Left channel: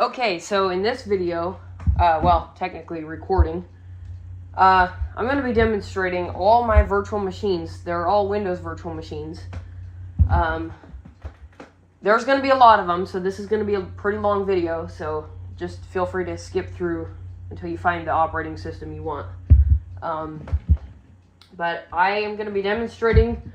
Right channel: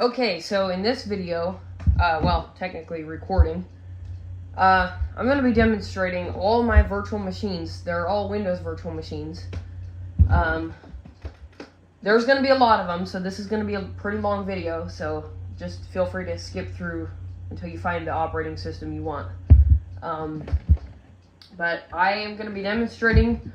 Okay, so in this video, well, technically recording, I'm going to be demonstrating all my virtual machines. They're all Windows virtual machines. There's going to be a lot of them, so this is going to be a pretty long video, so just feel free to skip through until you find the operating system you want. But I am going to be demonstrating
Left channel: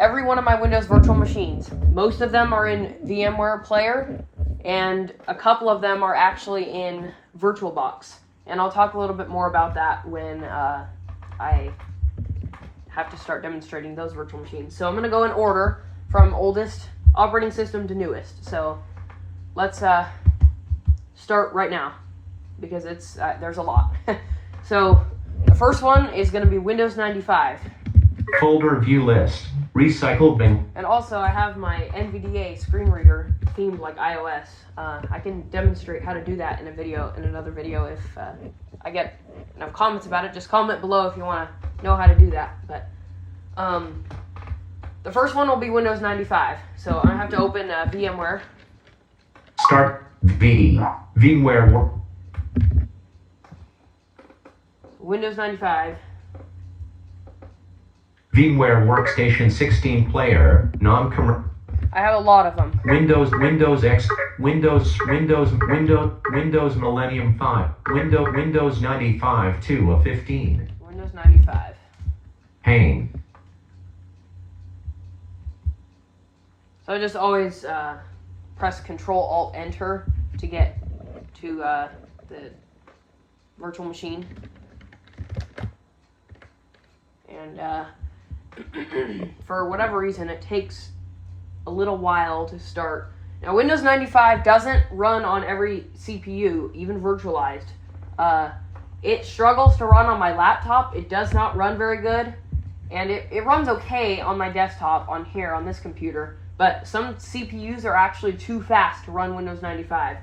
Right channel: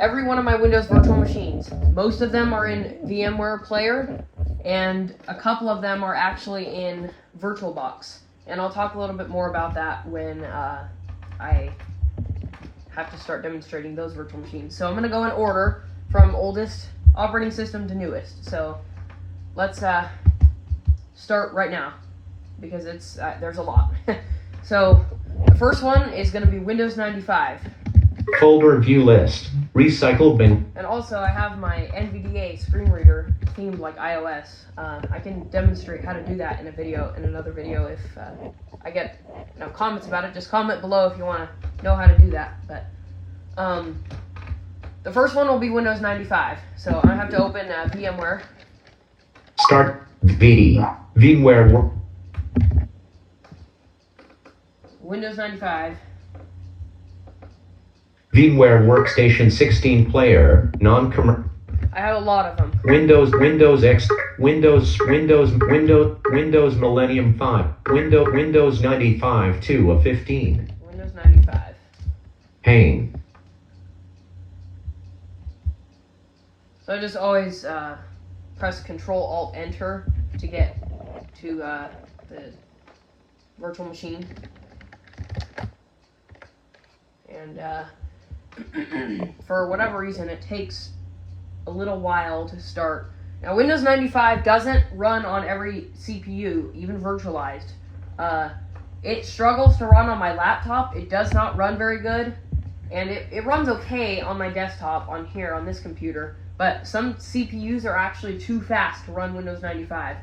every one of my Windows virtual machines. Most of them are in VMware Player, and a couple of them are actually in VirtualBox. And I'll talk a little bit more about that when I have to start demonstrating those virtual machines. So I'm going to go in order from oldest operating system to newest. So let's start right now, because it's there's a lot. So the first one is going to be Windows 95. Folder view list. Recycle bin. And also I have my NVDA screen reader themed like iOS. I can demonstrate how to do that in another video if I get comments about it. Just comment below if you want to know how to do that. But the first one will be Windows 95. So I have to open VMware. Start VMware. Windows 95. VMware Workstation 16 player, non-commercial. I have a lot of them. Windows X, Windows Millennium 5, Windows 95 2 of 15. Windows 95. Pane. So I just always press Control-Alt-Enter to get to the virtual machine. And for whatever reason, it takes a little while to start. Now, Windows 95 doesn't run on every CPU, even virtualized. It struggles to run on my laptop. It does not run very good. And it runs okay on my desktop on here, on this computer. But some CPUs are actually too fast to run Windows 95.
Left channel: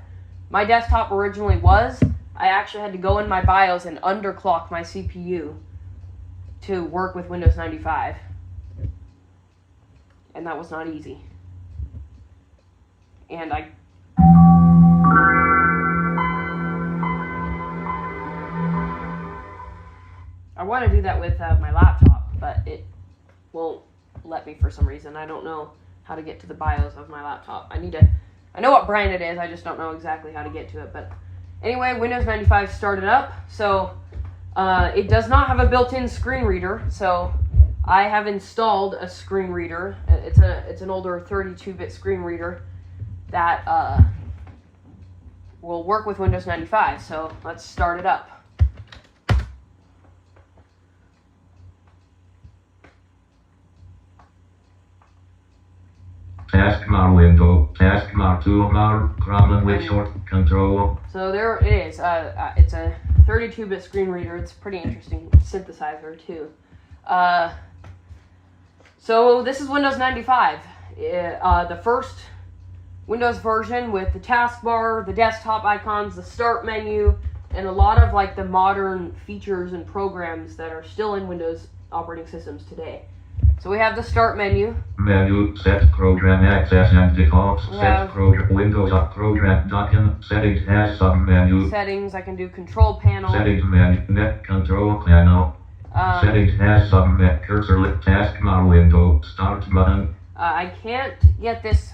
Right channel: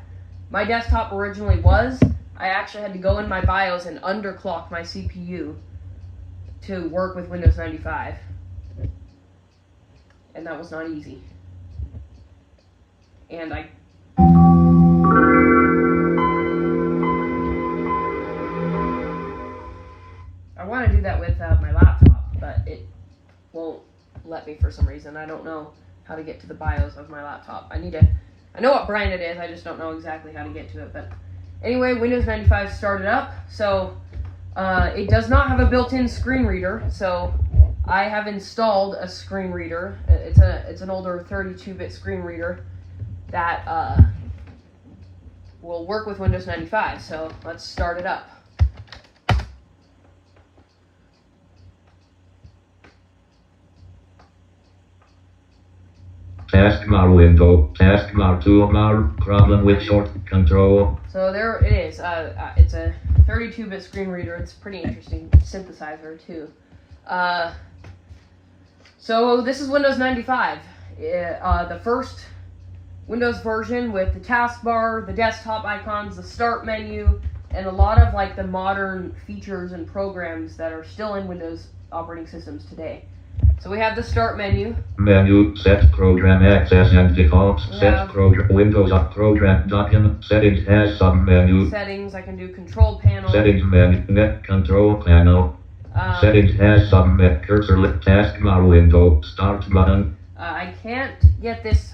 My desktop originally was. I actually had to go in my BIOS and underclock my CPU to work with Windows 95. And that was not easy. And I want to do that with my laptop, but it won't let me for some reason. I don't know how to get to the BIOS of my laptop. I know what brand it is, I just don't know exactly how to get to it. But anyway, Windows 95 started up, so it does not have a built-in screen reader, so I have installed a screen reader. It's an older 32-bit screen reader that will work with Windows 95. So let's start it up. Taskbar window, taskbar toolbar, problem with short control. So there it is. It's a 32-bit screen reader. It's a pretty interesting synthesizer too. So this is Windows 95. The first Windows version with the taskbar, the desktop icons, the start menu, and a lot of like the modern features and programs that are still in Windows operating systems today. So we have the start menu. Menu, set program access and default, set program, Windows up program document, settings as submenu. Settings, I can do control panel. Settings menu, net control panel. Settings as submit, cursor lit, taskbar window, start button. I can't get this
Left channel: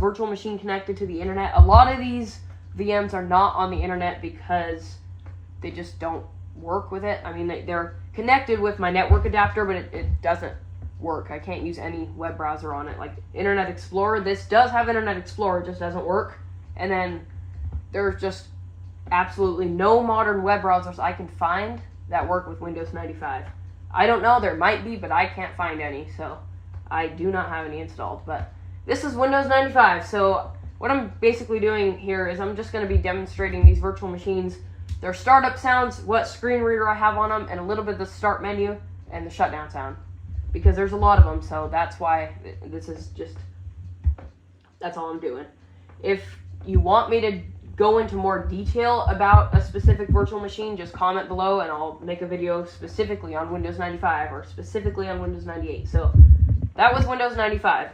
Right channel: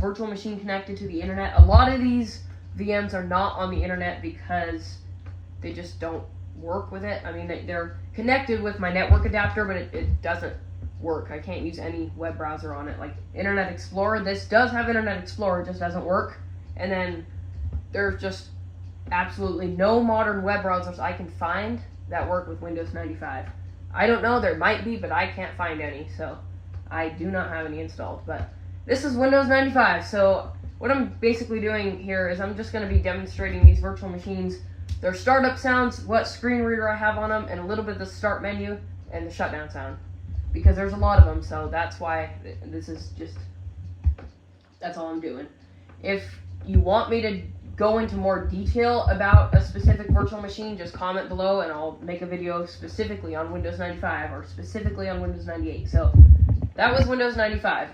virtual machine connected to the internet. A lot of these VMs are not on the internet because they just don't work with it. I mean, they're connected with my network adapter, but it doesn't work. I can't use any web browser on it. Like Internet Explorer, this does have Internet Explorer, it just doesn't work. And then there's just absolutely no modern web browsers I can find that work with Windows 95. I don't know, there might be, but I can't find any, so I do not have any installed. But this is Windows 95, so what I'm basically doing here is I'm just going to be demonstrating these virtual machines, their startup sounds, what screen reader I have on them, and a little bit of the start menu and the shutdown sound. Because there's a lot of them, so that's why that's all I'm doing. If you want me to go into more detail about a specific virtual machine, just comment below and I'll make a video specifically on Windows 95 or specifically on Windows 98. So that was Windows 95.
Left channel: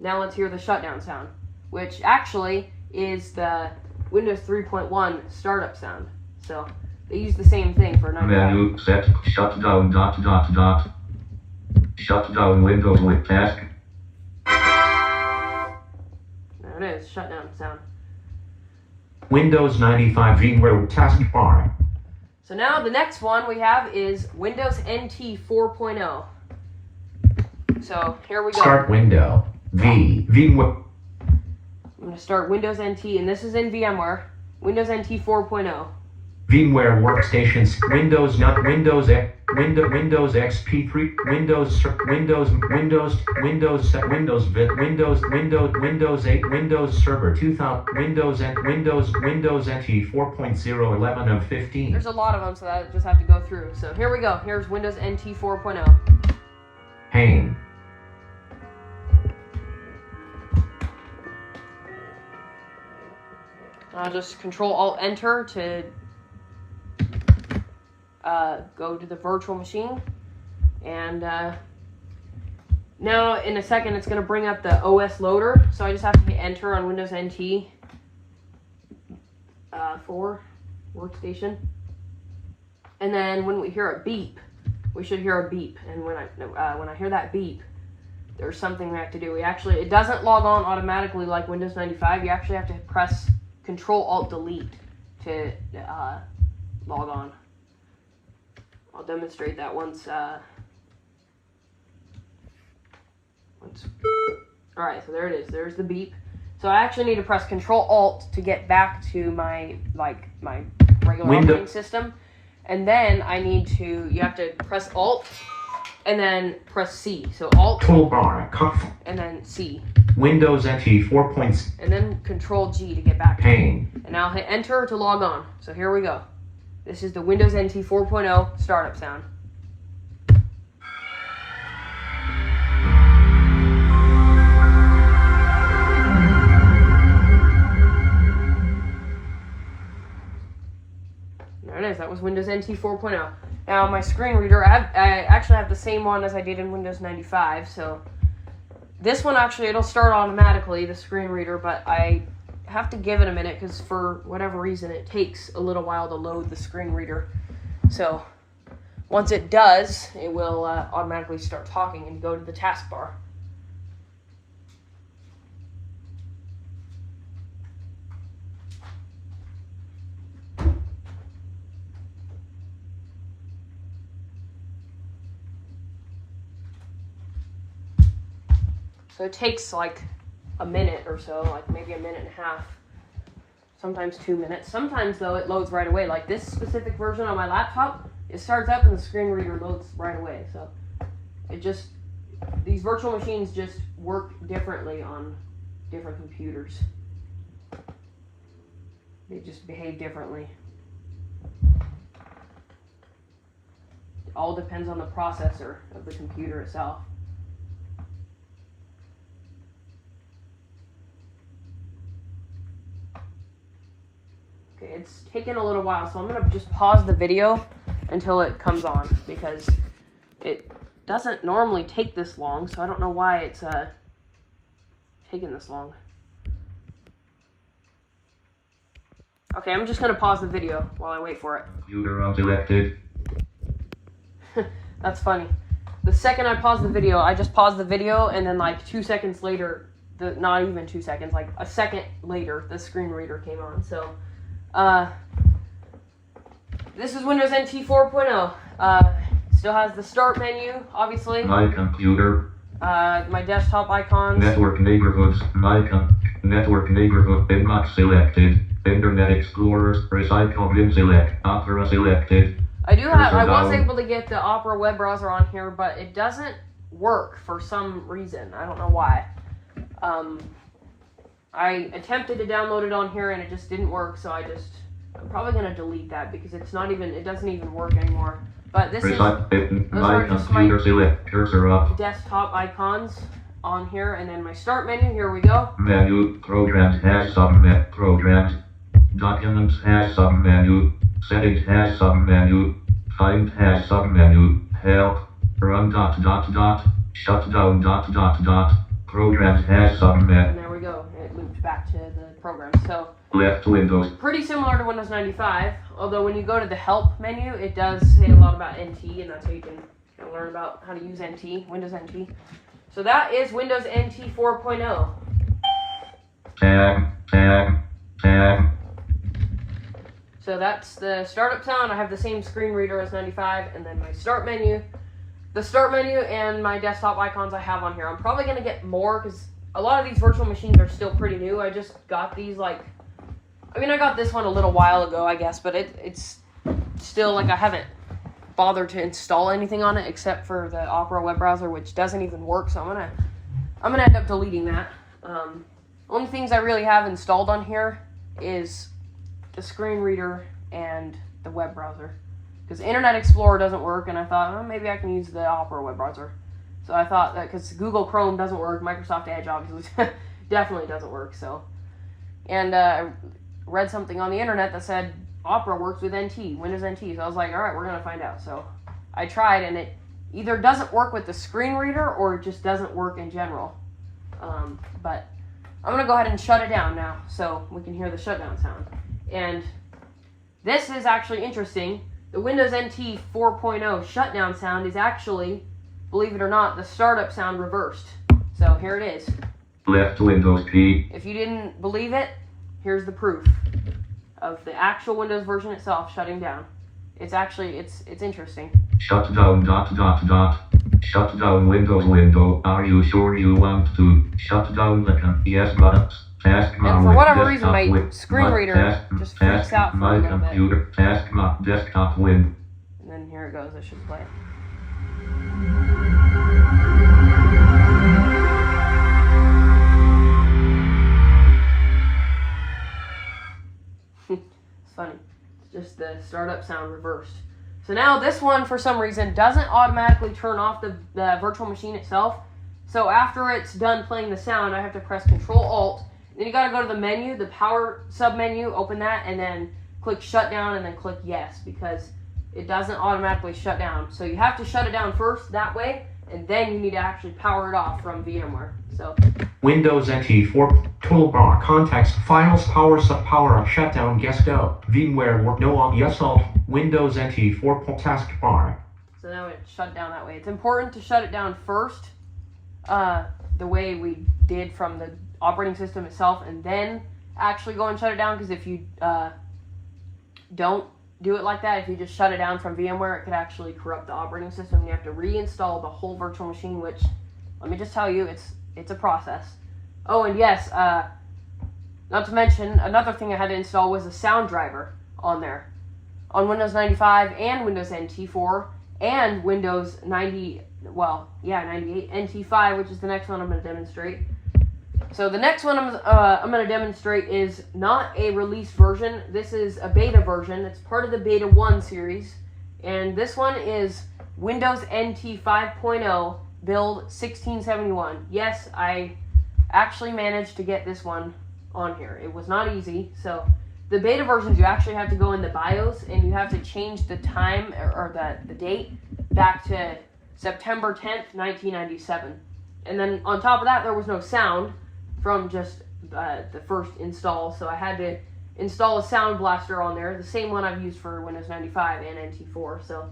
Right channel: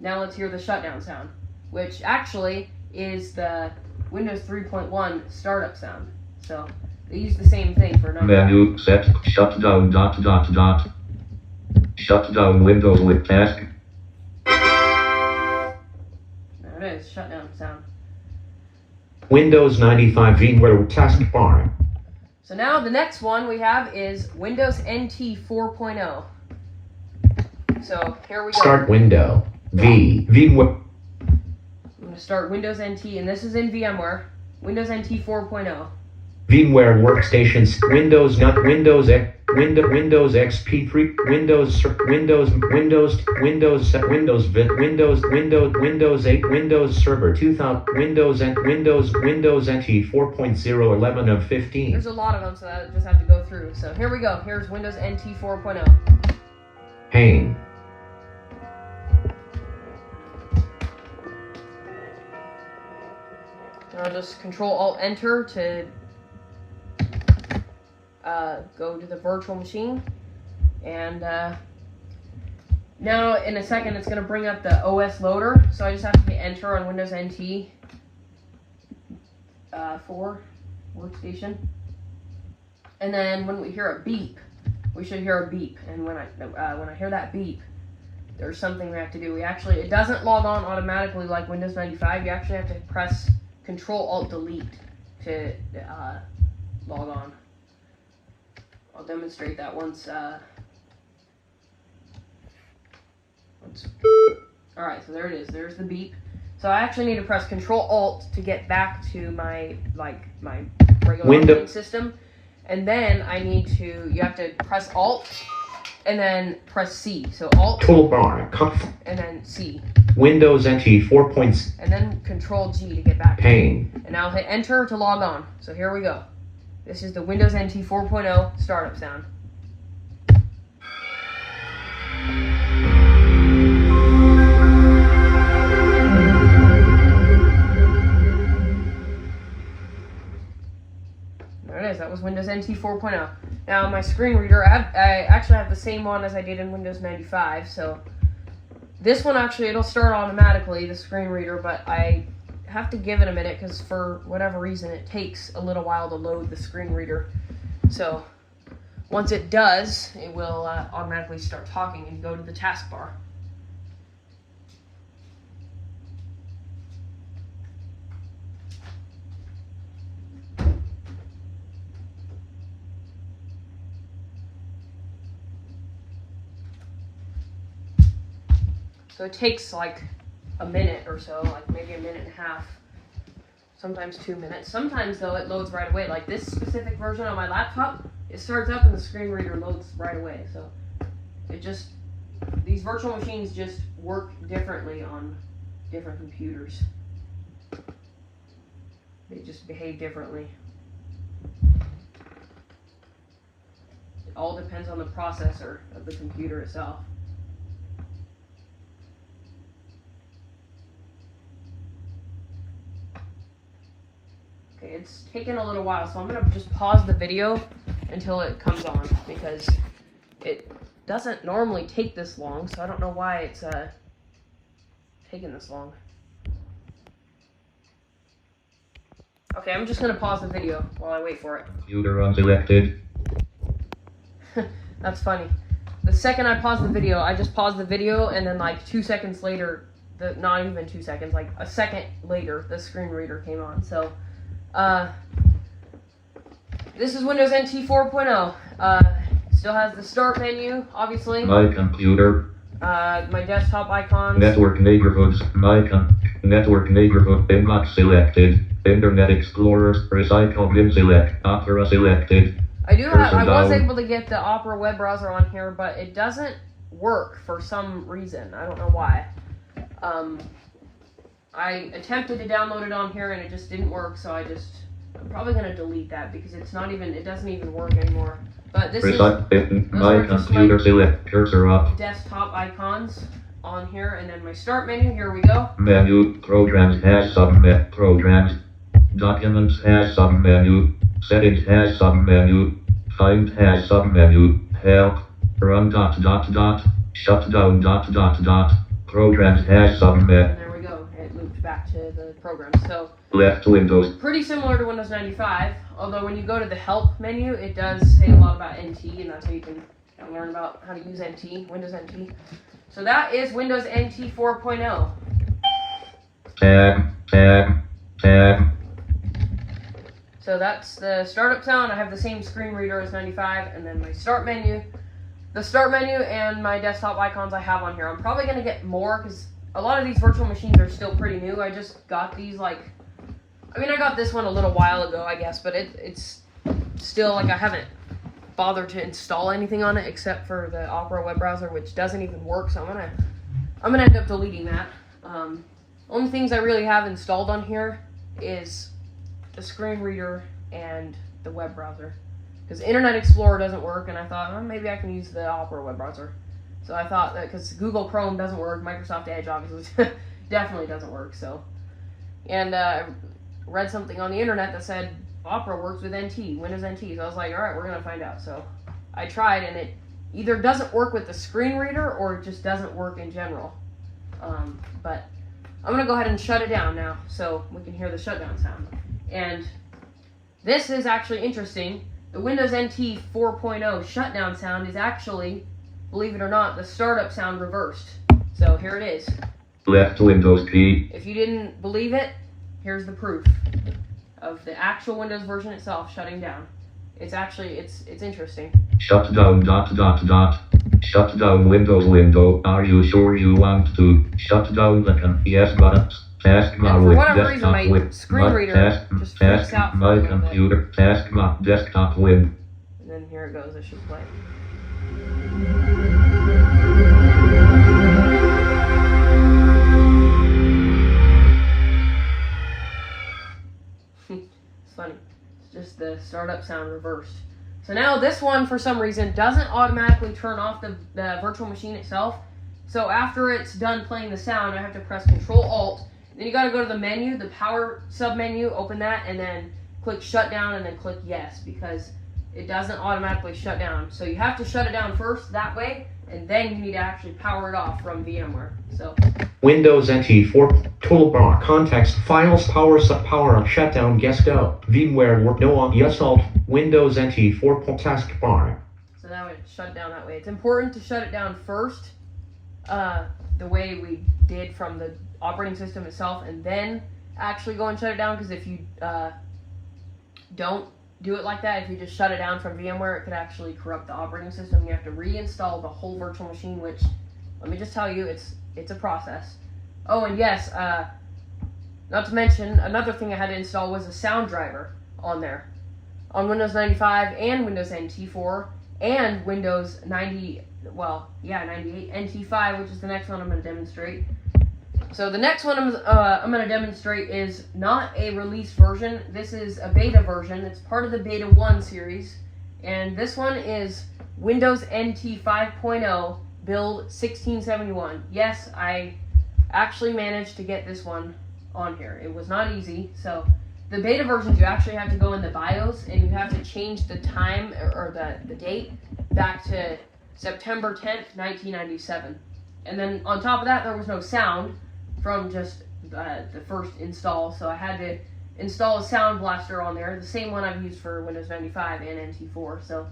Now let's hear the shutdown sound, which actually is the Windows 3.1 startup sound. So they use the same thing for 95. Menu set shut down dot dot dot. Shut down Windows with task. There it is, shutdown sound. Windows 95 VMware taskbar. So now the next one we have is Windows NT 4.0. So here we go. Start window. VMware. I'm going to start Windows NT, and this is in VMware. Windows NT 4.0. VMware workstations. Windows not Windows X. Windows XP3. Windows 8. Windows Server 2000. Windows NT 4.0 11 of 15. There's a lot of them, so I just have to go through. So here we go. Here's Windows NT 4.0. Pane. I'll just Control-Alt-Enter to go to the virtual machine. And now in a second it's going to bring up the OS loader. So I just have to hit Enter on Windows NT 4 workstation. And then when we hear a beep, we should hear a beep. And when I hear that beep, there's something we have to do. It doesn't log on automatically like Windows 95. You actually have to press Control-Alt-Delete to log on. I'll demonstrate that once. Alright, so there it is. There's the beep. So I actually need to press Control-Alt to get back to my regular operating system. And then you have to press Alt and then press C. So Alt Toolbar. and then C. Windows NT 4. And then Control G to get back. Pane. And now hit Enter to log on. So here we go. This is the Windows NT 4.0 startup sound. There it is. That was Windows NT 4.0. Now my screen reader, I actually have the same one as I did in Windows 95. So this one actually, it'll start automatically, the screen reader, but I have to give it a minute because for whatever reason it takes a little while to load the screen reader. So once it does, it will automatically start talking and go to the taskbar. So it takes like a minute or so, like maybe a minute and a half, sometimes 2 minutes. Sometimes though it loads right away. Like this specific version on my laptop, it starts up and the screen reader loads right away. So these virtual machines just work differently on different computers. They just behave differently. It all depends on the processor of the computer itself. Okay, it's taken a little while, so I'm going to just pause the video until it comes on, because it doesn't normally take this long, so I don't know why it's taking this long. Okay, I'm just going to pause the video while I wait for it. Computer unselected. That's funny. The second I pause the video, I just paused the video, and then like 2 seconds later, not even 2 seconds, like a second later, the screen reader came on. So, this is Windows NT 4.0. Still has the start menu, obviously. My computer. My desktop icons. Network neighborhoods. Network neighborhood. Inbox selected. Internet Explorer. Recycle bin select. Opera selected. I was down. able to get the Opera web browser on here, but it doesn't work for some reason. I don't know why. I attempted to download it on here and it just didn't work, so I'm probably gonna delete that because it doesn't even work anymore. But this is My computer select cursor up. desktop icons on here, and then my start menu. Here we go. Menu. Programs has submenu. Programs. Documents has submenu. Settings has submenu. Find has submenu. Help. Run dot dot dot. Shut down dot dot dot. Programs has submenu. And there we go. It looped back to the programs. So Left Windows. pretty similar to Windows 95, although when you go to the help menu, it does say a lot about NT, and that's how you can learn about how to use NT, Windows NT. So that is Windows NT 4.0. Tab. So that's the startup sound. I have the same screen reader as 95, and then my start menu. The start menu and my desktop icons I have on here. I'm probably going to get more because a lot of these virtual machines are still pretty new. I just got these I got this one a little while ago, I guess, but it's still I haven't bothered to install anything on it except for the Opera web browser, which doesn't even work. So I'm gonna end up deleting that. Only things I really have installed on here is the screen reader and the web browser, because Internet Explorer doesn't work, and I thought maybe I can use the Opera web browser. So I thought that because Google Chrome doesn't work, Microsoft Edge obviously definitely doesn't work. So, and I read something on the internet that said Opera works with NT, Windows NT. So I was like, all right, we're gonna find out. So I tried, and it either doesn't work with the screen reader or it just doesn't work in general. But I'm gonna go ahead and shut it down now so we can hear the shutdown sound. And this is actually interesting. The Windows NT 4.0 shutdown sound is actually, believe it or not, the startup sound reversed. So here it is. Left Windows P. If you didn't believe it, here's the proof of the actual Windows version itself shutting down. It's actually, it's interesting. Shut down ... Shut down Windows window. Are you sure you want to shut down the yes buttons? Taskbar And for with whatever reason, desktop my win. screen reader just freaks out for my a little bit. computer. Taskbar desktop win. And then here it goes, I should play. It's funny. It's just the startup sound reversed. So now this one, for some reason, doesn't automatically turn off the virtual machine itself. So after it's done playing the sound, I have to press Control-Alt. Then you gotta go to the menu, the power sub-menu, open that, and then click shutdown, and then click yes, because it doesn't automatically shut down. So you have to shut it down first that way, and then you need to actually power it off from VMware. So Windows NT 4 toolbar context files power up shutdown guest go VMware work no on yes alt Windows NT 4 taskbar. So now we shut it down that way. It's important to shut it down first, the way we did from the operating system itself, and then actually go and shut it down, because if you don't do it like that, if you just shut it down from VMware, it could actually corrupt the operating system. You have to reinstall the whole virtual machine, which, let me just tell you, it's a process. Oh, and yes, not to mention, another thing I had to install was a sound driver on there. On Windows 95 and Windows NT 4 and Windows 98, NT5, which is the next one I'm going to demonstrate. So the next one I'm going to demonstrate is not a released version. This is a beta version. It's part of the Beta 1 series. And this one is Windows NT 5.0 build 1671. Yes, I actually managed to get this one on here. It was not easy. So the beta versions, you actually have to go in the BIOS and you have to change the time or the date back to September 10th, 1997. And then on top of that, there was no sound from just the first install, so I had to install a sound blaster on there, the same one I've used for Windows 95 and NT4. So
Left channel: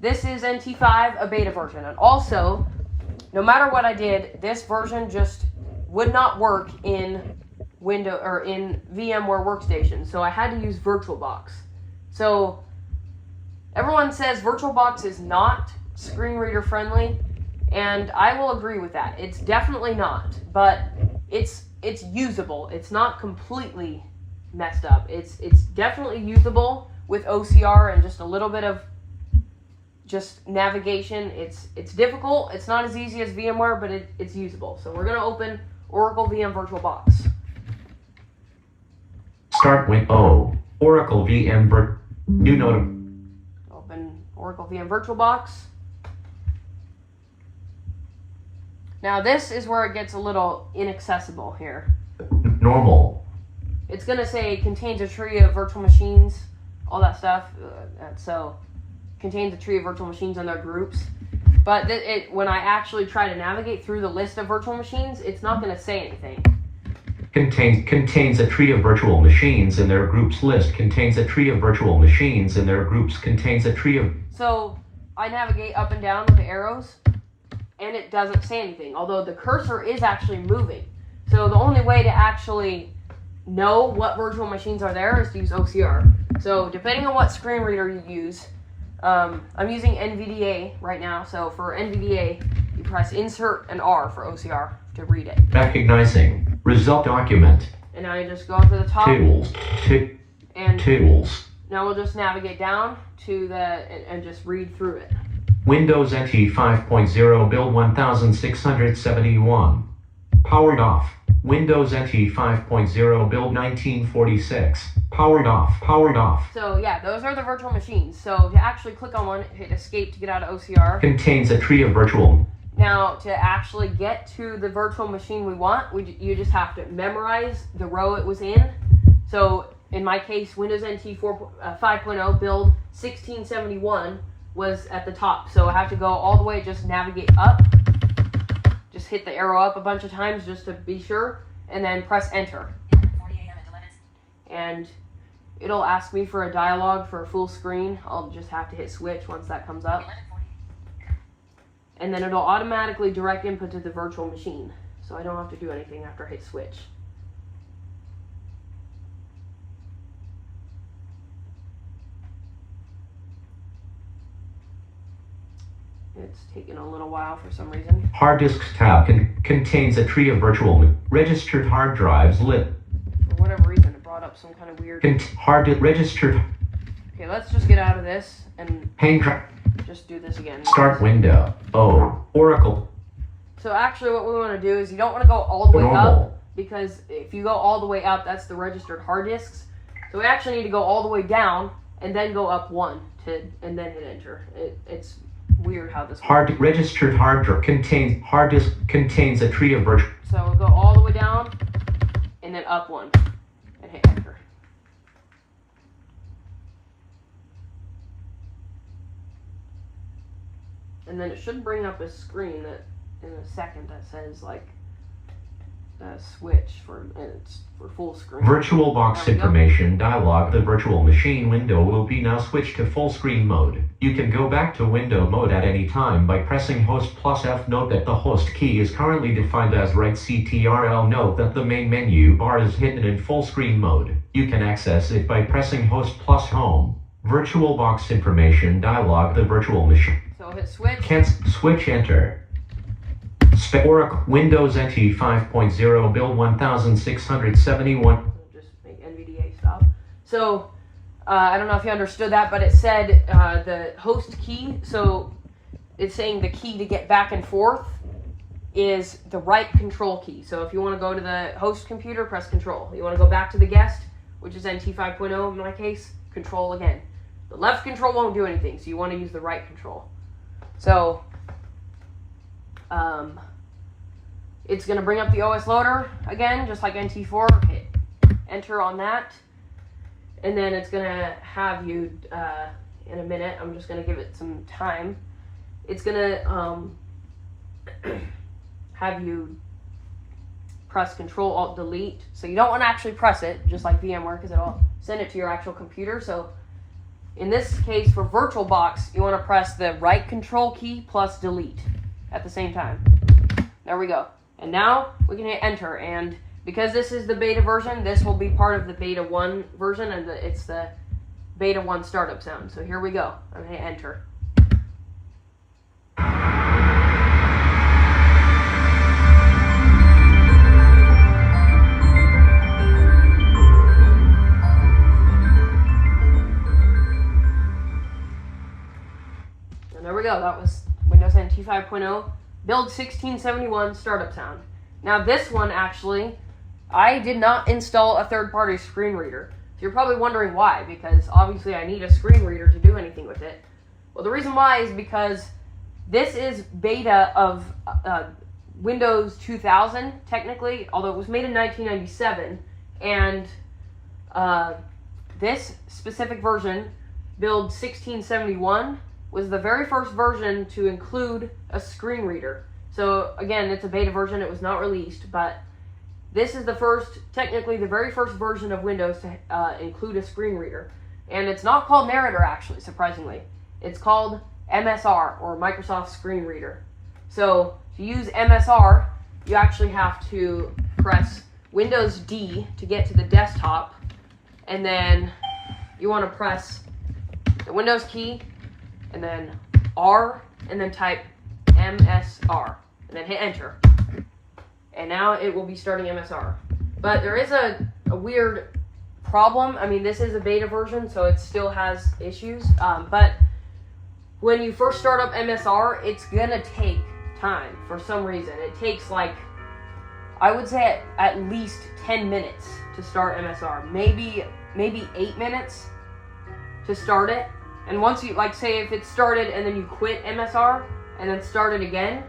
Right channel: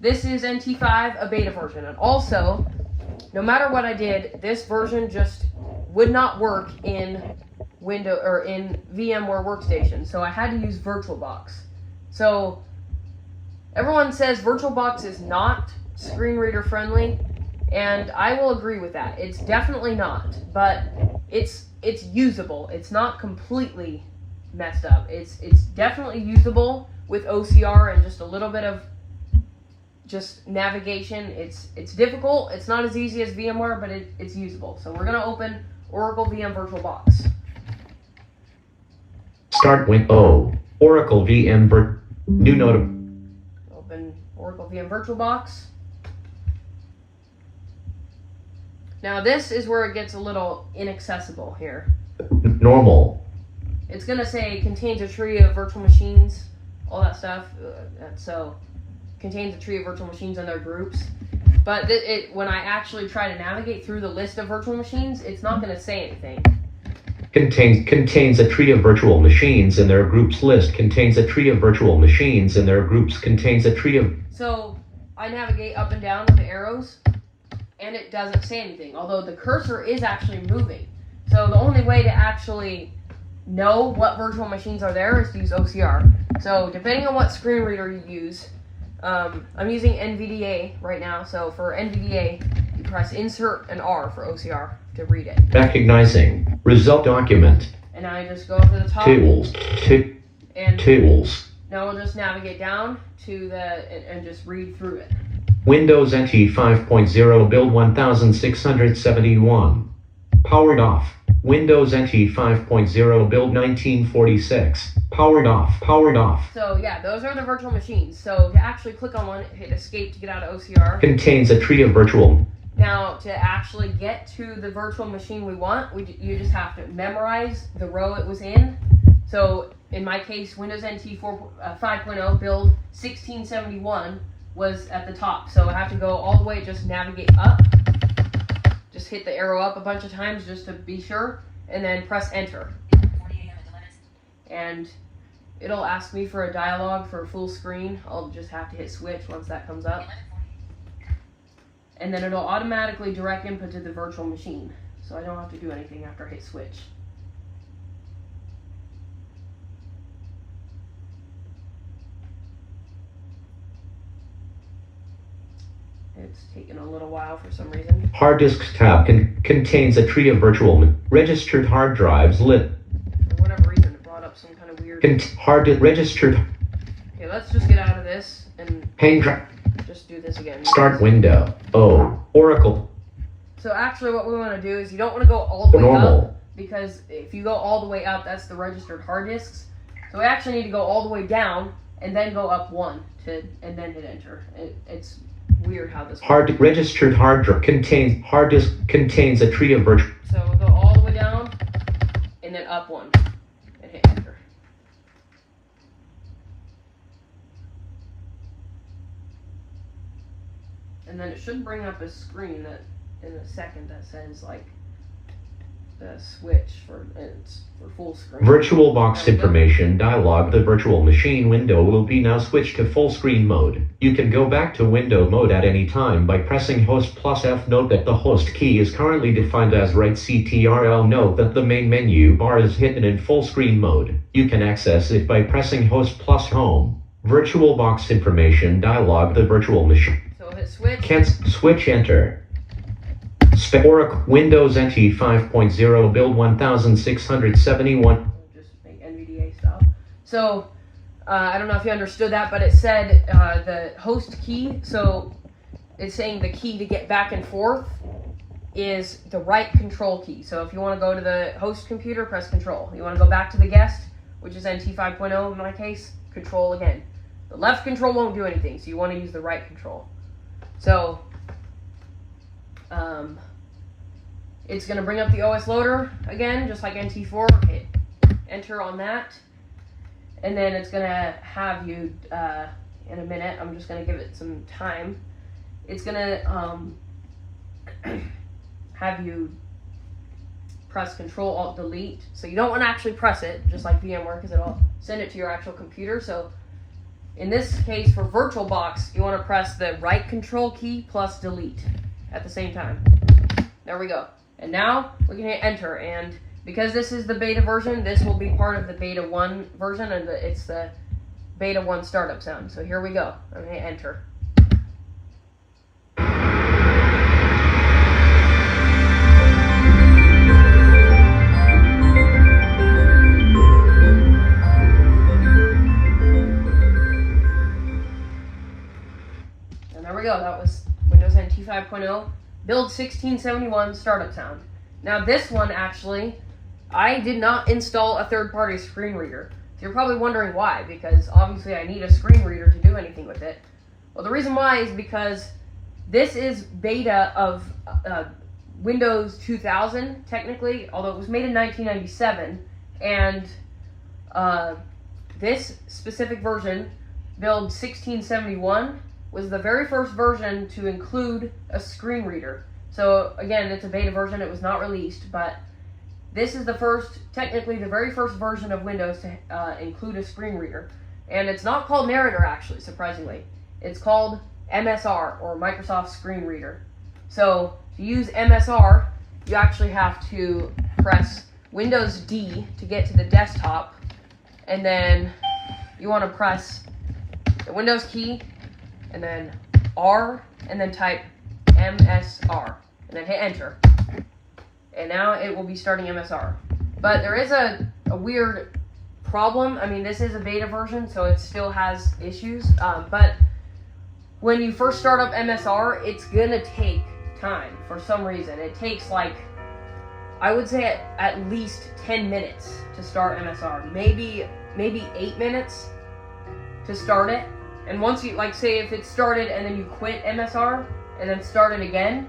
this is NT5, a beta version. And also, no matter what I did, this version just would not work in Windows or in VMware Workstation, so I had to use VirtualBox. So everyone says VirtualBox is not screen reader friendly, and I will agree with that. It's definitely not, but it's usable. It's not completely messed up. It's definitely usable with OCR and just a little bit of just navigation. It's difficult. It's not as easy as VMware, but it's usable. So we're gonna open Oracle VM VirtualBox. Start Windows Oracle VM new note. Open Oracle VM VirtualBox. Now this is where it gets a little inaccessible here. Normal. It's gonna say contains a tree of virtual machines, all that stuff. So contains a tree of virtual machines and their groups. But when I actually try to navigate through the list of virtual machines, it's not gonna say anything. contains a tree of virtual machines in their groups list, contains a tree of virtual machines in their groups, contains a tree of... So I navigate up and down with the arrows, and it doesn't say anything, although the cursor is actually moving. So the only way to actually know what virtual machines are there is to use OCR. So depending on what screen reader you use, I'm using NVDA right now. So for NVDA, you press Insert and R for OCR to read it. Recognizing result document. And now I just go up to the top. Tools. And Tools. now we'll just navigate down to the and just read through it. Windows NT 5.0 build 1671. Powered off. Windows NT 5.0 build 1946. Powered off. Powered off. So yeah, those are the virtual machines. So to actually click on one, hit escape to get out of OCR. Contains a tree of virtual. Now to actually get to the virtual machine we want, you just have to memorize the row it was in. So in my case, Windows NT 5.0 build 1671 was at the top. So I have to go all the way, just navigate up. Just hit the arrow up a bunch of times just to be sure, and then press enter. And it'll ask me for a dialogue for a full screen. I'll just have to hit switch once that comes up. And then it'll automatically direct input to the virtual machine. So I don't have to do anything after I hit switch. It's taking a little while for some reason. Hard disks tab contains a tree of virtual registered hard drives lit. For whatever reason, it brought up some kind of weird... Registered. Okay, let's just get out of this and just do this again. Start window. Oracle. So actually what we want to do is you don't want to go all the way Normal. up, because if you go all the way up, that's the registered hard disks. So we actually need to go all the way down and then go up one and then hit enter. It's weird how this works. Registered hard drive hard disk contains a tree of virtual. So we'll go all the way down and then up one and hit enter. And then it should bring up a screen that in a second that says like the switch for full screen. VirtualBox information dialog. The virtual machine window will be now switched to full screen mode. You can go back to window mode at any time by pressing host plus F. Note that the host key is currently defined as right CTRL. Note that the main menu bar is hidden in full screen mode. You can access it by pressing host plus home. VirtualBox information dialog. The virtual machine. So hit switch. Switch enter. Oracle Windows NT 5.0 build 1671. Just make NVDA stop. So I don't know if you understood that, but it said the host key. So it's saying the key to get back and forth is the right control key. So if you want to go to the host computer, press control. You want to go back to the guest, which is NT 5.0 in my case, control again. The left control won't do anything, so you want to use the right control. So it's going to bring up the OS loader again, just like NT4. Hit enter on that. And then it's going to have you, in a minute, I'm just going to give it some time. It's going to have you press Control Alt Delete. So you don't want to actually press it, just like VMware, because it'll send it to your actual computer. So in this case, for VirtualBox, you want to press the right control key plus delete at the same time. There we go. And now we can hit enter. And because this is the beta version, this will be part of the beta 1 version, and it's the beta 1 startup sound. So here we go. I'm going to hit enter. And there we go. That was Windows NT 5.0. Build 1671 startup sound. Now this one actually, I did not install a third-party screen reader. So you're probably wondering why, because obviously I need a screen reader to do anything with it. Well, the reason why is because this is beta of Windows 2000, technically, although it was made in 1997, and this specific version, build 1671, was the very first version to include a screen reader. So again, it's a beta version, it was not released, but this is technically the very first version of Windows to include a screen reader. And it's not called Narrator, actually, surprisingly. It's called MSR, or Microsoft Screen Reader. So to use MSR, you actually have to press Windows D to get to the desktop, and then you want to press the Windows key, and then R, and then type MSR, and then hit enter. And now it will be starting MSR. But there is a weird problem. I mean, this is a beta version, so it still has issues. But when you first start up MSR, it's gonna take time for some reason. It takes, like, I would say at least 10 minutes to start MSR. Maybe 8 minutes to start it. And once you, like, say if it started and then you quit MSR and then start it again,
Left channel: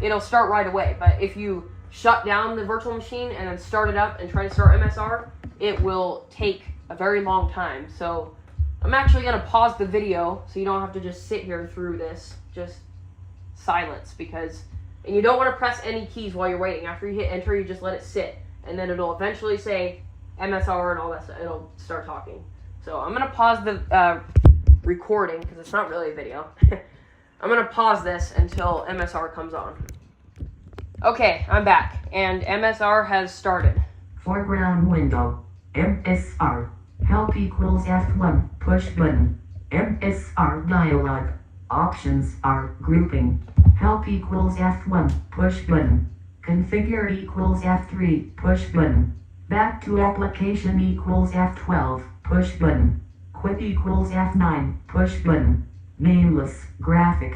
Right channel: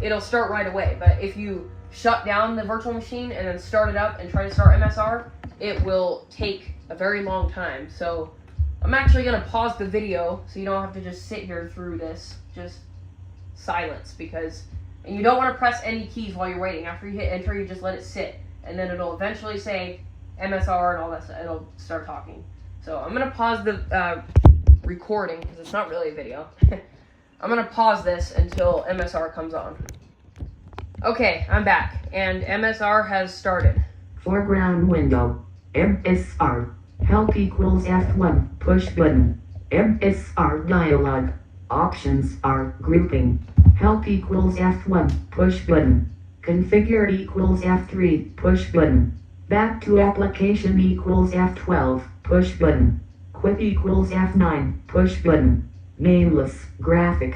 it'll start right away. But if you shut down the virtual machine and then start it up and try to start MSR, it will take a very long time. So I'm actually going to pause the video so you don't have to just sit here through this. Just silence, and you don't want to press any keys while you're waiting. After you hit enter, you just let it sit, and then it'll eventually say MSR and all that stuff. It'll start talking. So I'm going to pause the recording, because it's not really a video. I'm going to pause this until MSR comes on. Okay, I'm back, and MSR has started. Foreground window. MSR. Help equals F1. Push button. MSR dialog. Options are grouping. Help equals F1. Push button. Configure equals F3. Push button. Back to application equals F12. Push button. Quit equals F9. Push button. Nameless. Graphic.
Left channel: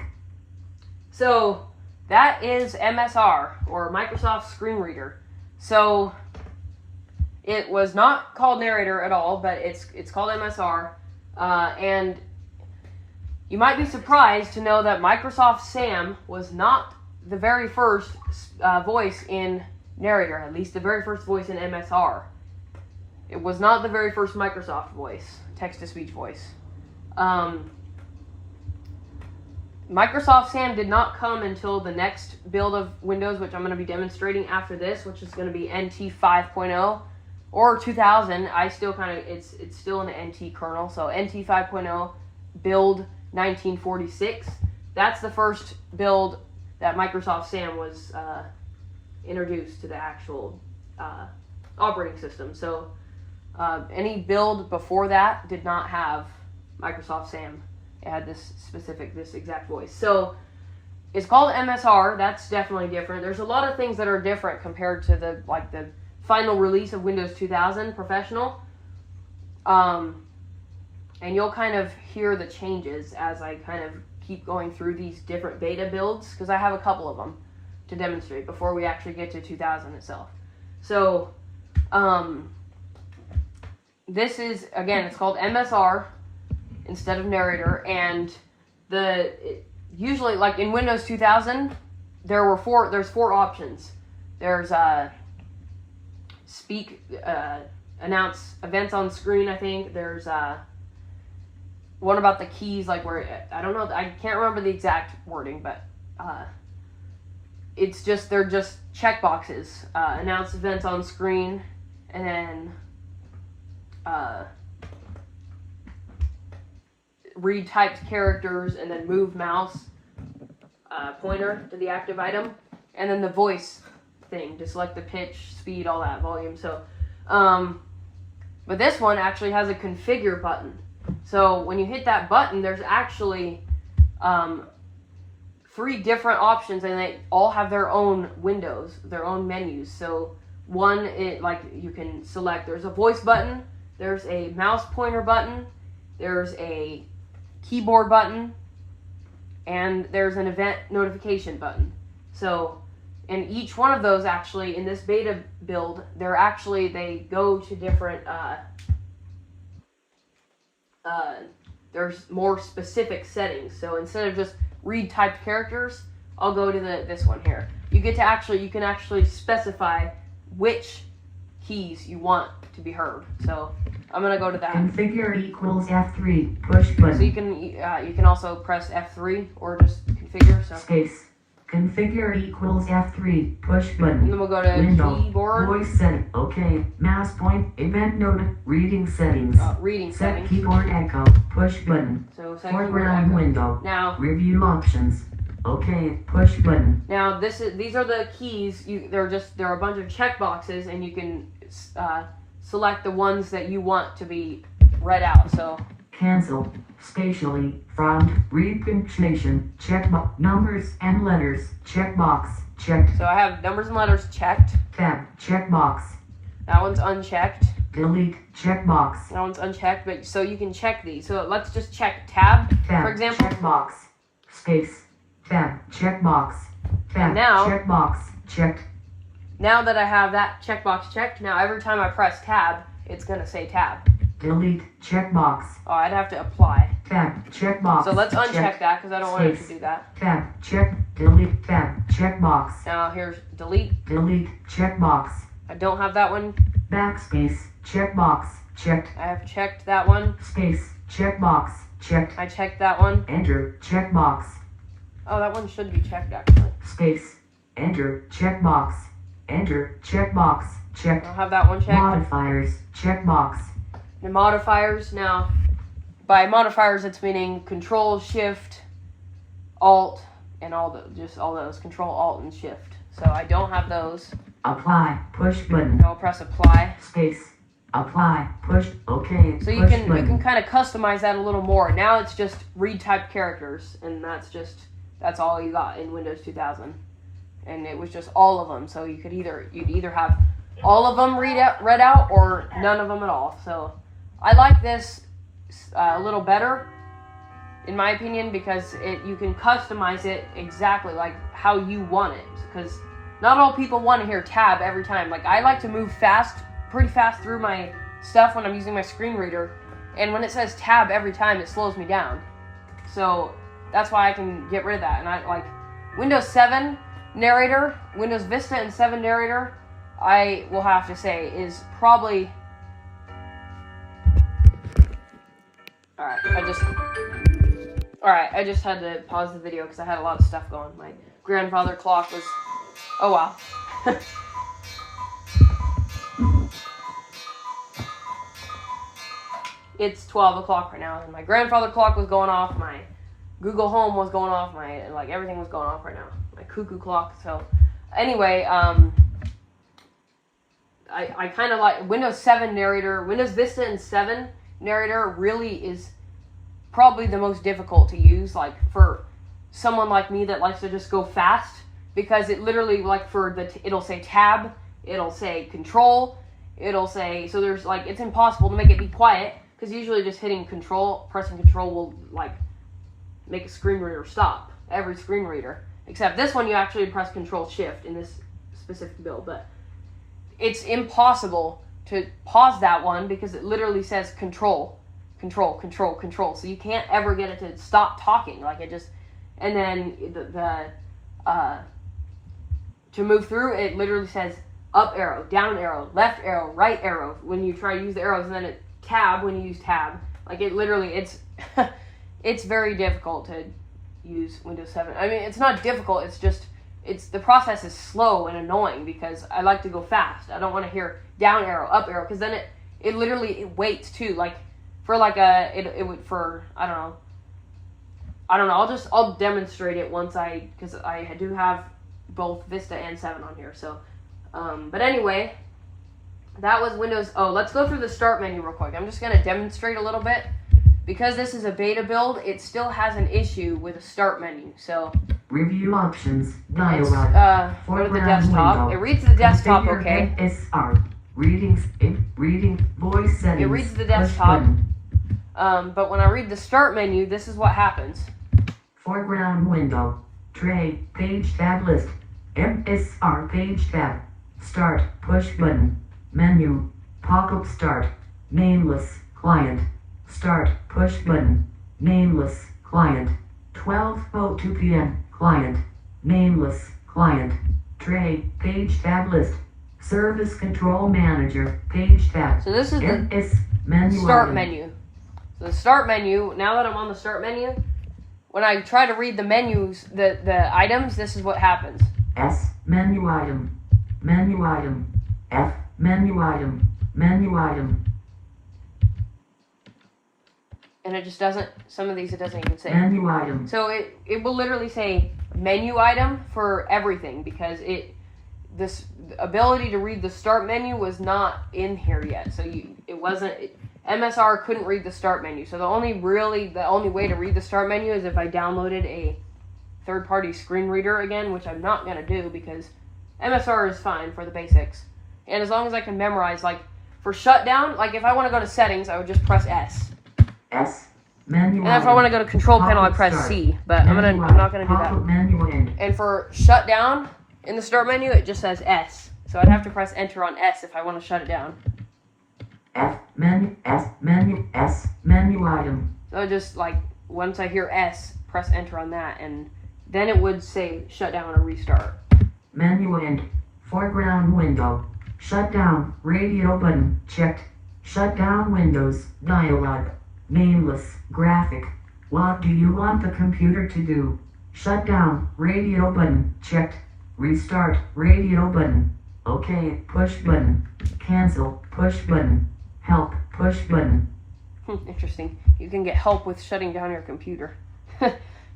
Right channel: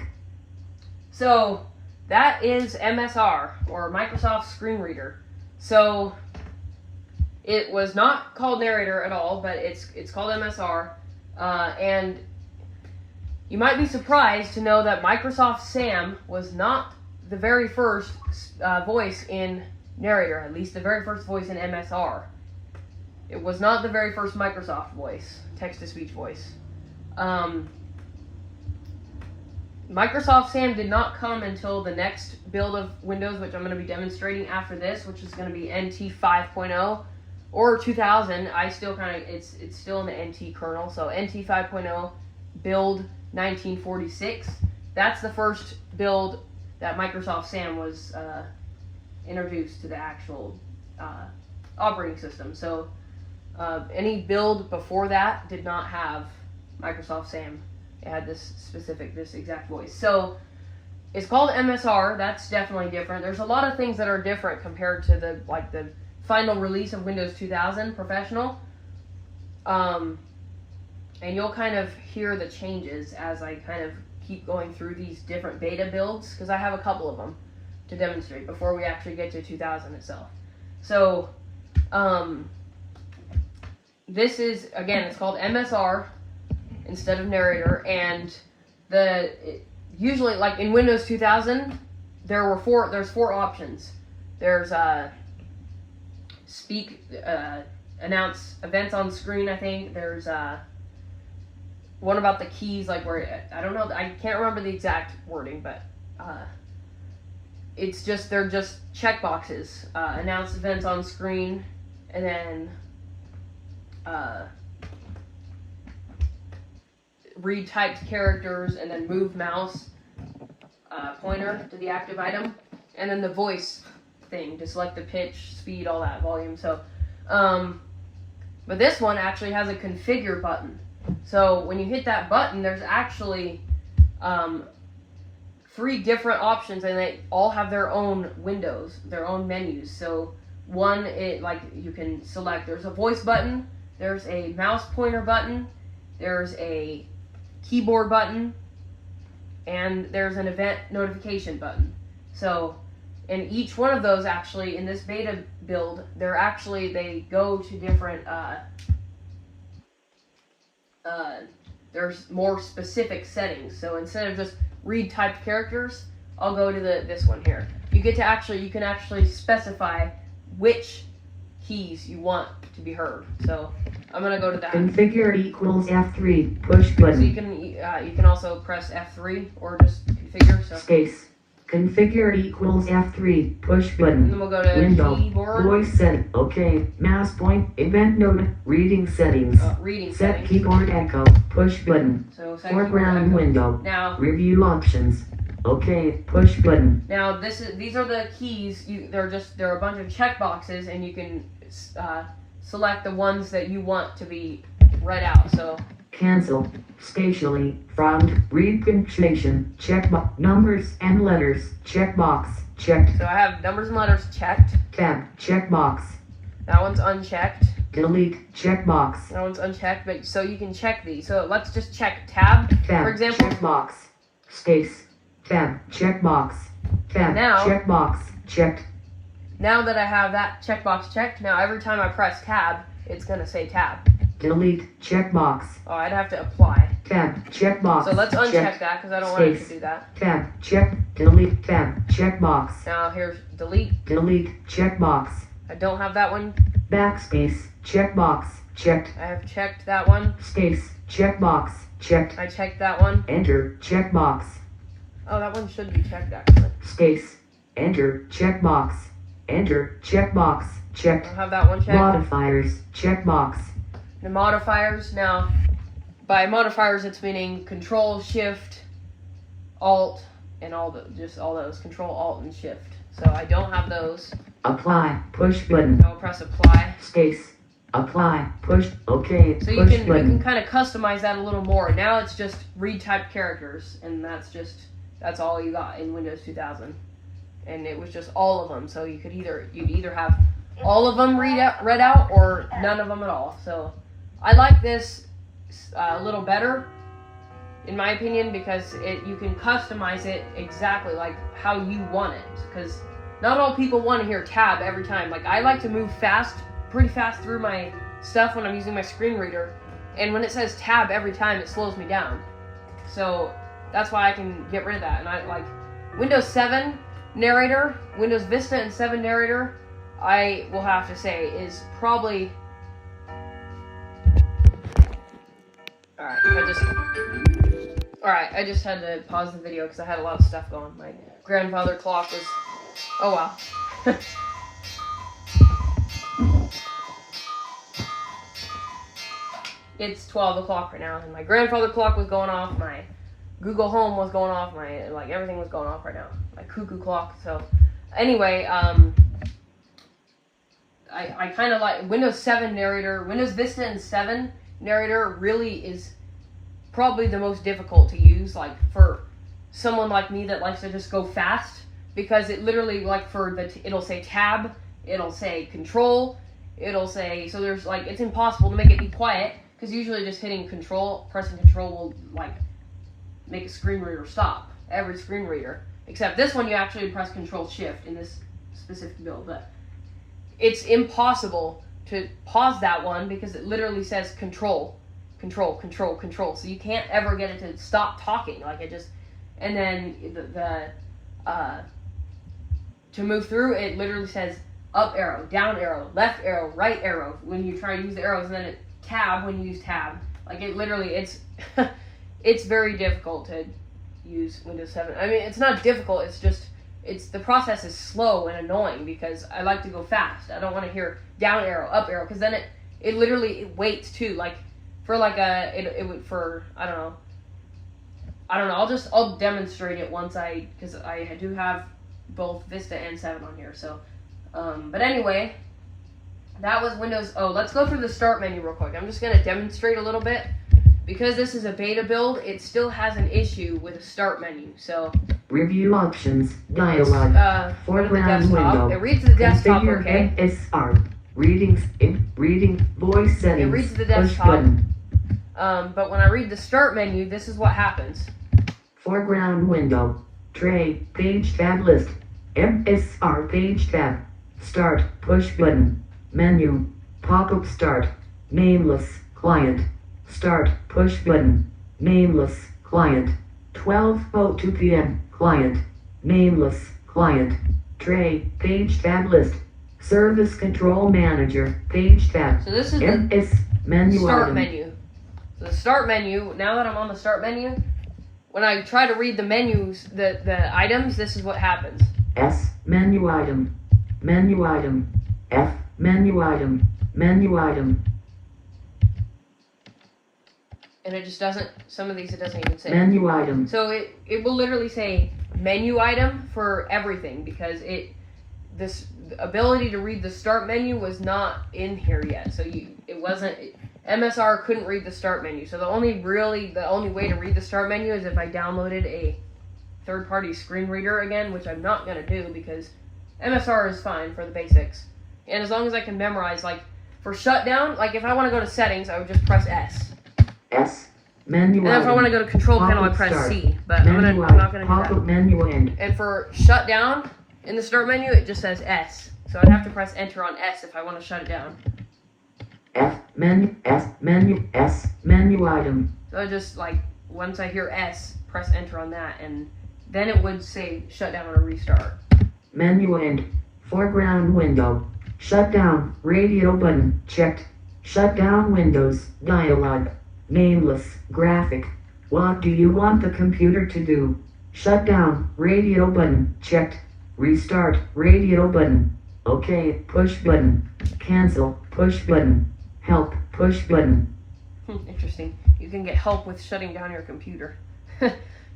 So that is MSR, or Microsoft Screen Reader. So it was not called Narrator at all, but it's called MSR. And you might be surprised to know that Microsoft Sam was not the very first voice in Narrator, at least the very first voice in MSR. It was not the very first Microsoft voice, text-to-speech voice. Microsoft Sam did not come until the next build of Windows, which I'm going to be demonstrating after this, which is going to be NT 5.0 or 2000. I still it's still in the NT kernel, so NT 5.0 build 1946. That's the first build that Microsoft Sam was introduced to the actual operating system. So any build before that did not have Microsoft Sam. It had this exact voice. So it's called MSR. That's definitely different. There's a lot of things that are different compared to the final release of Windows 2000 Professional. And you'll kind of hear the changes as I kind of keep going through these different beta builds, because I have a couple of them to demonstrate before we actually get to 2000 itself. So this is, again, it's called MSR instead of Narrator, and usually, like in Windows 2000, there's four options. There's speak, announce events on screen, I think. There's one about the keys, like where, I don't know, I can't remember the exact wording, but they're just checkboxes. Announce events on screen, and then read typed characters, and then move mouse pointer to the active item, and then the voice thing to select the pitch, speed, all that, volume. So, but this one actually has a configure button. So when you hit that button, there's actually 3 different options, and they all have their own windows, their own menus. So one, you can select, there's a voice button, there's a mouse pointer button, there's a keyboard button, and there's an event notification button. So, and each one of those, actually, in this beta build, they go to different, there's more specific settings. So instead of just read typed characters, I'll go to this one here. You can actually specify which keys you want to be heard. So I'm gonna go to that. Configure equals F3. Push button. So you can also press F3 or just configure. So Space. Configure equals F3. Push And button. then we'll go to Window. keyboard, Voice setting. OK. Mouse point. Event note. Reading settings. reading Set settings. keyboard echo. Push button. So set Foreground keyboard window. Now, Review options. OK. Push button. now these are the keys. There are a bunch of check boxes, and you can select the ones that you want to be read out. So Cancel. Spatially. Frowned. Read punctuation. Checkbox. Numbers and letters. Checkbox. Checked. I have numbers and letters checked. Tab. Checkbox. That one's unchecked. Delete. Checkbox. That one's unchecked. But so you can check these. So let's just check tab, Tab. for example. Checkbox. Space. Tab. Checkbox. Tab. Now- Checkbox. Checked. Now that I have that checkbox checked, now every time I press tab, it's gonna say tab. Delete. Checkbox. Oh, I'd have to apply. Tab. Checkbox. So let's uncheck Checked. that because I don't want it to Space. do that. Tab. Check. Delete. Tab. Checkbox. Now here's delete. Delete. Checkbox. I don't have that one. Backspace. Checkbox. Checked. I have checked that one. Space. Checkbox. Checked. I checked that one. Enter. Checkbox. Oh, that one should be checked actually. Space. Enter. Checkbox. Enter. Checkbox. I Checked. don't have that one checked. Modifiers. Checkbox. The modifiers now. By modifiers, it's meaning Control, Shift, Alt, and all those. Control, Alt, and Shift. So I don't have those. Apply. Push button. I'll press apply. Space. Apply. Push. OK. So you Push can button. kind of customize that a little more. Now it's just read type characters, and that's all you got in Windows 2000, and it was just all of them. So you'd either have all of them read out or none of them at all. So I like this a little better, in my opinion, because you can customize it exactly like how you want it. Because not all people want to hear tab every time. Like I like to move pretty fast through my stuff when I'm using my screen reader, and when it says tab every time, it slows me down. So that's why I can get rid of that. And I like Windows 7 narrator, Windows Vista and 7 narrator, I will have to say is probably Alright, I just had to pause the video because I had a lot of stuff going. My grandfather clock was oh wow. It's 12 o'clock right now, and my grandfather clock was going off, my Google Home was going off, everything was going off right now. My cuckoo clock. So anyway, I kind of like Windows 7 narrator. Windows Vista and 7 narrator really is probably the most difficult to use, like for someone like me that likes to just go fast, because it literally, like it'll say tab, it'll say control, it'll say, so there's like, it's impossible to make it be quiet, because usually just pressing control will like make a screen reader stop, every screen reader, except this one you actually press control shift in this specific build, but it's impossible to pause that one because it literally says control, so you can't ever get it to stop talking, like it just, and then to move through, it literally says up arrow, down arrow, left arrow, right arrow when you try to use the arrows, and then it tab when you use tab. Like it literally, it's it's very difficult to use Windows 7. I mean, it's not difficult, it's just, the process is slow and annoying because I like to go fast. I don't want to hear down arrow, up arrow, because then it literally waits too. Like for like it would, for I don't know. I'll demonstrate it once because I do have both Vista and 7 on here. So, but anyway, that was Windows. Oh, let's go through the start menu real quick. I'm just gonna demonstrate a little bit. Because this is a beta build, it still has an issue with the start menu. So Review options. let's Dialog. go to the Foreground desktop. window. It reads the desktop Configure okay. NSR. Readings. Reading. Voice settings. reads the Push desktop. button. But when I read the start menu, this is what happens. Foreground window. Tray. Page tab list. MSR page tab. Start. Push button. Menu. Pop-up start. Nameless. Client. Start. Push button. Nameless. Client. 12:02 p.m. Client. Nameless. Client. Tray. Page tab list. Service Control Manager. Page tab. So this is the MS menu start item. menu. So the start menu, now that I'm on the start menu, when I try to read the menus, the items, this is what happens. S, menu item, menu item, F, menu item, menu item, And it just doesn't, some of these it doesn't even say. menu item, So it will literally say menu item for everything because this ability to read the start menu was not in here yet. So MSR couldn't read the start menu. So the only way to read the start menu is if I downloaded a third-party screen reader again, which I'm not gonna do because MSR is fine for the basics. And as long as I can memorize, like for shutdown, like if I want to go to settings, I would just press S. S, menu And item. if I want to go to control panel, I Pop-up press start. C. But I'm Menu not item, gonna do pop-up that. menu end. And for shutdown in the start menu, it just says S. So I'd have to press enter on S if I want to shut it down. F, menu, S, menu, S, menu item. So just like once I hear S, press enter on that, and then it would say shut down or restart. Menu end. Foreground window. Shut down. Radio button. Checked. Shut down Windows. Dialog. Nameless. Graphic. What do you want the computer to do? Shut down. Radio button. Checked. Restart. Radio button. Okay. Push button. Cancel. Push button. Help. Push button. Interesting. You can get help with shutting down your computer.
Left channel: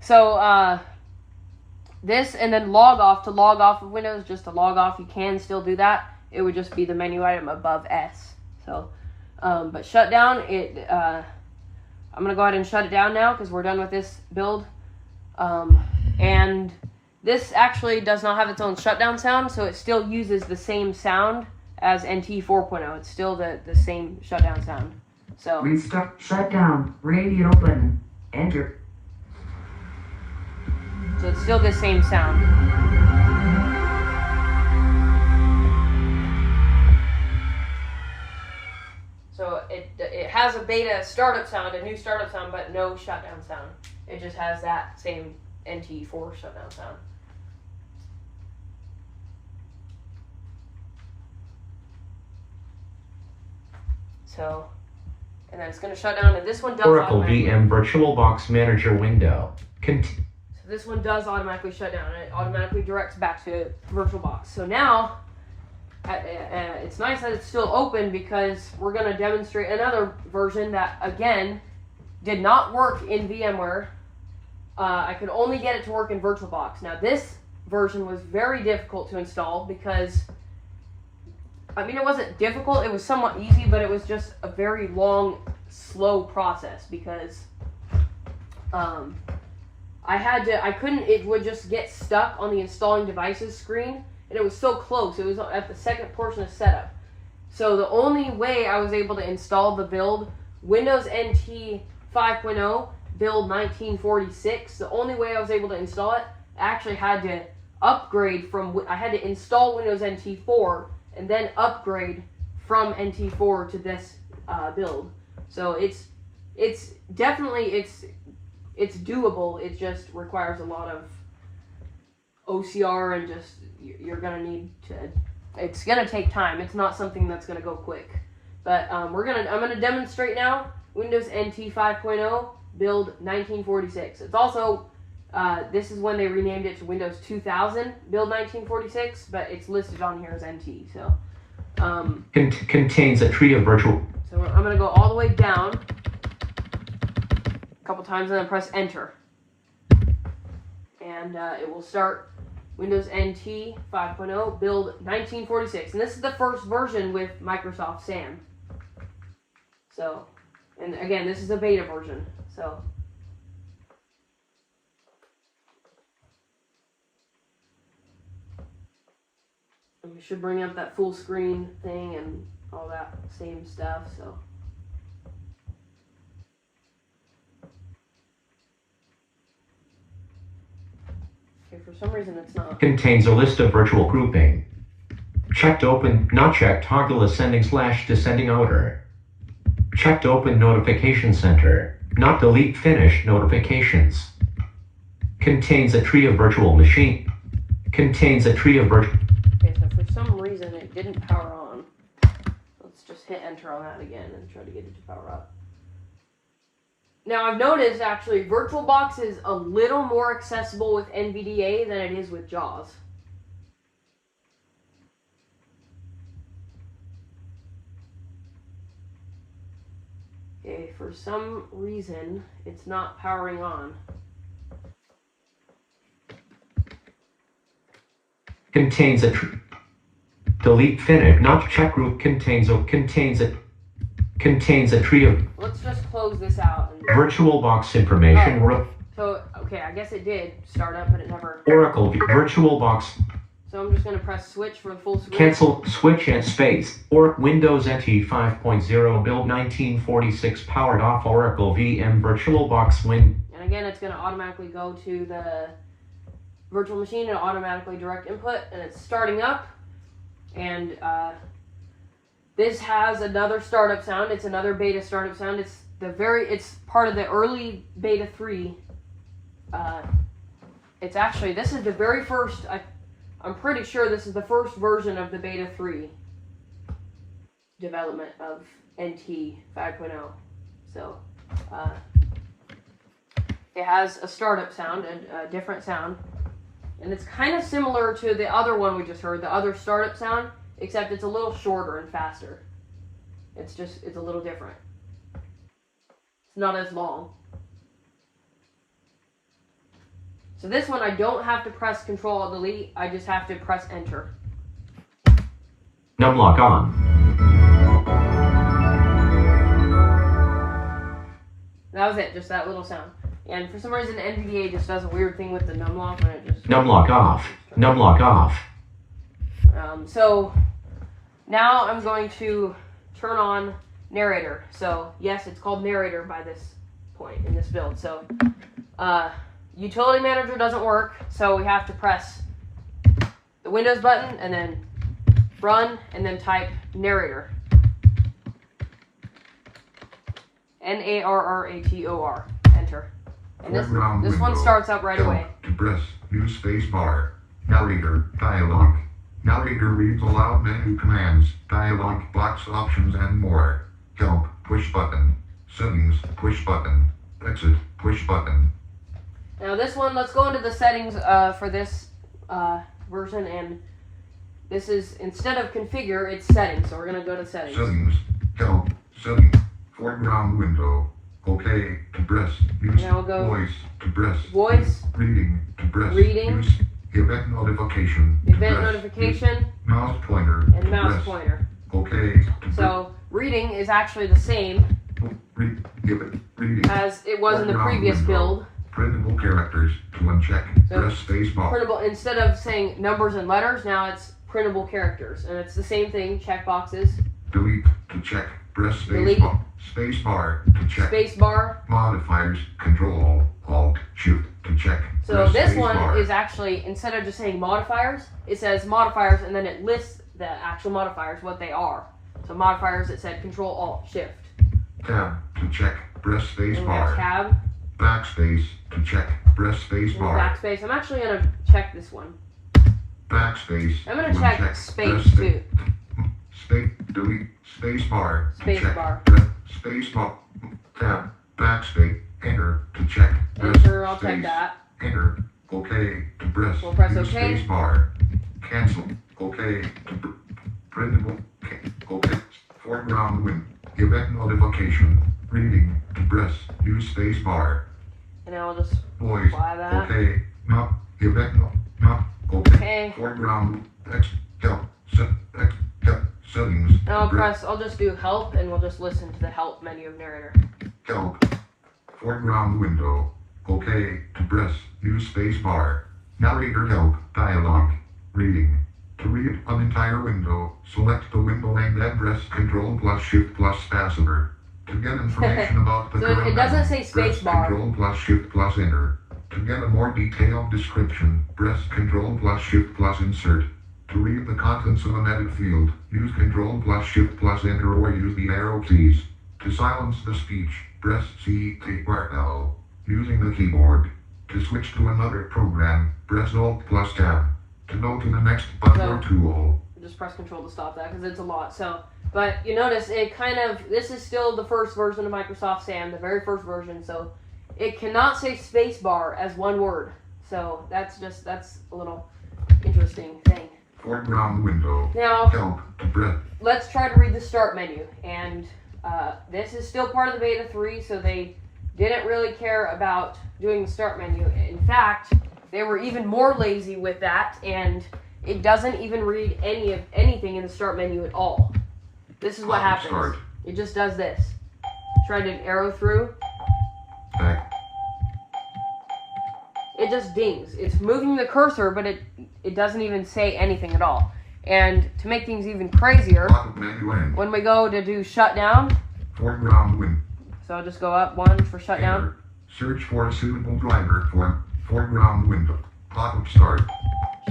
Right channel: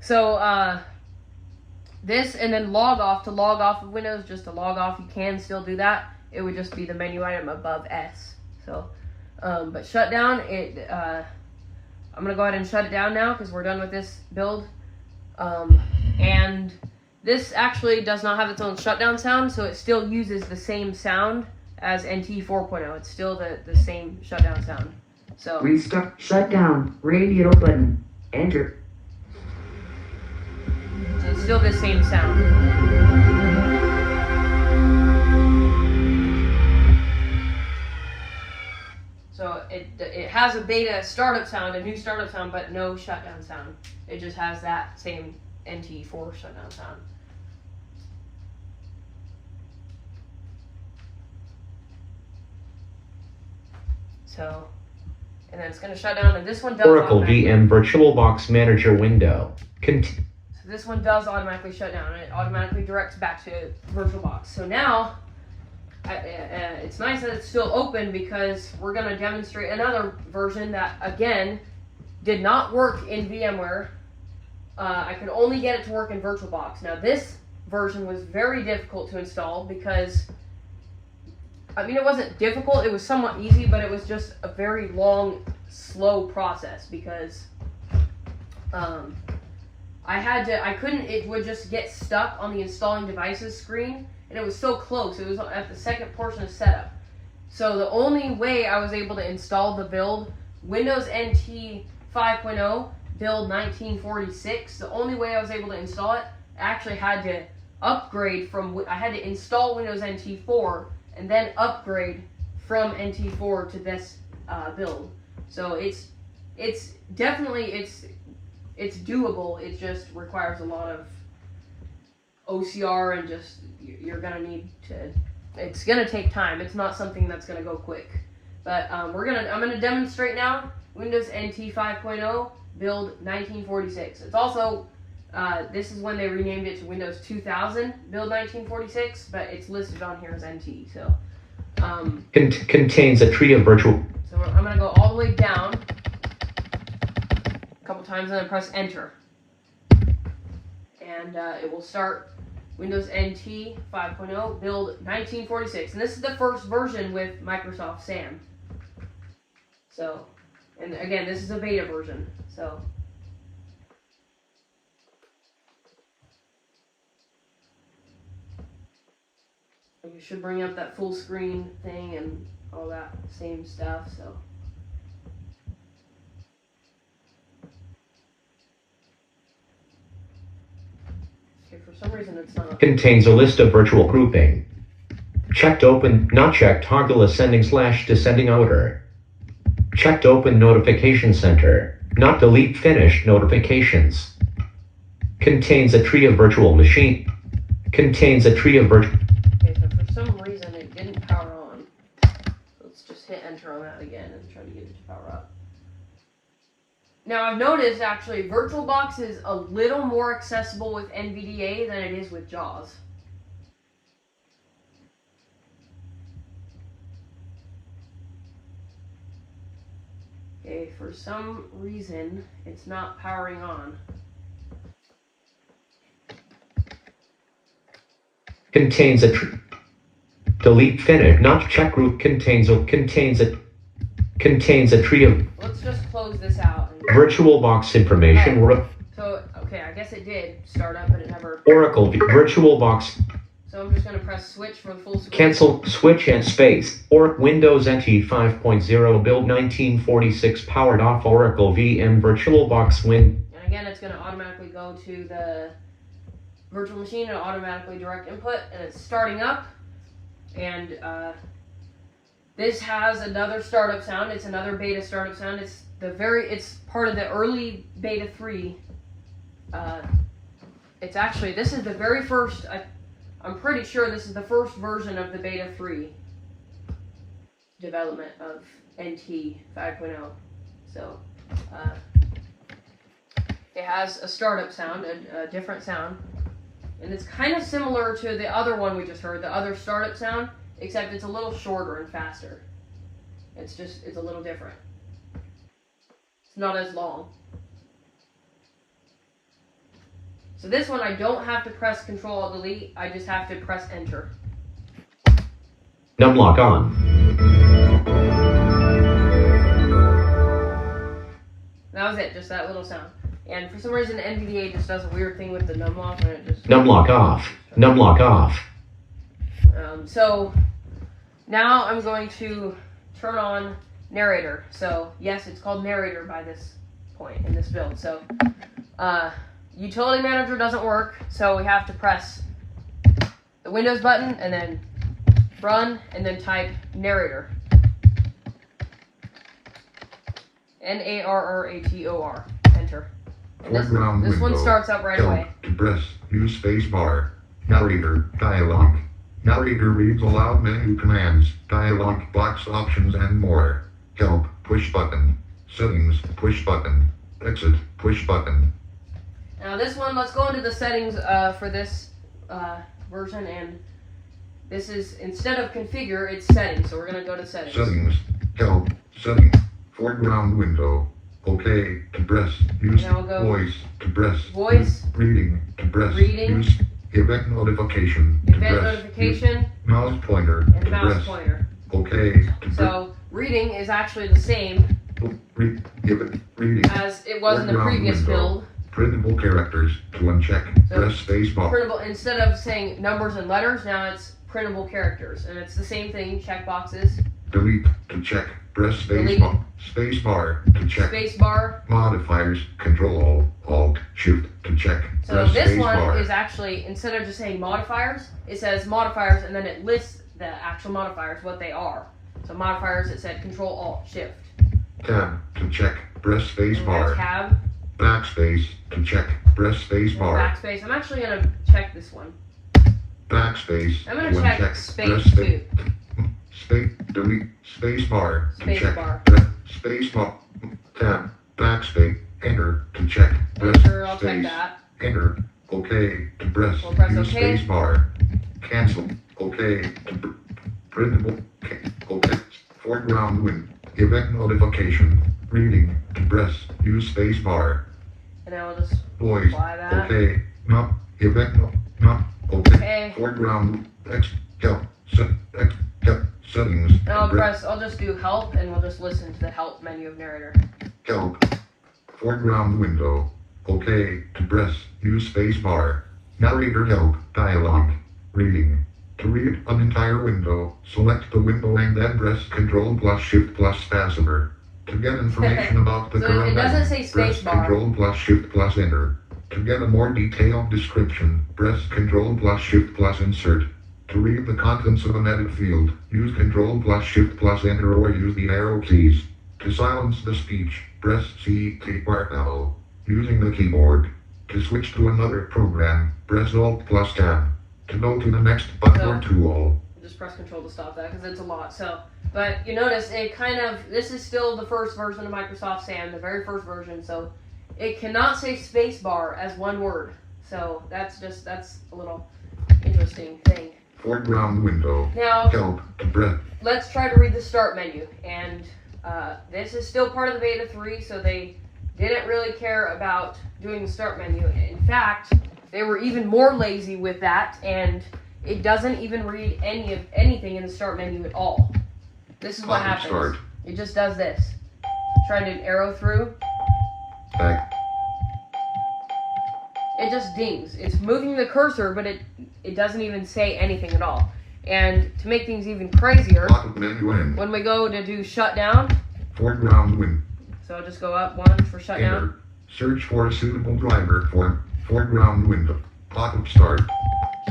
So, this, and then log off of Windows, just to log off, you can still do that. It would just be the menu item above S. So, but shut down, I'm going to go ahead and shut it down now because we're done with this build. And this actually does not have its own shutdown sound, so it still uses the same sound as NT 4.0. It's still the same shutdown sound. So, Restart. Shut down. Radio button. Enter. so it's still the same sound. So it has a beta startup sound, a new startup sound, but no shutdown sound. It just has that same NT4 shutdown sound. So, and then it's going to shut down, and this one does Oracle automatically- VM VirtualBox Manager window. So this one does automatically shut down. It automatically directs back to VirtualBox. So now, it's nice that it's still open because we're going to demonstrate another version that, again, did not work in VMware. I could only get it to work in VirtualBox. Now this version was very difficult to install because, I mean, it wasn't difficult, it was somewhat easy, but it was just a very long, slow process because it would just get stuck on the installing devices screen, and it was so close, it was at the second portion of setup. So the only way I was able to install the build, Windows NT 5.0, build 1946, the only way I was able to install it, I actually had to upgrade I had to install Windows NT 4 and then upgrade from NT4 to this build. So it's definitely doable. It just requires a lot of OCR and just you're gonna need to. It's gonna take time. It's not something that's gonna go quick. But I'm gonna demonstrate now Windows NT 5.0 build 1946. It's also this is when they renamed it to Windows 2000 build 1946, but it's listed on here as NT. So Contains a tree of virtual. So I'm gonna go all the way down a couple times and then press enter. And it will start Windows NT 5.0 build 1946. And this is the first version with Microsoft SAM. So, and again, this is a beta version. So, you should bring up that full screen thing and all that same stuff. So. For some reason it's not. Contains a list of virtual grouping. Checked open, not checked, toggle ascending/descending order. Checked open notification center, not delete finished notifications. Contains a tree of virtual machine. Contains a tree of virtual. Okay, so for some reason it didn't power on. Let's just hit enter on that again and try to get it to power up. Now I've noticed actually VirtualBox is a little more accessible with NVDA than it is with JAWS. Okay, for some reason it's not powering on. Contains a delete Finnick not check root contains a tree of Let's just close this out. VirtualBox information. So, okay, I guess it did start up, but it never. Oracle VirtualBox So I'm just gonna press switch for the full screen. cancel switch and space or Windows NT 5.0 build 1946 powered off Oracle VM VirtualBox Win. And again, it's gonna automatically go to the virtual machine and automatically direct input, and it's starting up. And this has another startup sound. It's another beta startup sound. It's part of the early beta 3. It's actually, this is the very first, I'm pretty sure this is the first version of the beta 3 development of NT 5.0. So, it has a startup sound, a different sound. And it's kind of similar to the other one we just heard, the other startup sound, except it's a little shorter and faster. It's a little different. It's not as long. So this one I don't have to press Control-Alt-Delete, I just have to press Enter. Numlock on. That was it, just that little sound. And for some reason NVDA just does a weird thing with the numlock when it just... Numlock off. Numlock off. So now I'm going to turn on narrator. So yes, it's called narrator by this point in this build. So utility manager doesn't work, so we have to press the Windows button and then run and then type narrator. NARRATOR. Enter. And this one starts up right away. To press use space bar. Narrator dialog. Narrator reads aloud menu commands, dialog box options and more. Help push button. Settings push button. Exit push button. Now this one, let's go into the settings for this version, and this is, instead of configure, it's settings. So we're gonna go to settings. Settings. Help. Settings. Foreground window. Okay. To press. Use Now we'll go voice. To press. Voice. Reading. To press. Reading. Use event notification. To Event press. notification, Use mouse pointer. and To mouse press. pointer. Okay. To So reading is actually the same reading. as it was in the Foreground previous window. build. Printable characters. To uncheck. So- Press space bar. Printable, instead of saying numbers and letters, now it's printable characters, and it's the same thing. Check boxes, Delete. To check. Press space Delete. bar. Space bar. To check. space bar. Modifiers. Control. Alt. Shift. To check. So Press this space one bar. is actually, instead of just saying modifiers, it says modifiers, and then it lists the actual modifiers, what they are. So modifiers, it said Control Alt Shift. Tab. To check. Press space And bar. tab, Backspace. To check. Press space bar. backspace. I'm actually gonna check this one. Backspace. I'm gonna to check uncheck. space Press spa- too. Space. Delete. Space bar. To Space check. bar. Press space bar. Tab. Backspace. Enter. To check. Press Enter, I'll check space. that. Enter. OK. To press. We'll press Use OK. space bar. Cancel. OK. To printable. OK. Foreground win. Event notification. Reading. To press. Use space bar. And I will just Voice. apply that. OK. Not. Event. Not. OK. Okay. Foreground. Text. Help. Text. Help. Settings. And I'll To I'll just do help, and we'll just listen to the help menu of narrator. Help. Foreground window. OK. To press. Use space bar. Narrator help. Dialog. Reading. To read an entire window, select the window and then press Ctrl plus Shift plus spacebar. To get information about the So current it doesn't item, say press space bar. Ctrl plus Shift plus Enter. To get a more detailed description, press Ctrl plus Shift plus Insert. To read the contents of an edit field, use Ctrl plus Shift plus Enter or use the arrow keys. To silence the speech, press C keyboard L. Using the keyboard. To switch to another program, press Alt plus Tab. To go to the next button or tool, just press Control to stop that because it's a lot. So, but you notice it this is still the first version of Microsoft SAM, the very first version. So it cannot say spacebar as one word. So that's a little interesting thing. Foreground window. Now, Help to press. let's try to read the start menu. And this is still part of the beta 3, so they didn't really care about doing the start menu. In fact, they were even more lazy with that, and it doesn't even read anything in the start menu at all. This is what happens. Start. It just does this. Try to arrow through. Back. It just dings. It's moving the cursor, but it doesn't even say anything at all. And to make things even crazier, Pop-up menu end. when we go to do shutdown, Foreground window. so I'll just go up 1 for shutdown. Enter. Search for a suitable driver for foreground window. Pop-up start.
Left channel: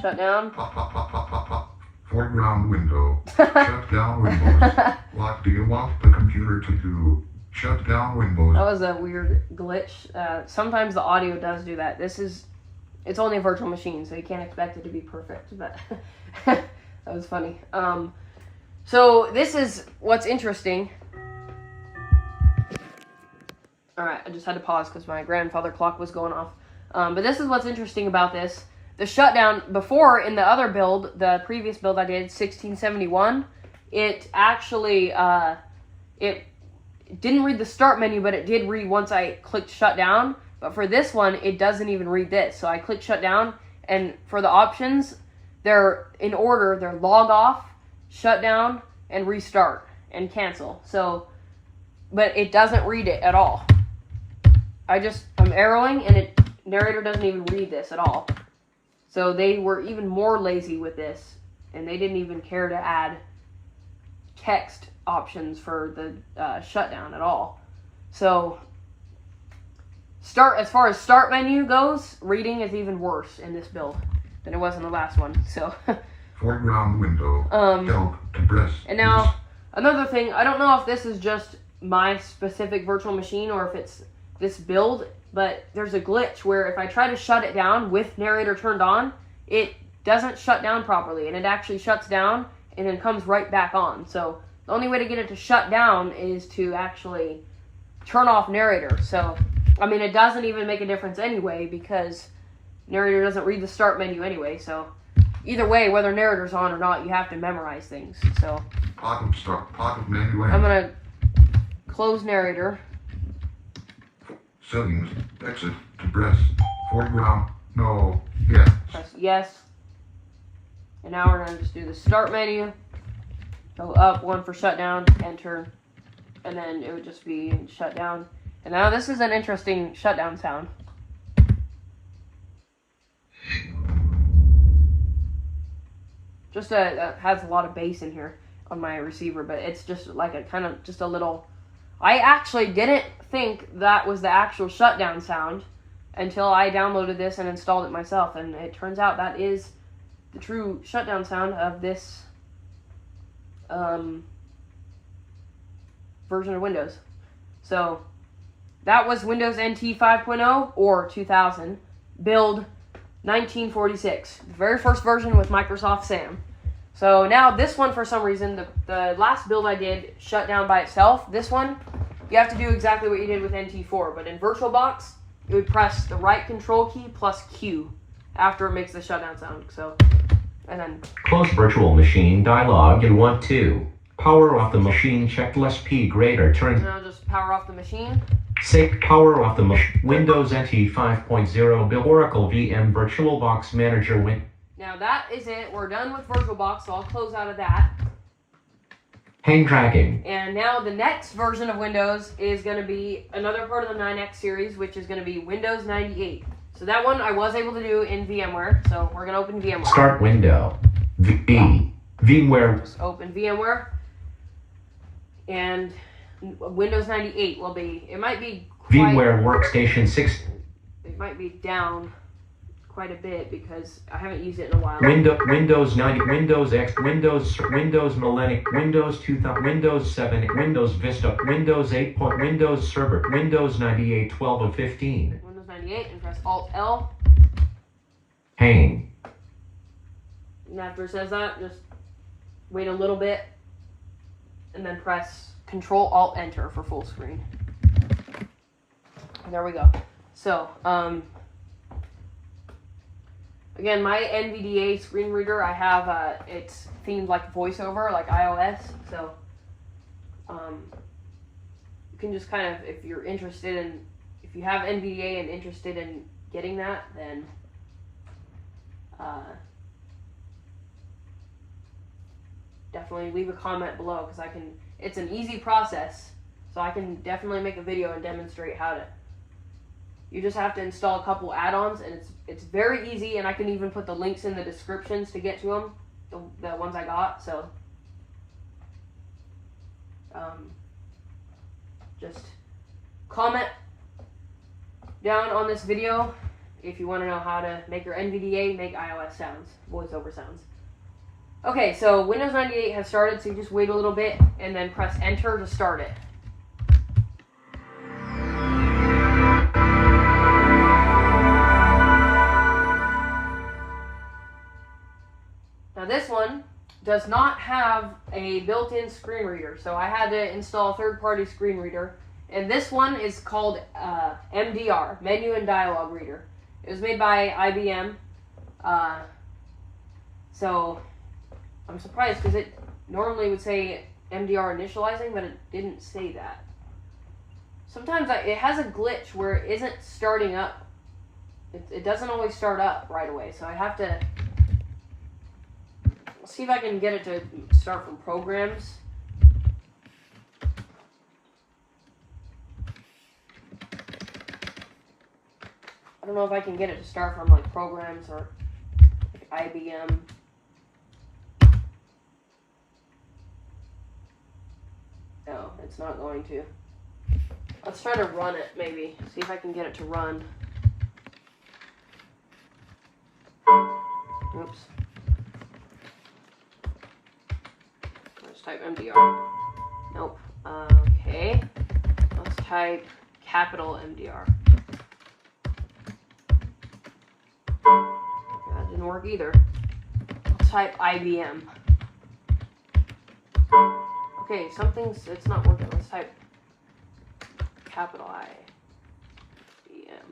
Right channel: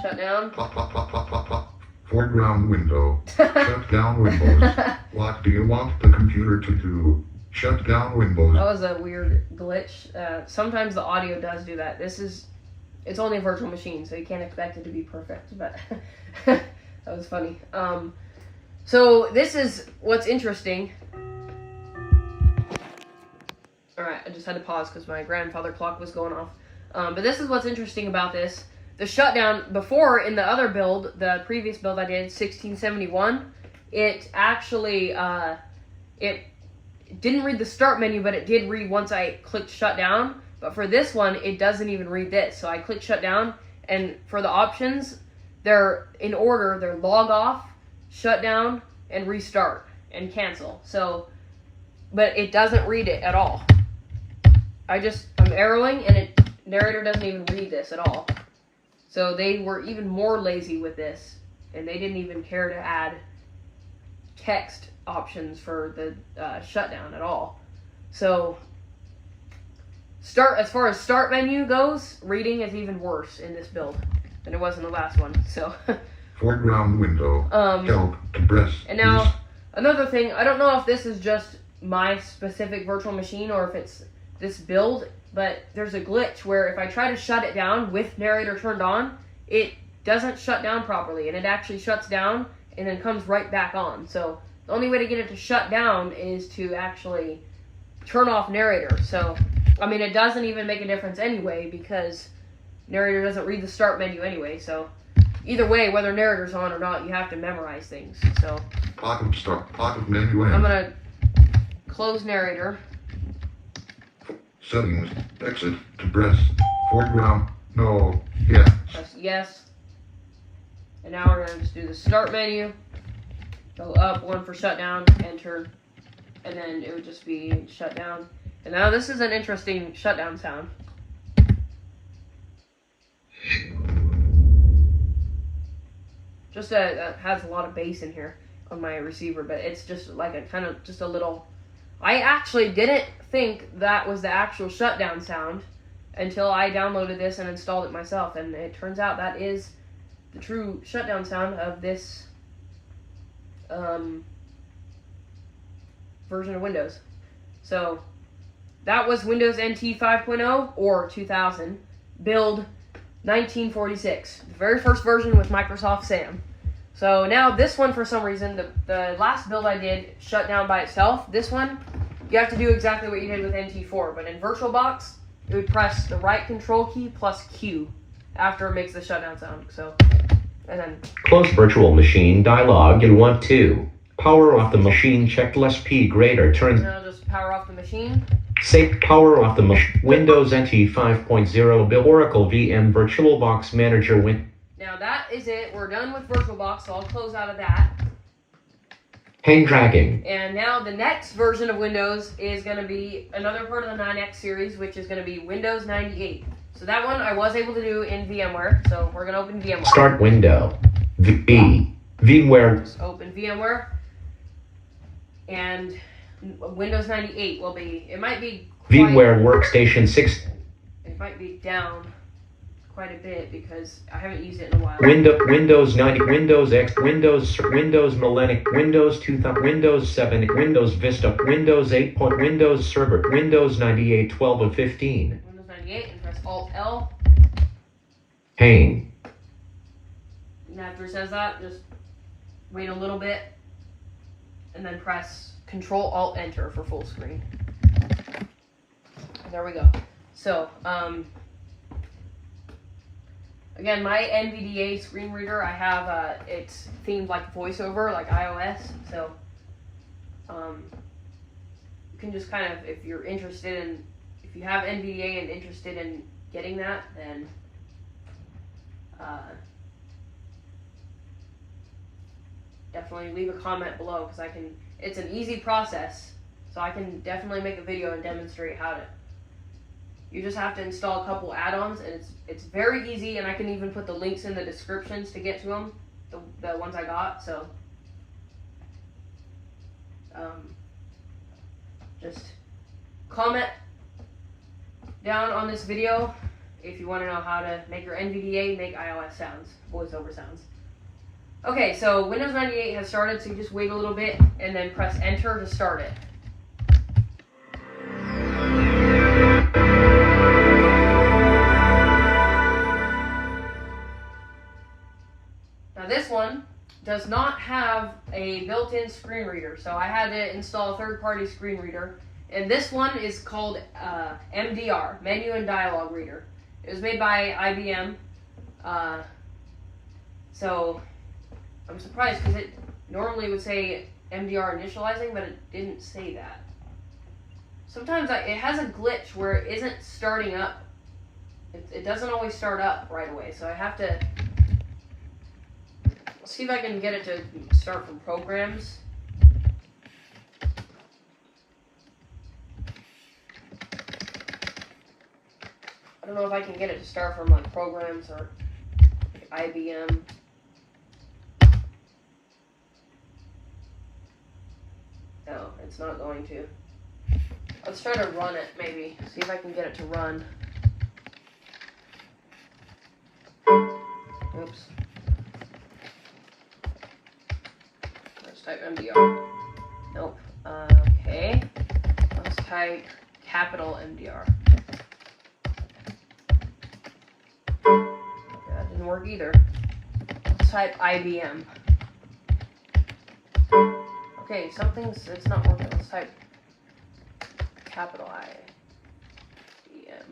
Shutdown. Pop, pop, pop, pop, pop, pop. Foreground window. Shut down Windows. What do you want the computer to do? Shut down Windows. That was a weird glitch. Sometimes the audio does do that. It's only a virtual machine, so you can't expect it to be perfect, but that was funny. So this is what's interesting. Alright, I just had to pause because my grandfather clock was going off. But this is what's interesting about this. The shutdown, before in the other build, the previous build I did, 1671, it actually, it didn't read the start menu, but it did read once I clicked shutdown. But for this one, it doesn't even read this. So I click shutdown, and for the options, they're in order. They're log off, shutdown, and restart, and cancel. So, but it doesn't read it at all. I'm arrowing, and narrator doesn't even read this at all. So they were even more lazy with this, and they didn't even care to add text options for the shutdown at all. So as far as start menu goes, reading is even worse in this build than it was in the last one. So Foreground window. Help to press. and now another thing, I don't know if this is just my specific virtual machine or if it's this build, but there's a glitch where if I try to shut it down with narrator turned on, it doesn't shut down properly, and it actually shuts down and then comes right back on. So the only way to get it to shut down is to actually turn off narrator. So, I mean, it doesn't even make a difference anyway because narrator doesn't read the start menu anyway. So either way, whether narrator's on or not, you have to memorize things. So Pop-up start. Pop-up menu end. I'm gonna close narrator. Settings. Exit to press. Foreground. No. Yes. Press yes. And now we're gonna just do the start menu. Go up 1 for shutdown, enter, and then it would just be shutdown. And now this is an interesting shutdown sound. Just has a lot of bass in here on my receiver, but it's just like a kind of just a little. I actually didn't think that was the actual shutdown sound until I downloaded this and installed it myself, and it turns out that is the true shutdown sound of this version of Windows. So that was Windows NT 5.0 or 2000, build 1946, the very first version with Microsoft SAM. So now this one, for some reason, the last build I did shut down by itself. This one, you have to do exactly what you did with NT4, but in VirtualBox, it would press the right control key plus Q after it makes the shutdown sound. So, and then Close virtual machine dialog in 1-2. Power off the machine checked less P greater turn. now just power off the machine. Say power off the machine. Windows NT 5.0 Bill Oracle VM VirtualBox Manager Now that is it. We're done with VirtualBox, so I'll close out of that. Hang dragging. And now the next version of Windows is going to be another part of the 9X series, which is going to be Windows 98. So that one I was able to do in VMware, so we're going to open VMware. Start window. VMware. Just open VMware. And Windows 98 will be, it might be quite, VMware Workstation 6. it might be down quite a bit because I haven't used it in a while. Windows 90, Windows X, Windows Millennium, Windows 2000, Windows 7, Windows Vista, Windows 8. Windows Server, Windows 98, 12 of 15. Windows 98, and press Alt-L. Hang. And after it says that, just wait a little bit, and then press Control-Alt-Enter for full screen. There we go. So, again, my NVDA screen reader, I have, it's themed like VoiceOver, like iOS, so, you can just kind of, if you're interested in, if you have NVDA and interested in getting that, then, definitely leave a comment below, because it's an easy process, so I can definitely make a video and demonstrate how to. You just have to install a couple add-ons, and it's very easy, and I can even put the links in the descriptions to get to them, the ones I got, so just comment down on this video if you want to know how to make your NVDA make iOS sounds, voiceover sounds. Okay, so Windows 98 has started, so you just wait a little bit and then press enter to start it. Now this one does not have a built-in screen reader, so I had to install a third-party screen reader, and this one is called MDR, Menu and Dialogue Reader. It was made by IBM, so I'm surprised because it normally would say MDR initializing, but it didn't say that. Sometimes it has a glitch where it isn't starting up. It doesn't always start up right away, so I have to see if I can get it to start from programs. I don't know if I can get it to start from like programs or like IBM. No, it's not going to. Let's try to run it, maybe. See if I can get it to run. Oops. Let's type MDR. Nope. Okay. Let's type capital MDR. That didn't work either. Let's type IBM. Okay, it's not working. Let's type capital IBM.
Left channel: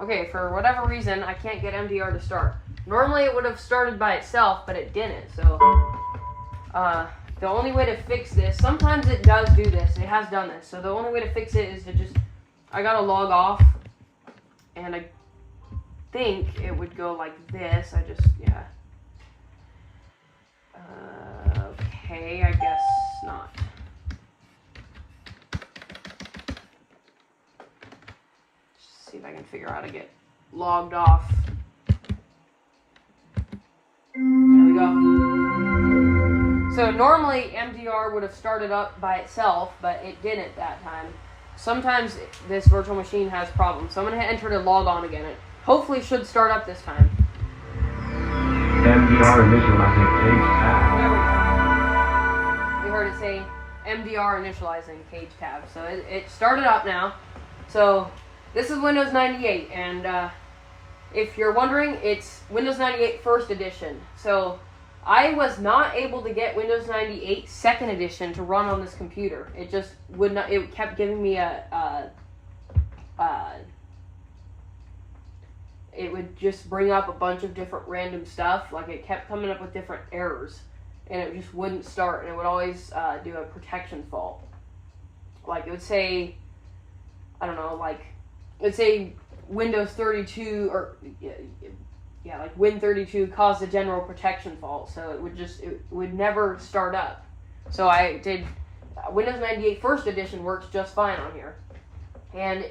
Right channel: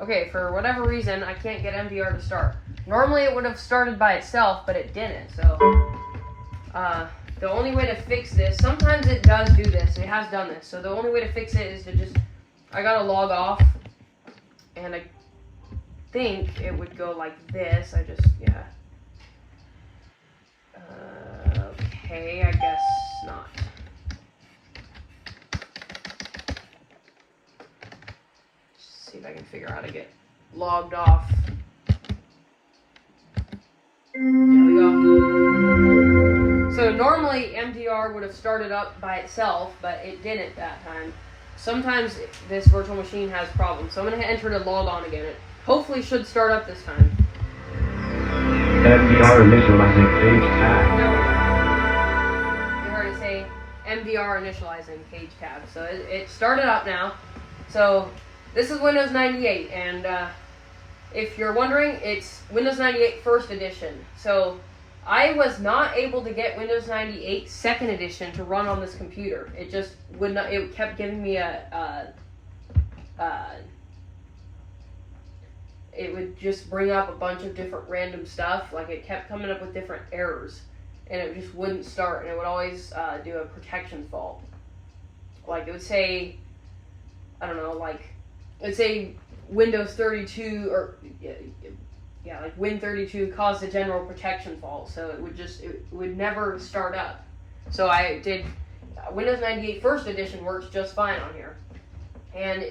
Okay, for whatever reason, I can't get MDR to start. Normally it would have started by itself, but it didn't, so the only way to fix this, sometimes it does do this, it has done this, so the only way to fix it is to just, I gotta log off, and I think it would go like this. Okay, I guess not. Just see if I can figure out how to get logged off. There we go. So normally MDR would have started up by itself, but it didn't that time. Sometimes this virtual machine has problems. So I'm going to enter to log on again. It hopefully should start up this time. MDR initializing page tab. There we go. You heard it say MDR initializing page tab. So it started up now. So this is Windows 98, and if you're wondering, it's Windows 98 First Edition. So I was not able to get Windows 98 Second Edition to run on this computer. It just would not. It kept giving me it would just bring up a bunch of different random stuff. Like it kept coming up with different errors, and it just wouldn't start. And it would always do a protection fault. Like it would say, I don't know, like it would say Windows 32 or yeah, like Win32 caused a general protection fault, so it would never start up. So I did Windows 98 First Edition works just fine on here, and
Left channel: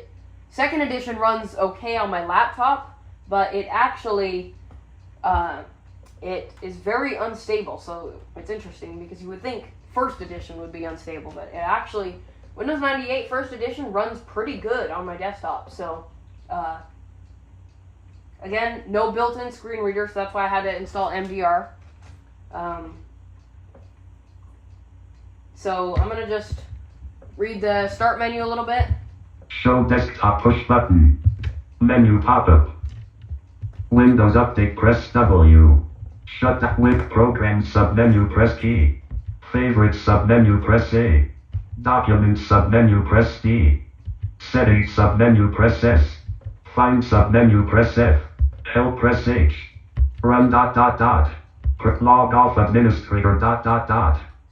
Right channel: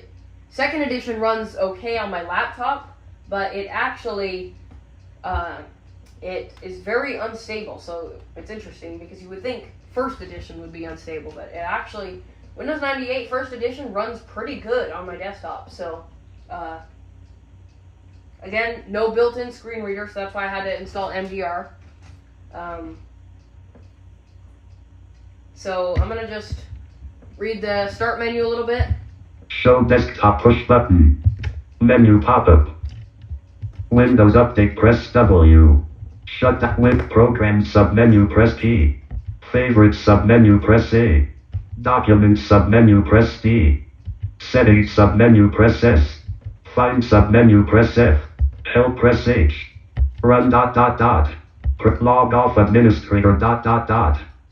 Second Edition runs okay on my laptop, but it actually it is very unstable. So it's interesting because you would think First Edition would be unstable, but it actually Windows 98 First Edition runs pretty good on my desktop. So again, no built-in screen reader, so that's why I had to install MDR. So I'm going to just read the start menu a little bit. Show desktop push button. Menu pop-up. Windows Update, press W. Shut down with Program submenu, press P. Favorites submenu, press A. Documents submenu, press D. Settings submenu, press S. Find submenu, press F. Help, press H. Run ... Log off administrator ...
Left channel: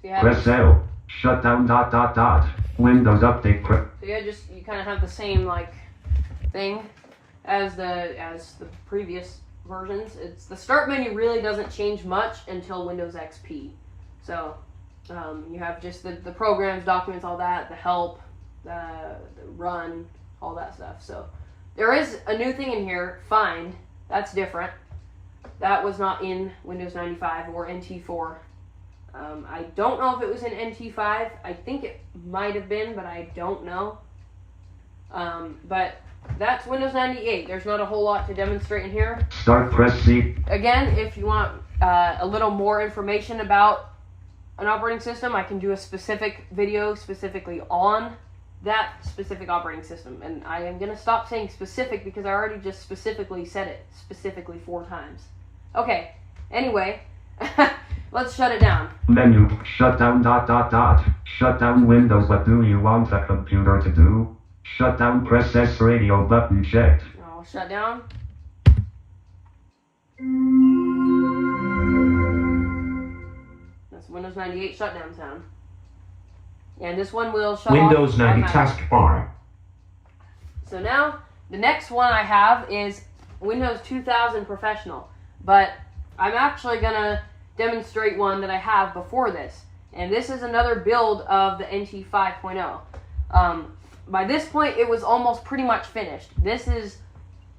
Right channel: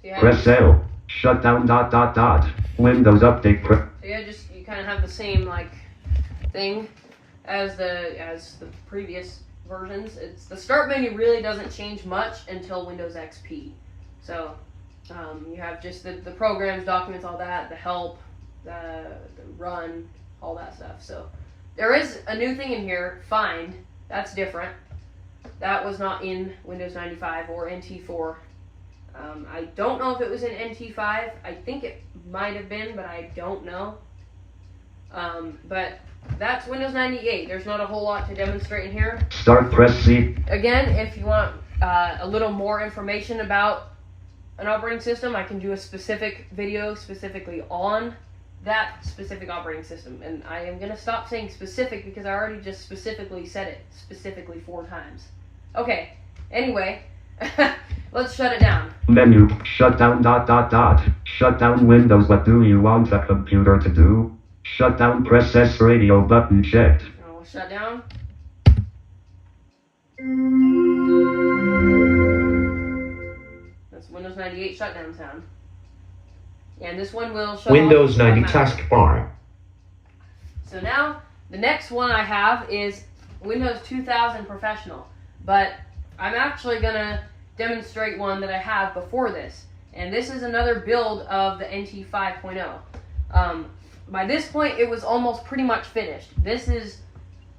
Yeah, Press L. Shut down ... Windows Update, so you kind of have the same like thing as the previous versions. It's the start menu really doesn't change much until Windows XP. So you have just the programs, documents, all that, the help, the run, all that stuff. So there is a new thing in here, find. That's different. That was not in Windows 95 or NT4. I don't know if it was in NT5. I think it might have been, but I don't know. But that's Windows 98. There's not a whole lot to demonstrate in here. Start, press C. Again, if you want a little more information about an operating system, I can do a specific video specifically on that specific operating system. And I am going to stop saying specific because I already just specifically said it specifically 4 times. Okay, anyway, let's shut it down. Menu, shut down ... Shut down Windows. What do you want the computer to do? Shut down, press S. Radio button checked. I'll shut down. That's Windows 98 shutdown sound. And this one will shut Windows off 90 automatically. taskbar. So now, the next one I have is Windows 2000 Professional. But I'm actually going to demonstrate one that I have before this. And this is another build of the NT 5.0. By this point, it was almost pretty much finished. This is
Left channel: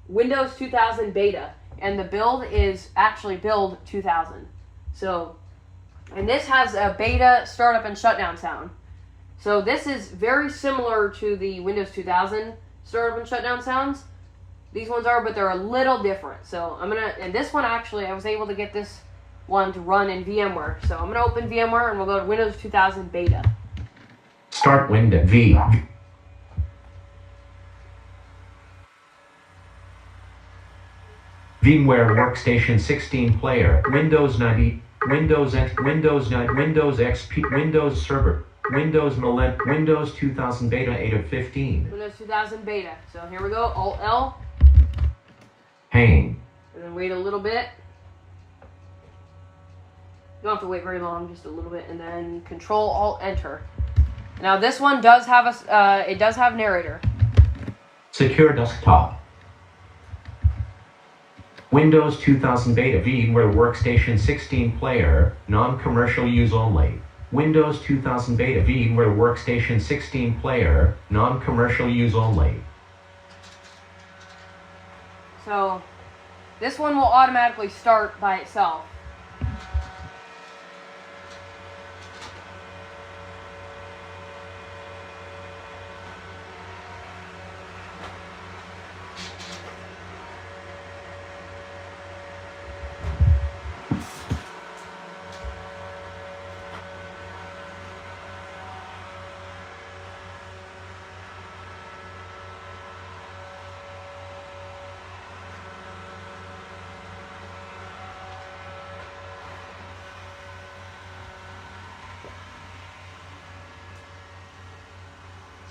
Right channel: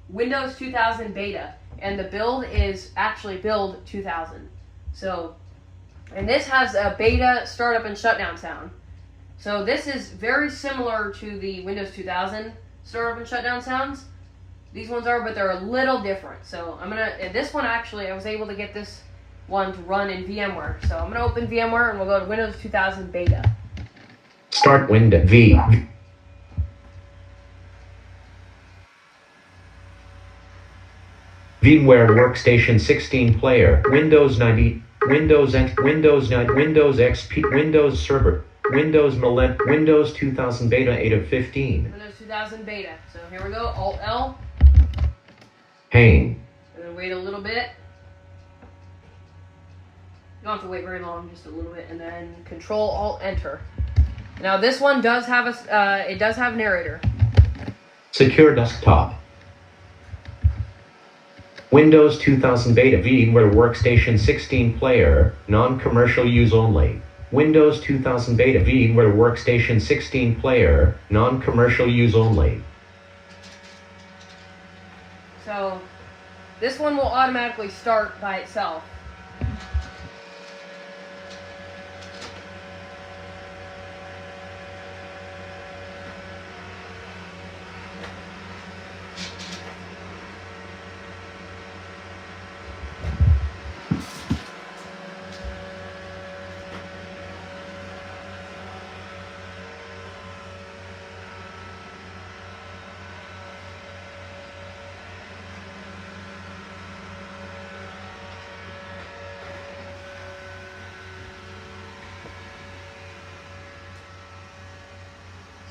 Windows 2000 Beta. And the build is actually build 2000. So, and this has a beta startup and shutdown sound. So this is very similar to the Windows 2000 startup and shutdown sounds. These ones are, but they're a little different. So and this one actually, I was able to get this one to run in VMware. So I'm gonna open VMware and we'll go to Windows 2000 Beta. Start Windows V. VMware Workstation 16 Player, Windows 90, Windows N, Windows 9, Windows XP, Windows Server, Windows Millennium, Windows 2000 Beta 8 of 15. Windows 2000 Beta. So here we go, Alt L, Pain. and then wait a little bit. You don't have to wait very long, just a little bit, and then Control Alt Enter. Now this one does have it does have narrator. Secure Desktop. Windows 2000 Beta VMware Workstation 16 Player, non-commercial use only. Windows 2000 Beta VMware Workstation 16 Player, non-commercial use only. So this one will automatically start by itself.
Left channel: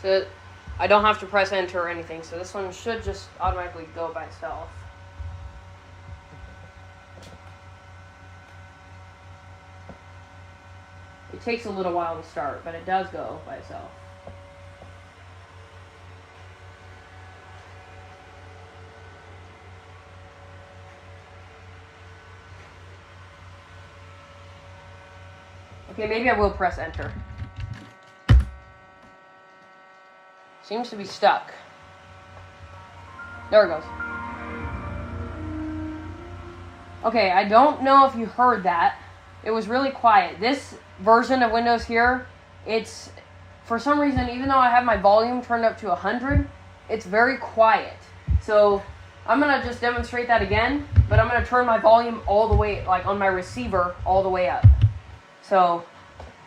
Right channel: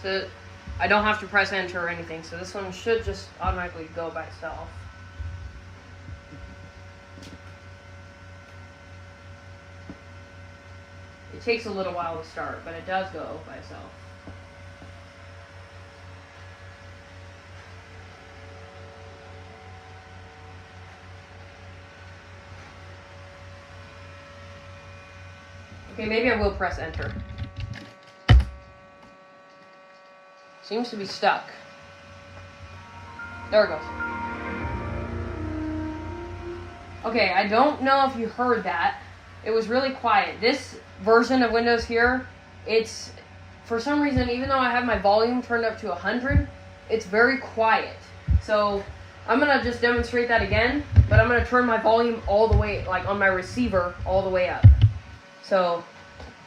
So I don't have to press enter or anything, so this one should just automatically go by itself. It takes a little while to start, but it does go by itself. Okay, maybe I will press enter. Seems to be stuck. There we go. Okay, I don't know if you heard that. It was really quiet. This version of Windows here, it's, for some reason, even though I have my volume turned up to 100, it's very quiet. So I'm gonna just demonstrate that again, but I'm gonna turn my volume all the way, like on my receiver, all the way up. So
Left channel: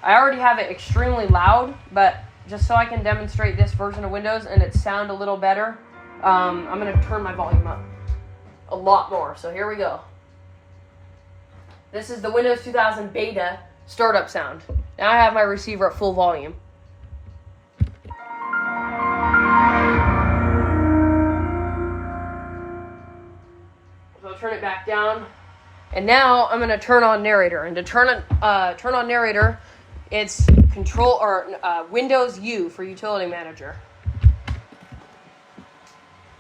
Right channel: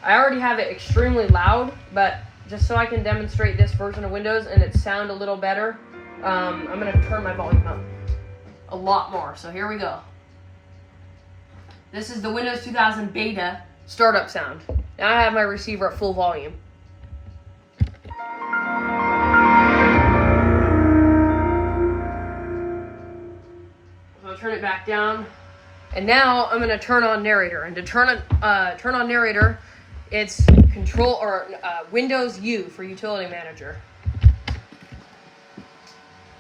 I already have it extremely loud, but just so I can demonstrate this version of Windows and it sound a little better, I'm going to turn my volume up. a lot more. So here we go. This is the Windows 2000 beta startup sound. Now I have my receiver at full volume. So I'll turn it back down. And now I'm going to turn on narrator. And to turn on narrator, it's Control or Windows U for Utility Manager.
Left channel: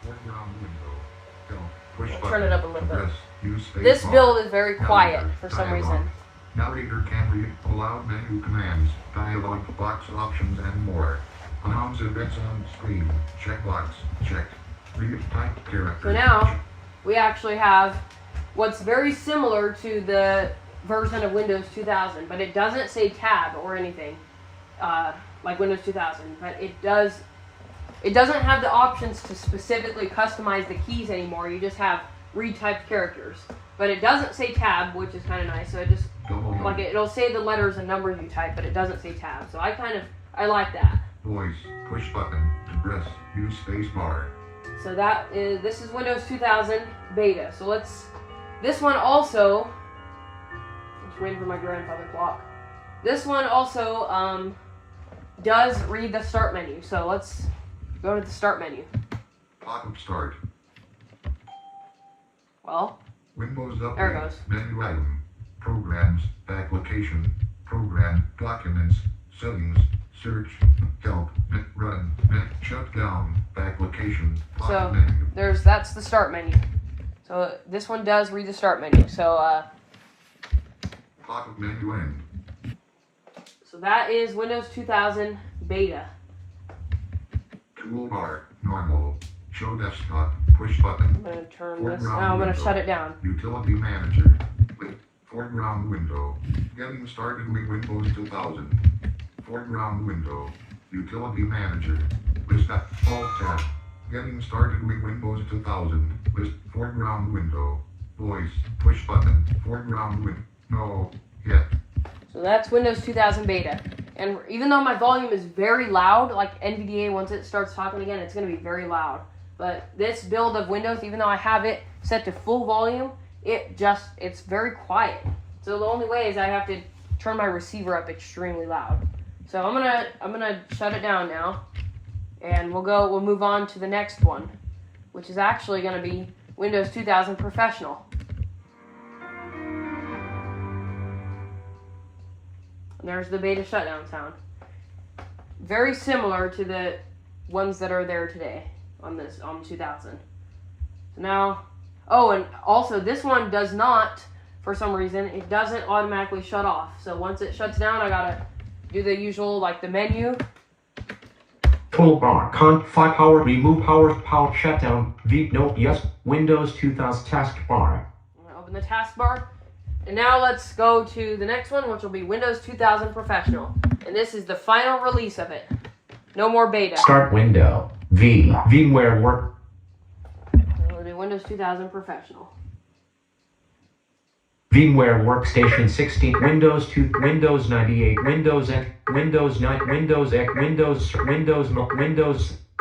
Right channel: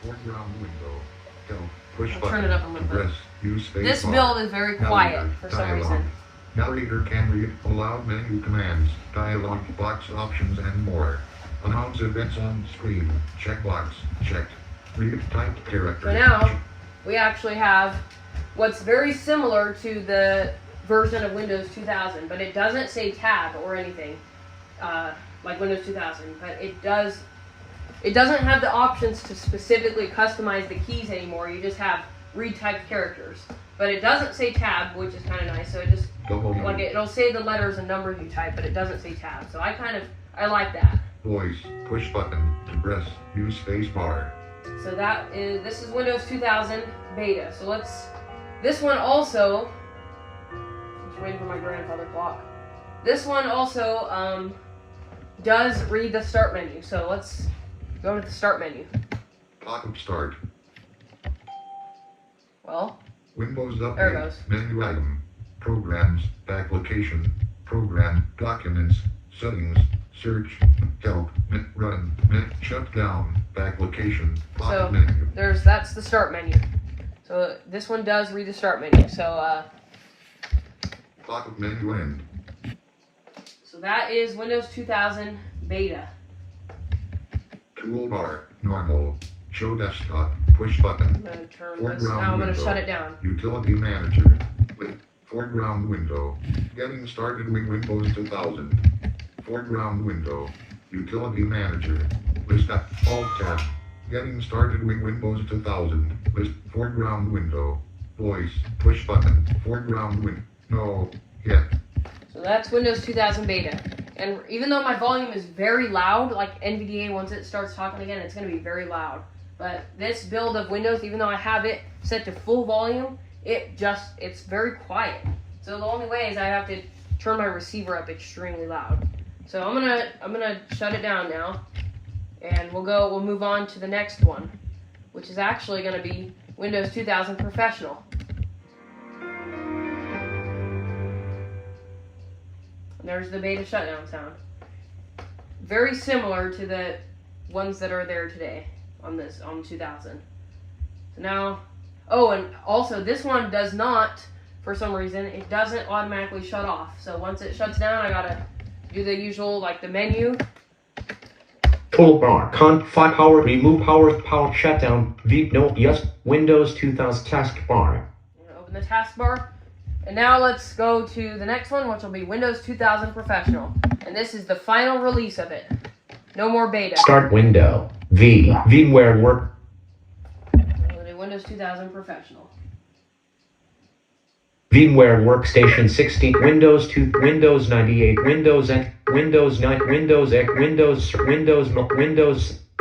Foreground window. Help. Push I'll button. turn it up a little bit. Press. Use space This bar. build is very quiet Narrator. for some Dialog. reason. Narrator can read aloud menu commands, dialog box options, and more. Announce events on screen. Checkbox. Checked. Read typed characters. So now we actually have what's very similar to the version of Windows 2000, but it doesn't say tab or anything like Windows 2000. But it doesn't have the options to specifically customize the keys anymore. You just have retyped characters. But it doesn't say tab, which is kind of nice. So it just it'll say the letters and numbers you type, but it doesn't say tab. So I like that. Voice. Push button. To press. Use space bar. So this is Windows 2000 beta. So this one also, just waiting for my grandfather clock. This one also does read the start menu. So let's go to the start menu. Pop-up start. Well, Windows update. There it goes. Menu item. Programs. Application. Program. Documents. Settings. Search. Help. Run. Shut down. Application. Pop-up So, menu. that's the start menu. So this one does read the start menu. So Pop-up menu end. so that is Windows 2000 beta. Toolbar. Normal. Show desktop. Push button. I'm gonna turn this. Foreground Now I'm gonna window. shut it down. Utility Manager. Wait. Foreground window. Getting started with Windows 2000. Foreground window. Utility Manager. List at Alt tab. Getting started with Windows 2000. List foreground window. Voice. Push button. Foreground win. No. Yet. So that's Windows 2000 beta. And even though my volume is very loud, like NVDA, once it starts talking again, it's going to be very loud. But this build of Windows, even though I have it set to full volume, it's very quiet. So the only way is I have to turn my receiver up extremely loud. So I'm gonna shut it down now, and we'll move on to the next one, which is actually going to be Windows 2000 Professional. And there's the beta shutdown sound. Very similar to the ones that are there today on 2000. So now, and also this one does not, for some reason, it doesn't automatically shut off. So once it shuts down, I gotta do the usual, like the menu. Toolbar. Power. Remove power. Shutdown. No. Yes. Windows 2000 taskbar. Open the taskbar. And now let's go to the next one, which will be Windows 2000 Professional. And this is the final release of it. No more beta. Start window. VMware Work. We'll do Windows 2000 Professional. VMware Workstation 16. Windows 2. Windows 98. Windows X. Windows 9. Windows X. Windows 8.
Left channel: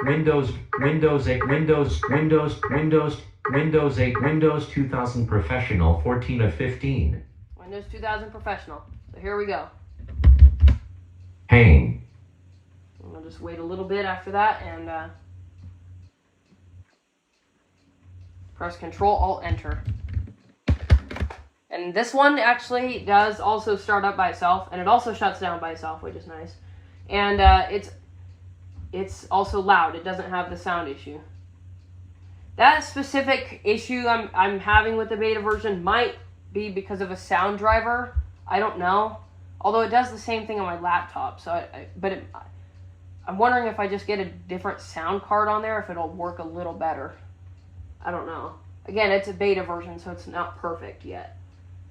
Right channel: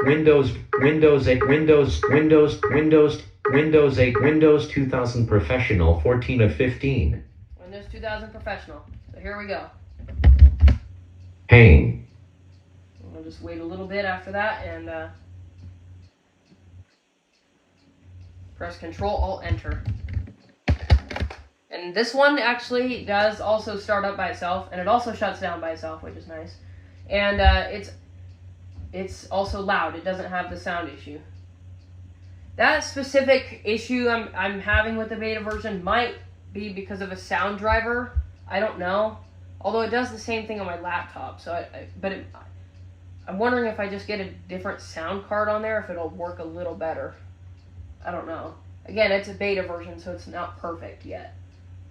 Windows 8. Windows 2000 Professional 14 of 15. Windows 2000 Professional. So here we go. Pain. We'll just wait a little bit after that and press Control Alt Enter. And this one actually does also start up by itself, and it also shuts down by itself, which is nice. And it's also loud. It doesn't have the sound issue. That specific issue I'm having with the beta version might be because of a sound driver. I don't know. Although it does the same thing on my laptop. So, I'm wondering if I just get a different sound card on there, if it'll work a little better. I don't know. Again, it's a beta version, so it's not perfect yet.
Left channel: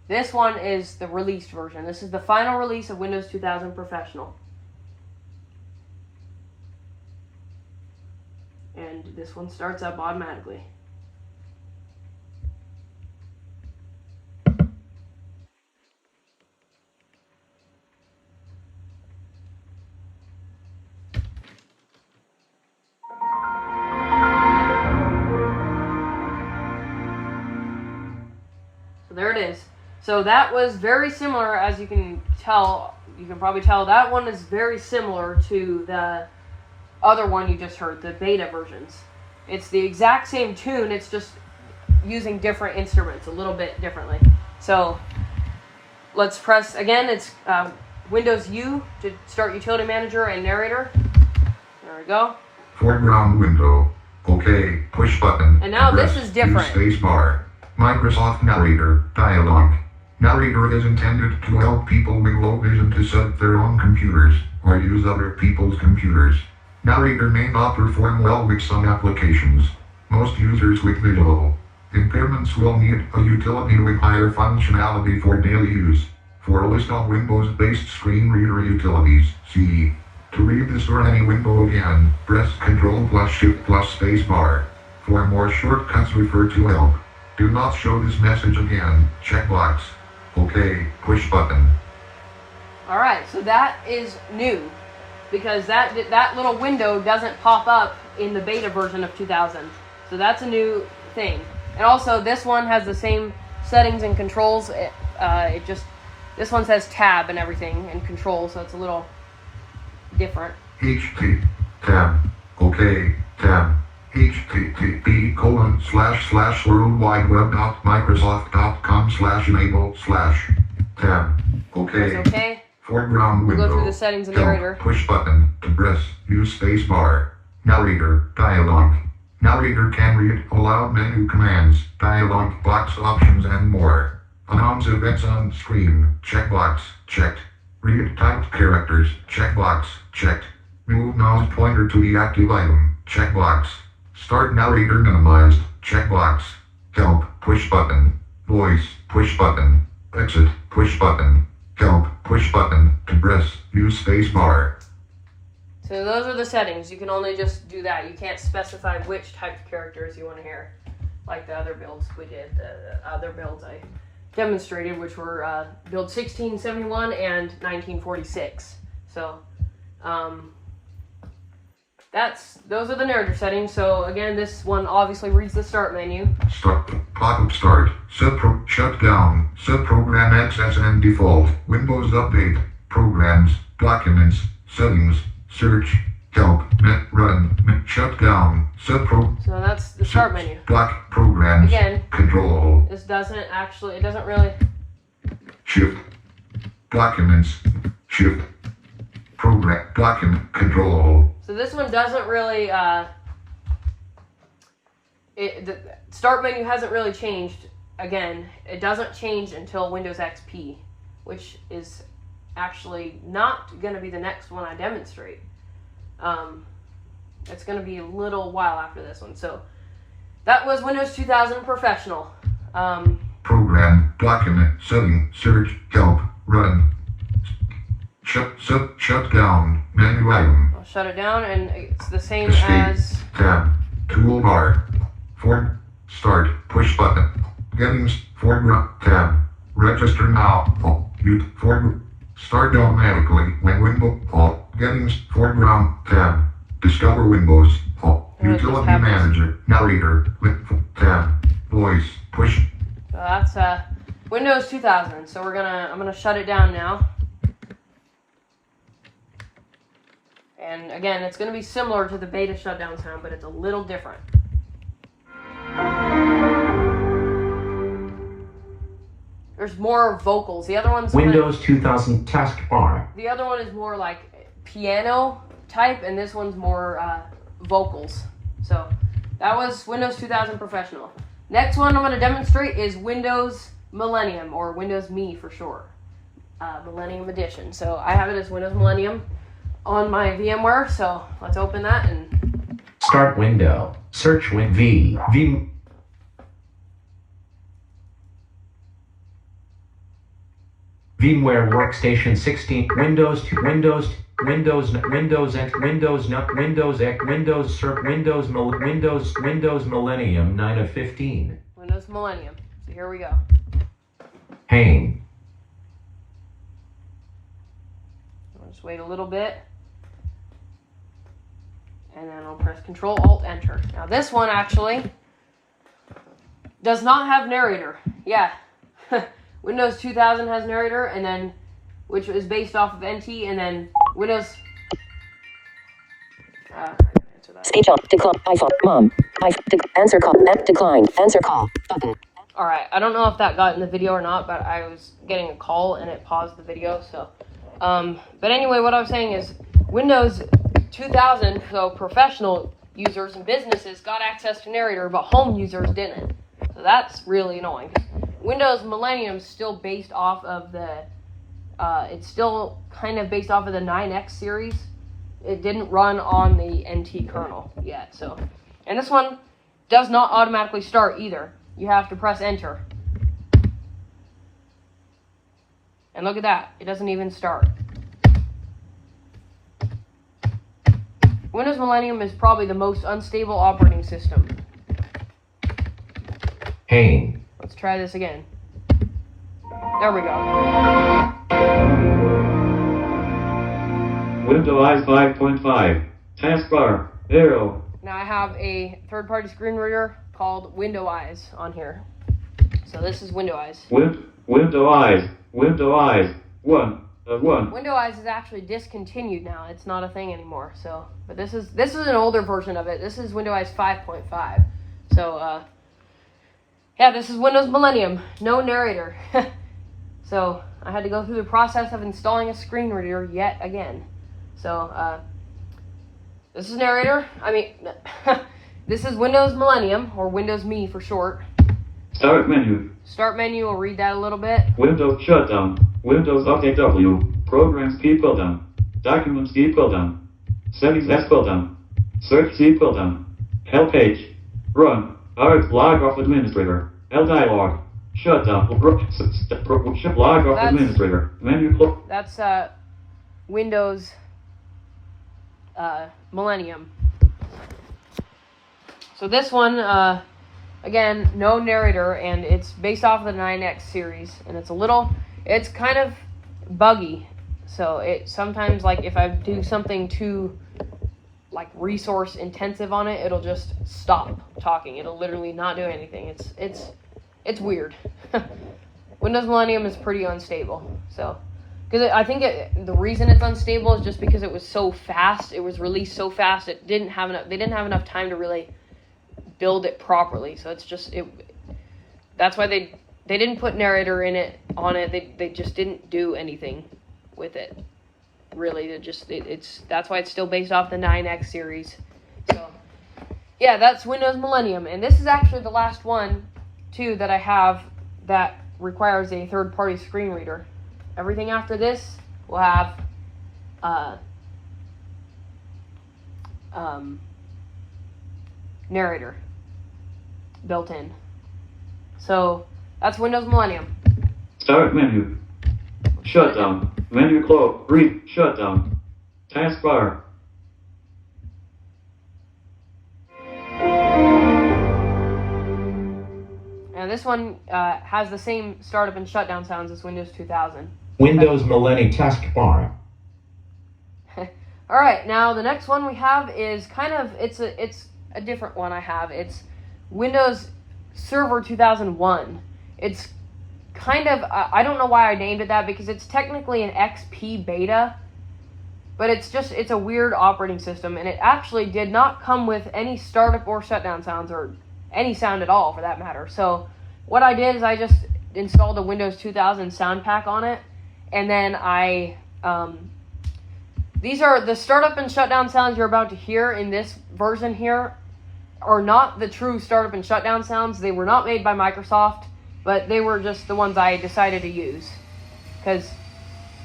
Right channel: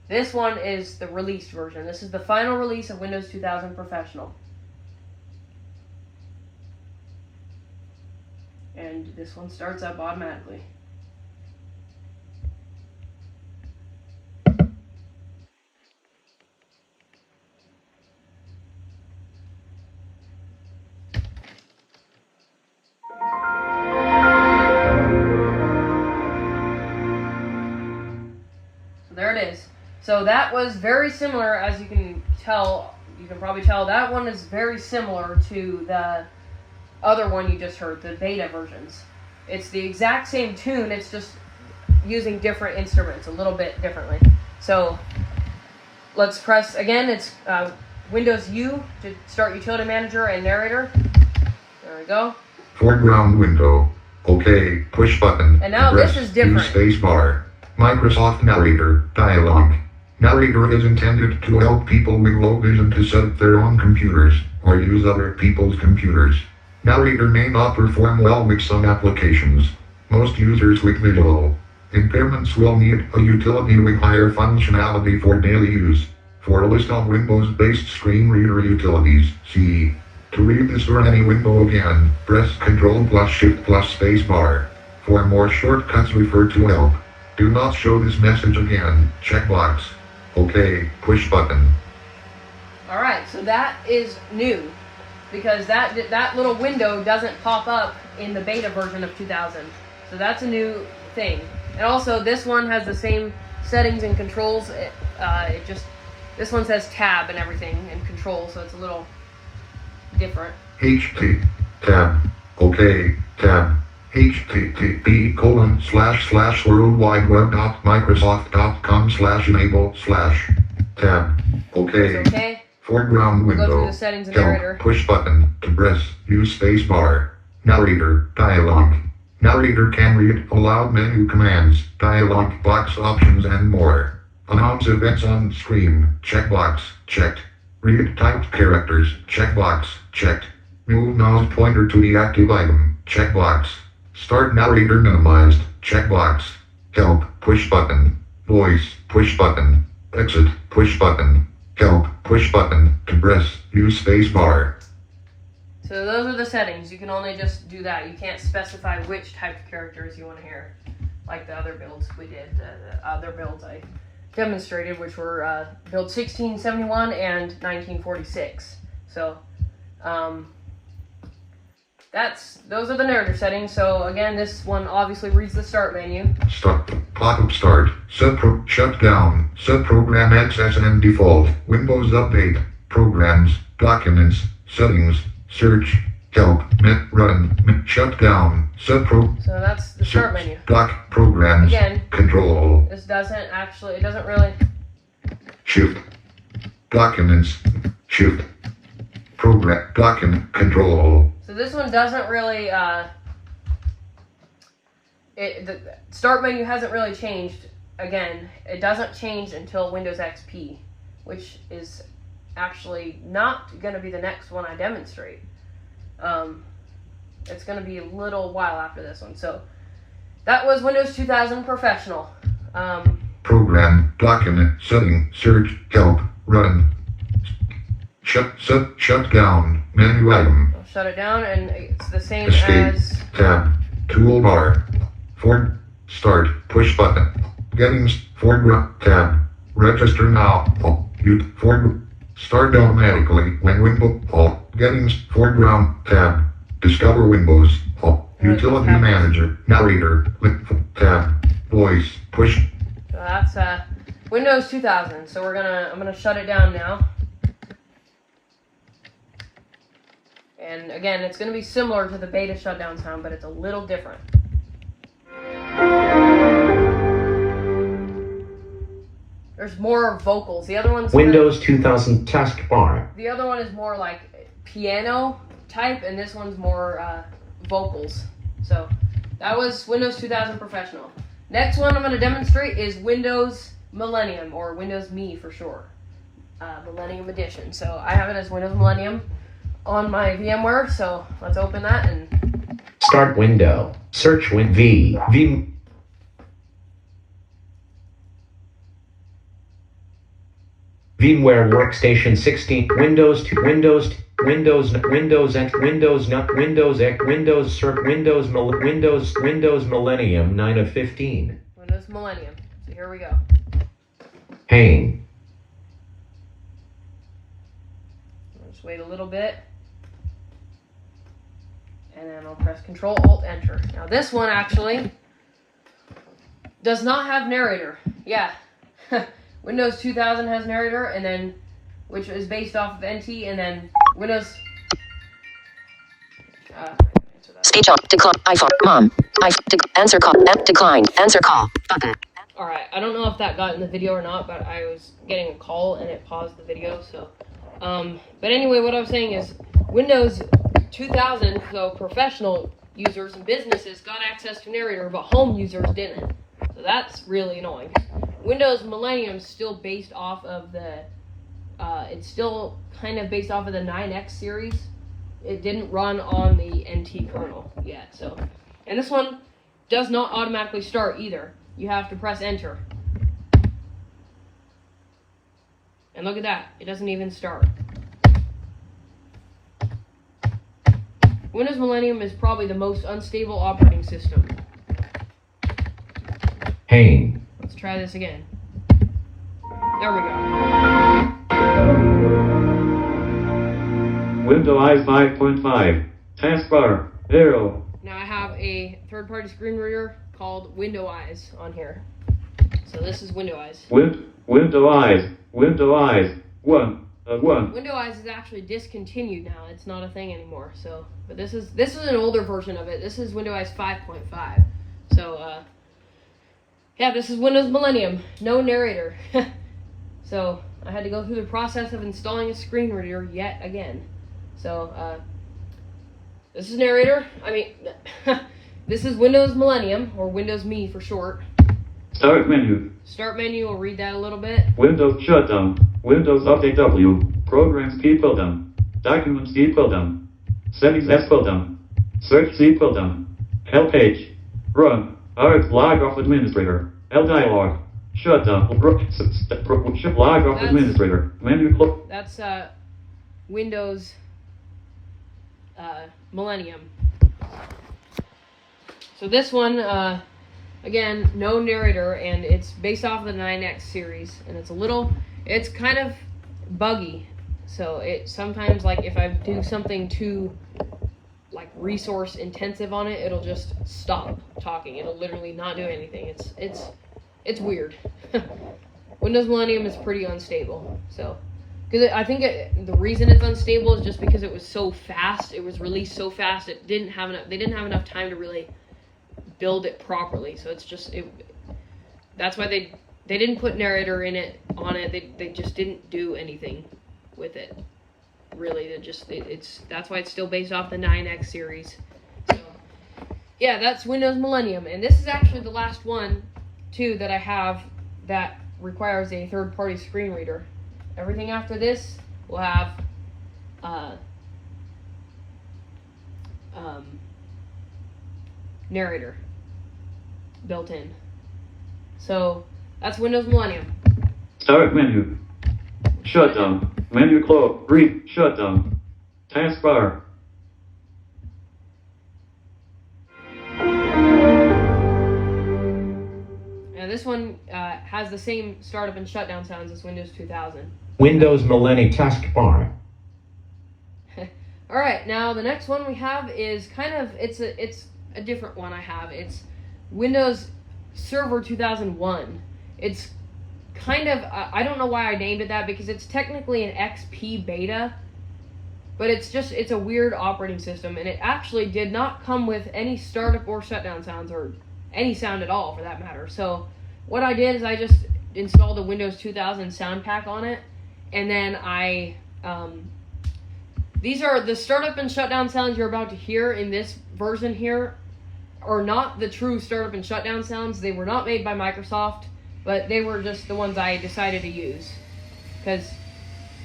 This one is the released version. This is the final release of Windows 2000 Professional. And this one starts up automatically. So that was very similar, as you can tell. You can probably tell that one is very similar to the other one you just heard, the beta versions. It's the exact same tune, it's just using different instruments a little bit differently. So let's press again. It's Windows U to start Utility Manager and Narrator. There we go. Foreground window. OK. Push button. And now this is different. Use space bar. Microsoft Narrator. Dialog. Narrator is intended to help people with low vision to set up their own computers or use other people's computers. Narrator may not perform well with some applications. Most users with visual impairments will need a utility with higher functionality for daily use. For a list of Windows-based screen reader utilities, see. To read this or any window again, press Ctrl plus Shift plus Space Bar. For more shortcuts, refer to Help. Do not show this message again. Checkbox. OK. Push button. Alright, so that is new. Because that little window doesn't pop up in the beta version of 2000. So that's a new thing. And also, this one has the same settings and controls. This one says tab and everything and control, so it's a little different. HT. Tab. OK. Tab. http://worldwideweb.microsoft.com/enable/tab. OK. It's okay. Foreground We'll window. go through the settings and Help. narrator. Push button to press. Use space bar. Narrator. Dialog. Narrator can read aloud menu commands, dialog box options, and more. Announce events on screen. Checkbox. Checked. Read typed characters. Checkbox. Checked. Move mouse pointer to the active item. Checkbox. Start narrator minimized. Checkbox. Help. Push button. Voice. Push button. Exit. Push button. Help. Push button. To press. Use space bar. So those are the settings. You can only just do that. You can't specify which type of characters you want to hear. Like the other builds we did. The other builds I demonstrated, which were build 1671 and 1946. So those are the narrator settings. So again, this one obviously reads the start menu. Start. Pop-up start. Shut down. Subprogram access and default. Windows update. Programs. Documents. Settings. Search. Help. Run. Shut down. So that's the start menu. Doc. Programs. Again, Control. this doesn't really. Shift. Documents. Shift. Program. Document. Control. So this one doesn't really. The start menu hasn't really changed. Again, it doesn't change until Windows XP, which is actually not going to be the next one I demonstrate. It's going to be a little while after this one. So that was Windows 2000 Professional. Program. Document. Setting. Search. Help. Run. Shut down. Menu item. I'll shut it down, and it's the same Escape. as. Tab. Toolbar. Start. Push button. Settings. Foreground. Tab. Register now. Start automatically when window. Settings. Foreground. Tab. Discover Windows. Utility Manager. Narrator. Tab. Voice. Push. So that's Windows 2000. So I'm gonna shut it down now. And again, it's gonna be similar to the beta shutdown sound, but it's a little different. There's more vocals. The other one's Windows 2000 taskbar. The other one is more like piano type, and this one's more vocals. So that was Windows 2000 Professional. Next one I'm going to demonstrate is Windows Millennium, or Windows Me for short. Millennium Edition. So I have it as Windows Millennium on my VMware. So let's open that and Start window. Search VMware Workstation 16, Windows Millennium 9 of 15. Windows Millennium. So here we go. Pane. I'll just wait a little bit. And then I'll press Control Alt Enter. Now this one actually does not have narrator. Yeah. Windows 2000 has narrator, and then which is based off of NT, and then Windows. Answer that. Speech on. Decline. iPhone. Mom. Answer call. Declined. Answer call. Button. Alright, I don't know if that got in the video or not, but I was getting a call and it paused the video, so. But anyway, what I was saying is Windows 2000, so professional users and businesses got access to narrator, but home users didn't. So that's really annoying. Windows Millennium is still based off of the, it's still kind of based off of the 9X series. It didn't run on the NT kernel yet, so. And this one does not automatically start either. You have to press enter. And look at that, it doesn't even start. Windows Millennium is probably the most unstable operating system. Pain. Let's try this again. There we go. Windows 5.5. Taskbar. Arrow. Now I have a third-party screen reader called Window Eyes on here. So this is Window Eyes. Window eyes. 1. 1. Window Eyes is actually discontinued now. It's not a thing anymore. So, but this is an older version of it. This is Window Eyes 5.5. So, yeah, this is Windows Millennium. No narrator. So I had to go through the process of installing a screen reader yet again. So, this is narrator. I mean, this is Windows Millennium, or Windows Me for short. Start menu. Start menu, we'll read that a little bit. Windows shutdown. Windows Update W. Programs P pull down. Documents D pull down. Settings S pull down. Search C pull down. Help page. Run. Alt log off administrator. L dialog. Shutdown. Log off administrator. Menu pull. That's Windows Millennium. So this one, again, no narrator, and it's based off of the 9X series, and it's kind of buggy. So it sometimes, like, if I do something too, like, resource intensive on it, it'll just stop talking. It'll literally not do anything. It's weird. Windows Millennium is pretty unstable. So, because I think the reason it's unstable is just because it was so fast. It was released so fast. They didn't have enough time to really build it properly. So it's just that's why they didn't put narrator on it. They just didn't do anything with it. Really, that's why it's still based off the 9X series. So yeah, that's Windows Millennium, and this is actually the last one too that I have that requires a third-party screen reader. Everything after this will have narrator built in. So that's Windows Millennium. Start menu. Shutdown. Menu close. Read. Shutdown. Taskbar. And this one has the same startup and shutdown sounds as Windows 2000. Windows Millennium Taskbar. Alright, now the next one we have is it's a different one I have. It's Windows Server 2001. It's kind of, I don't know why I named it that, because it's technically an XP beta, but it's a weird operating system, and it actually did not come with any startup or shutdown sounds, or any sound at all for that matter. So what I did is I just installed a Windows 2000 sound pack on it, and then these are the startup and shutdown sounds you're about to hear in this version here are not the true startup and shutdown sounds. They were not made by Microsoft, but they were just the ones I decided to use. Because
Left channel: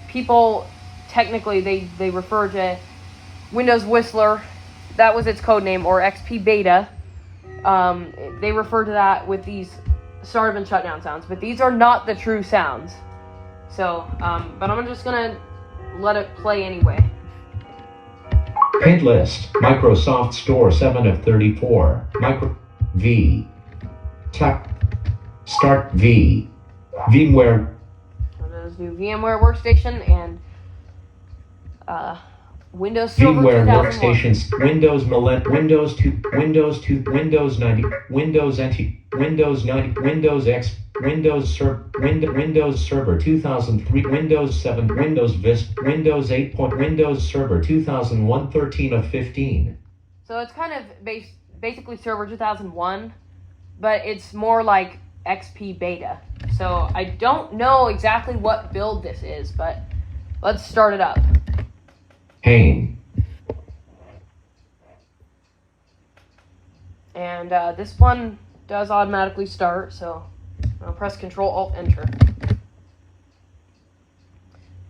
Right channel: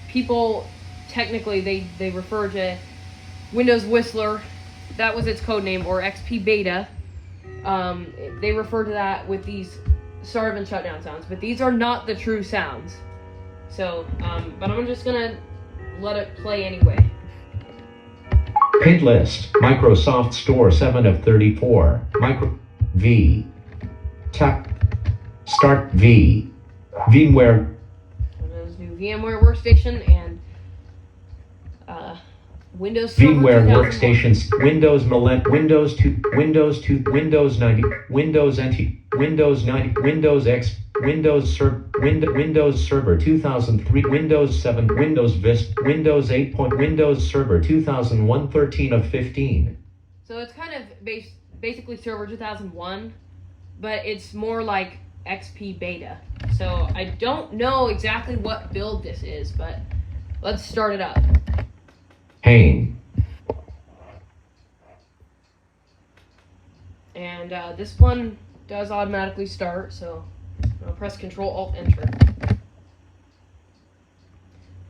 people, technically, they refer to Windows Whistler, that was its code name, or XP Beta. They refer to that with these startup and shutdown sounds, but these are not the true sounds. So, but I'm just gonna let it play anyway. Paint list. Microsoft Store 7 of 34. V. Tap. Start V. VMware. So there's new VMware Workstation and Windows Server VMware 2001. workstations. Windows Windows 2. Windows 2. Windows 90. Windows NT. Windows 90. Windows X. Windows Server 2003, Windows 7, Windows Vista, Windows 8. Windows Server 2001, 13 of 15. So it's kind of basically Server 2001, but it's more like XP Beta. So I don't know exactly what build this is, but let's start it up. Pain. And this one does automatically start, so I'll press Control-Alt-Enter.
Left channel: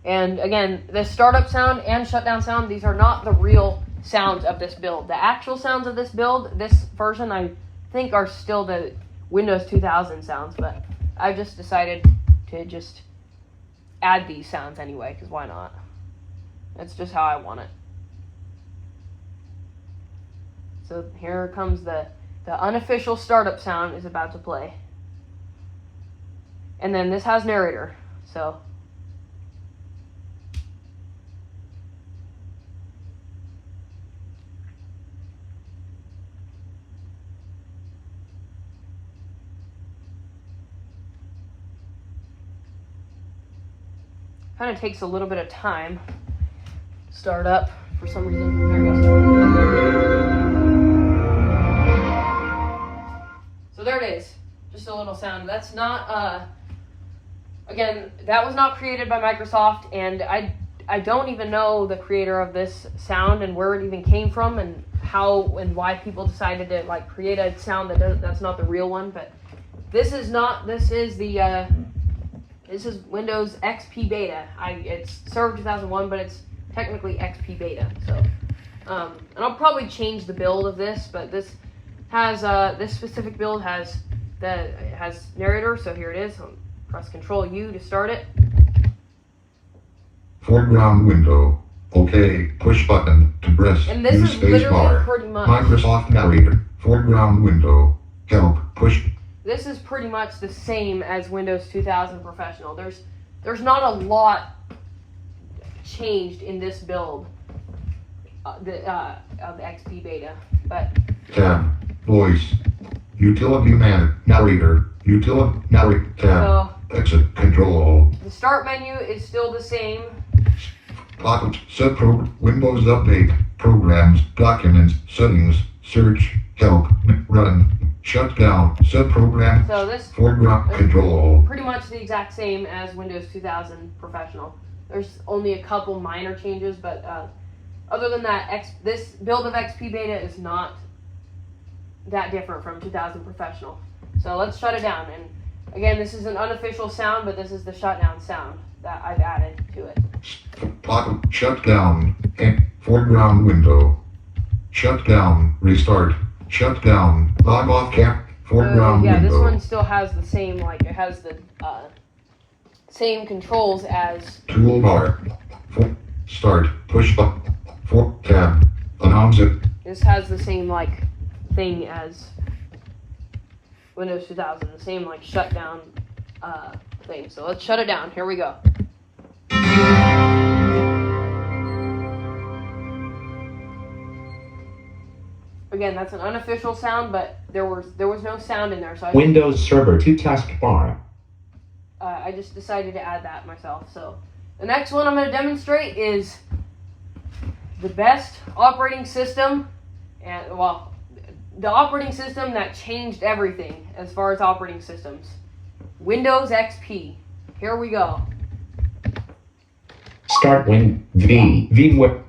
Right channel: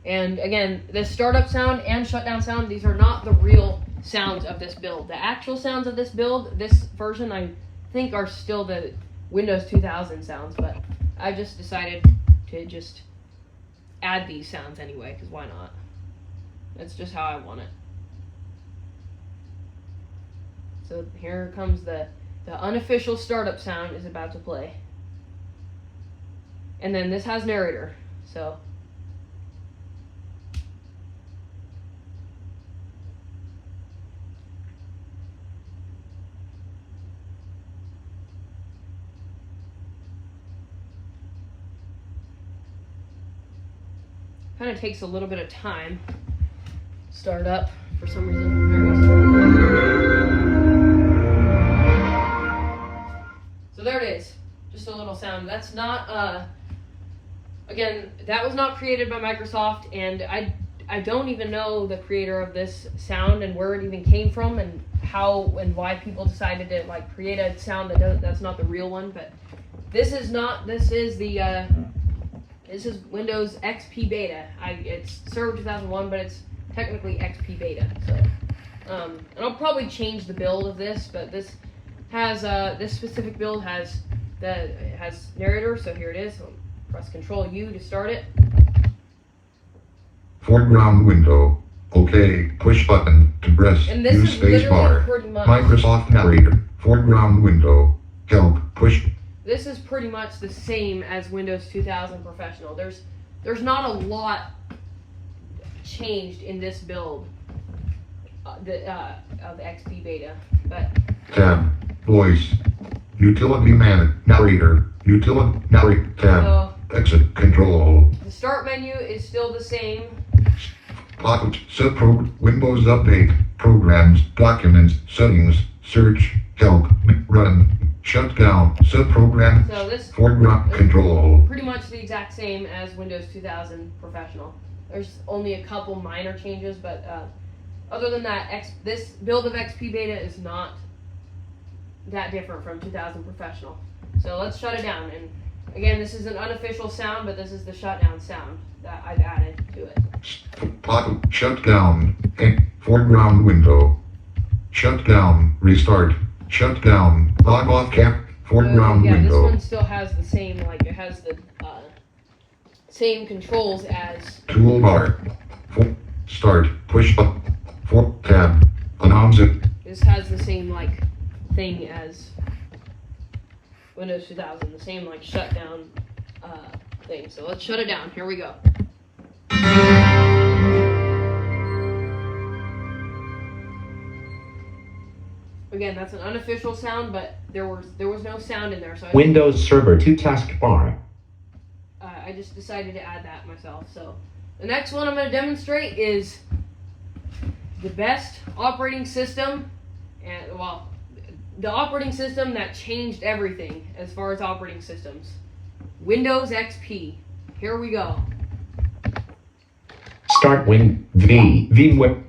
And again, this startup sound and shutdown sound, these are not the real sounds of this build. The actual sounds of this build, this version, I think are still the Windows 2000 sounds, but I just decided to just add these sounds anyway, because why not? That's just how I want it. So here comes the unofficial startup sound is about to play. And then this has narrator, so. Kind of takes a little bit of time to start up for some reason. There it goes. So there it is. Just a little sound. That's not, again, that was not created by Microsoft, and I don't even know the creator of this sound and where it even came from and how and why people decided to like create a sound that's not the real one. But this is Windows XP Beta. It's Server 2001, but it's technically XP Beta. So, and I'll probably change the build of this, but this has this specific build has narrator. So here it is. I'll press Control U to start it. Foreground window. OK. Push button to press. And this Use is space literally bar. pretty much. Microsoft narrator. Foreground window. Help. Push. This is pretty much the same as Windows 2000 Professional. There's not a lot changed in this build of XP Beta, but Tab. Voice. Utility narrator. Utility narrator. Tab. so Exit. Control. the start menu is still the same. Windows Update. Programs. Documents. Settings. Search. Help. Run. Shut down. Subprogram. So this Foreground. Control. pretty much the exact same as Windows 2000 Professional. There's only a couple minor changes, but other than that, this build of XP Beta is not that different from 2000 Professional. So let's shut it down. And again, this is an unofficial sound, but this is the shutdown sound that I've added to it. Shut down. Foreground window. Shut down. Restart. Shut down. Log off cap. Foreground Yeah, this window. one still has the same, like, it has the same controls as. Toolbar. Start. Push button. Tab. Announce it. This has the same, like, thing as Windows 2000, the same, like, shutdown thing. So let's shut it down. Here we go. Again, that's an unofficial sound, but there was no sound in there, so Windows Server 2 taskbar. I just decided to add that myself. So the next one I'm going to demonstrate is the best operating system, and well, the operating system that changed everything as far as operating systems. Windows XP. Here we go. Start VMware.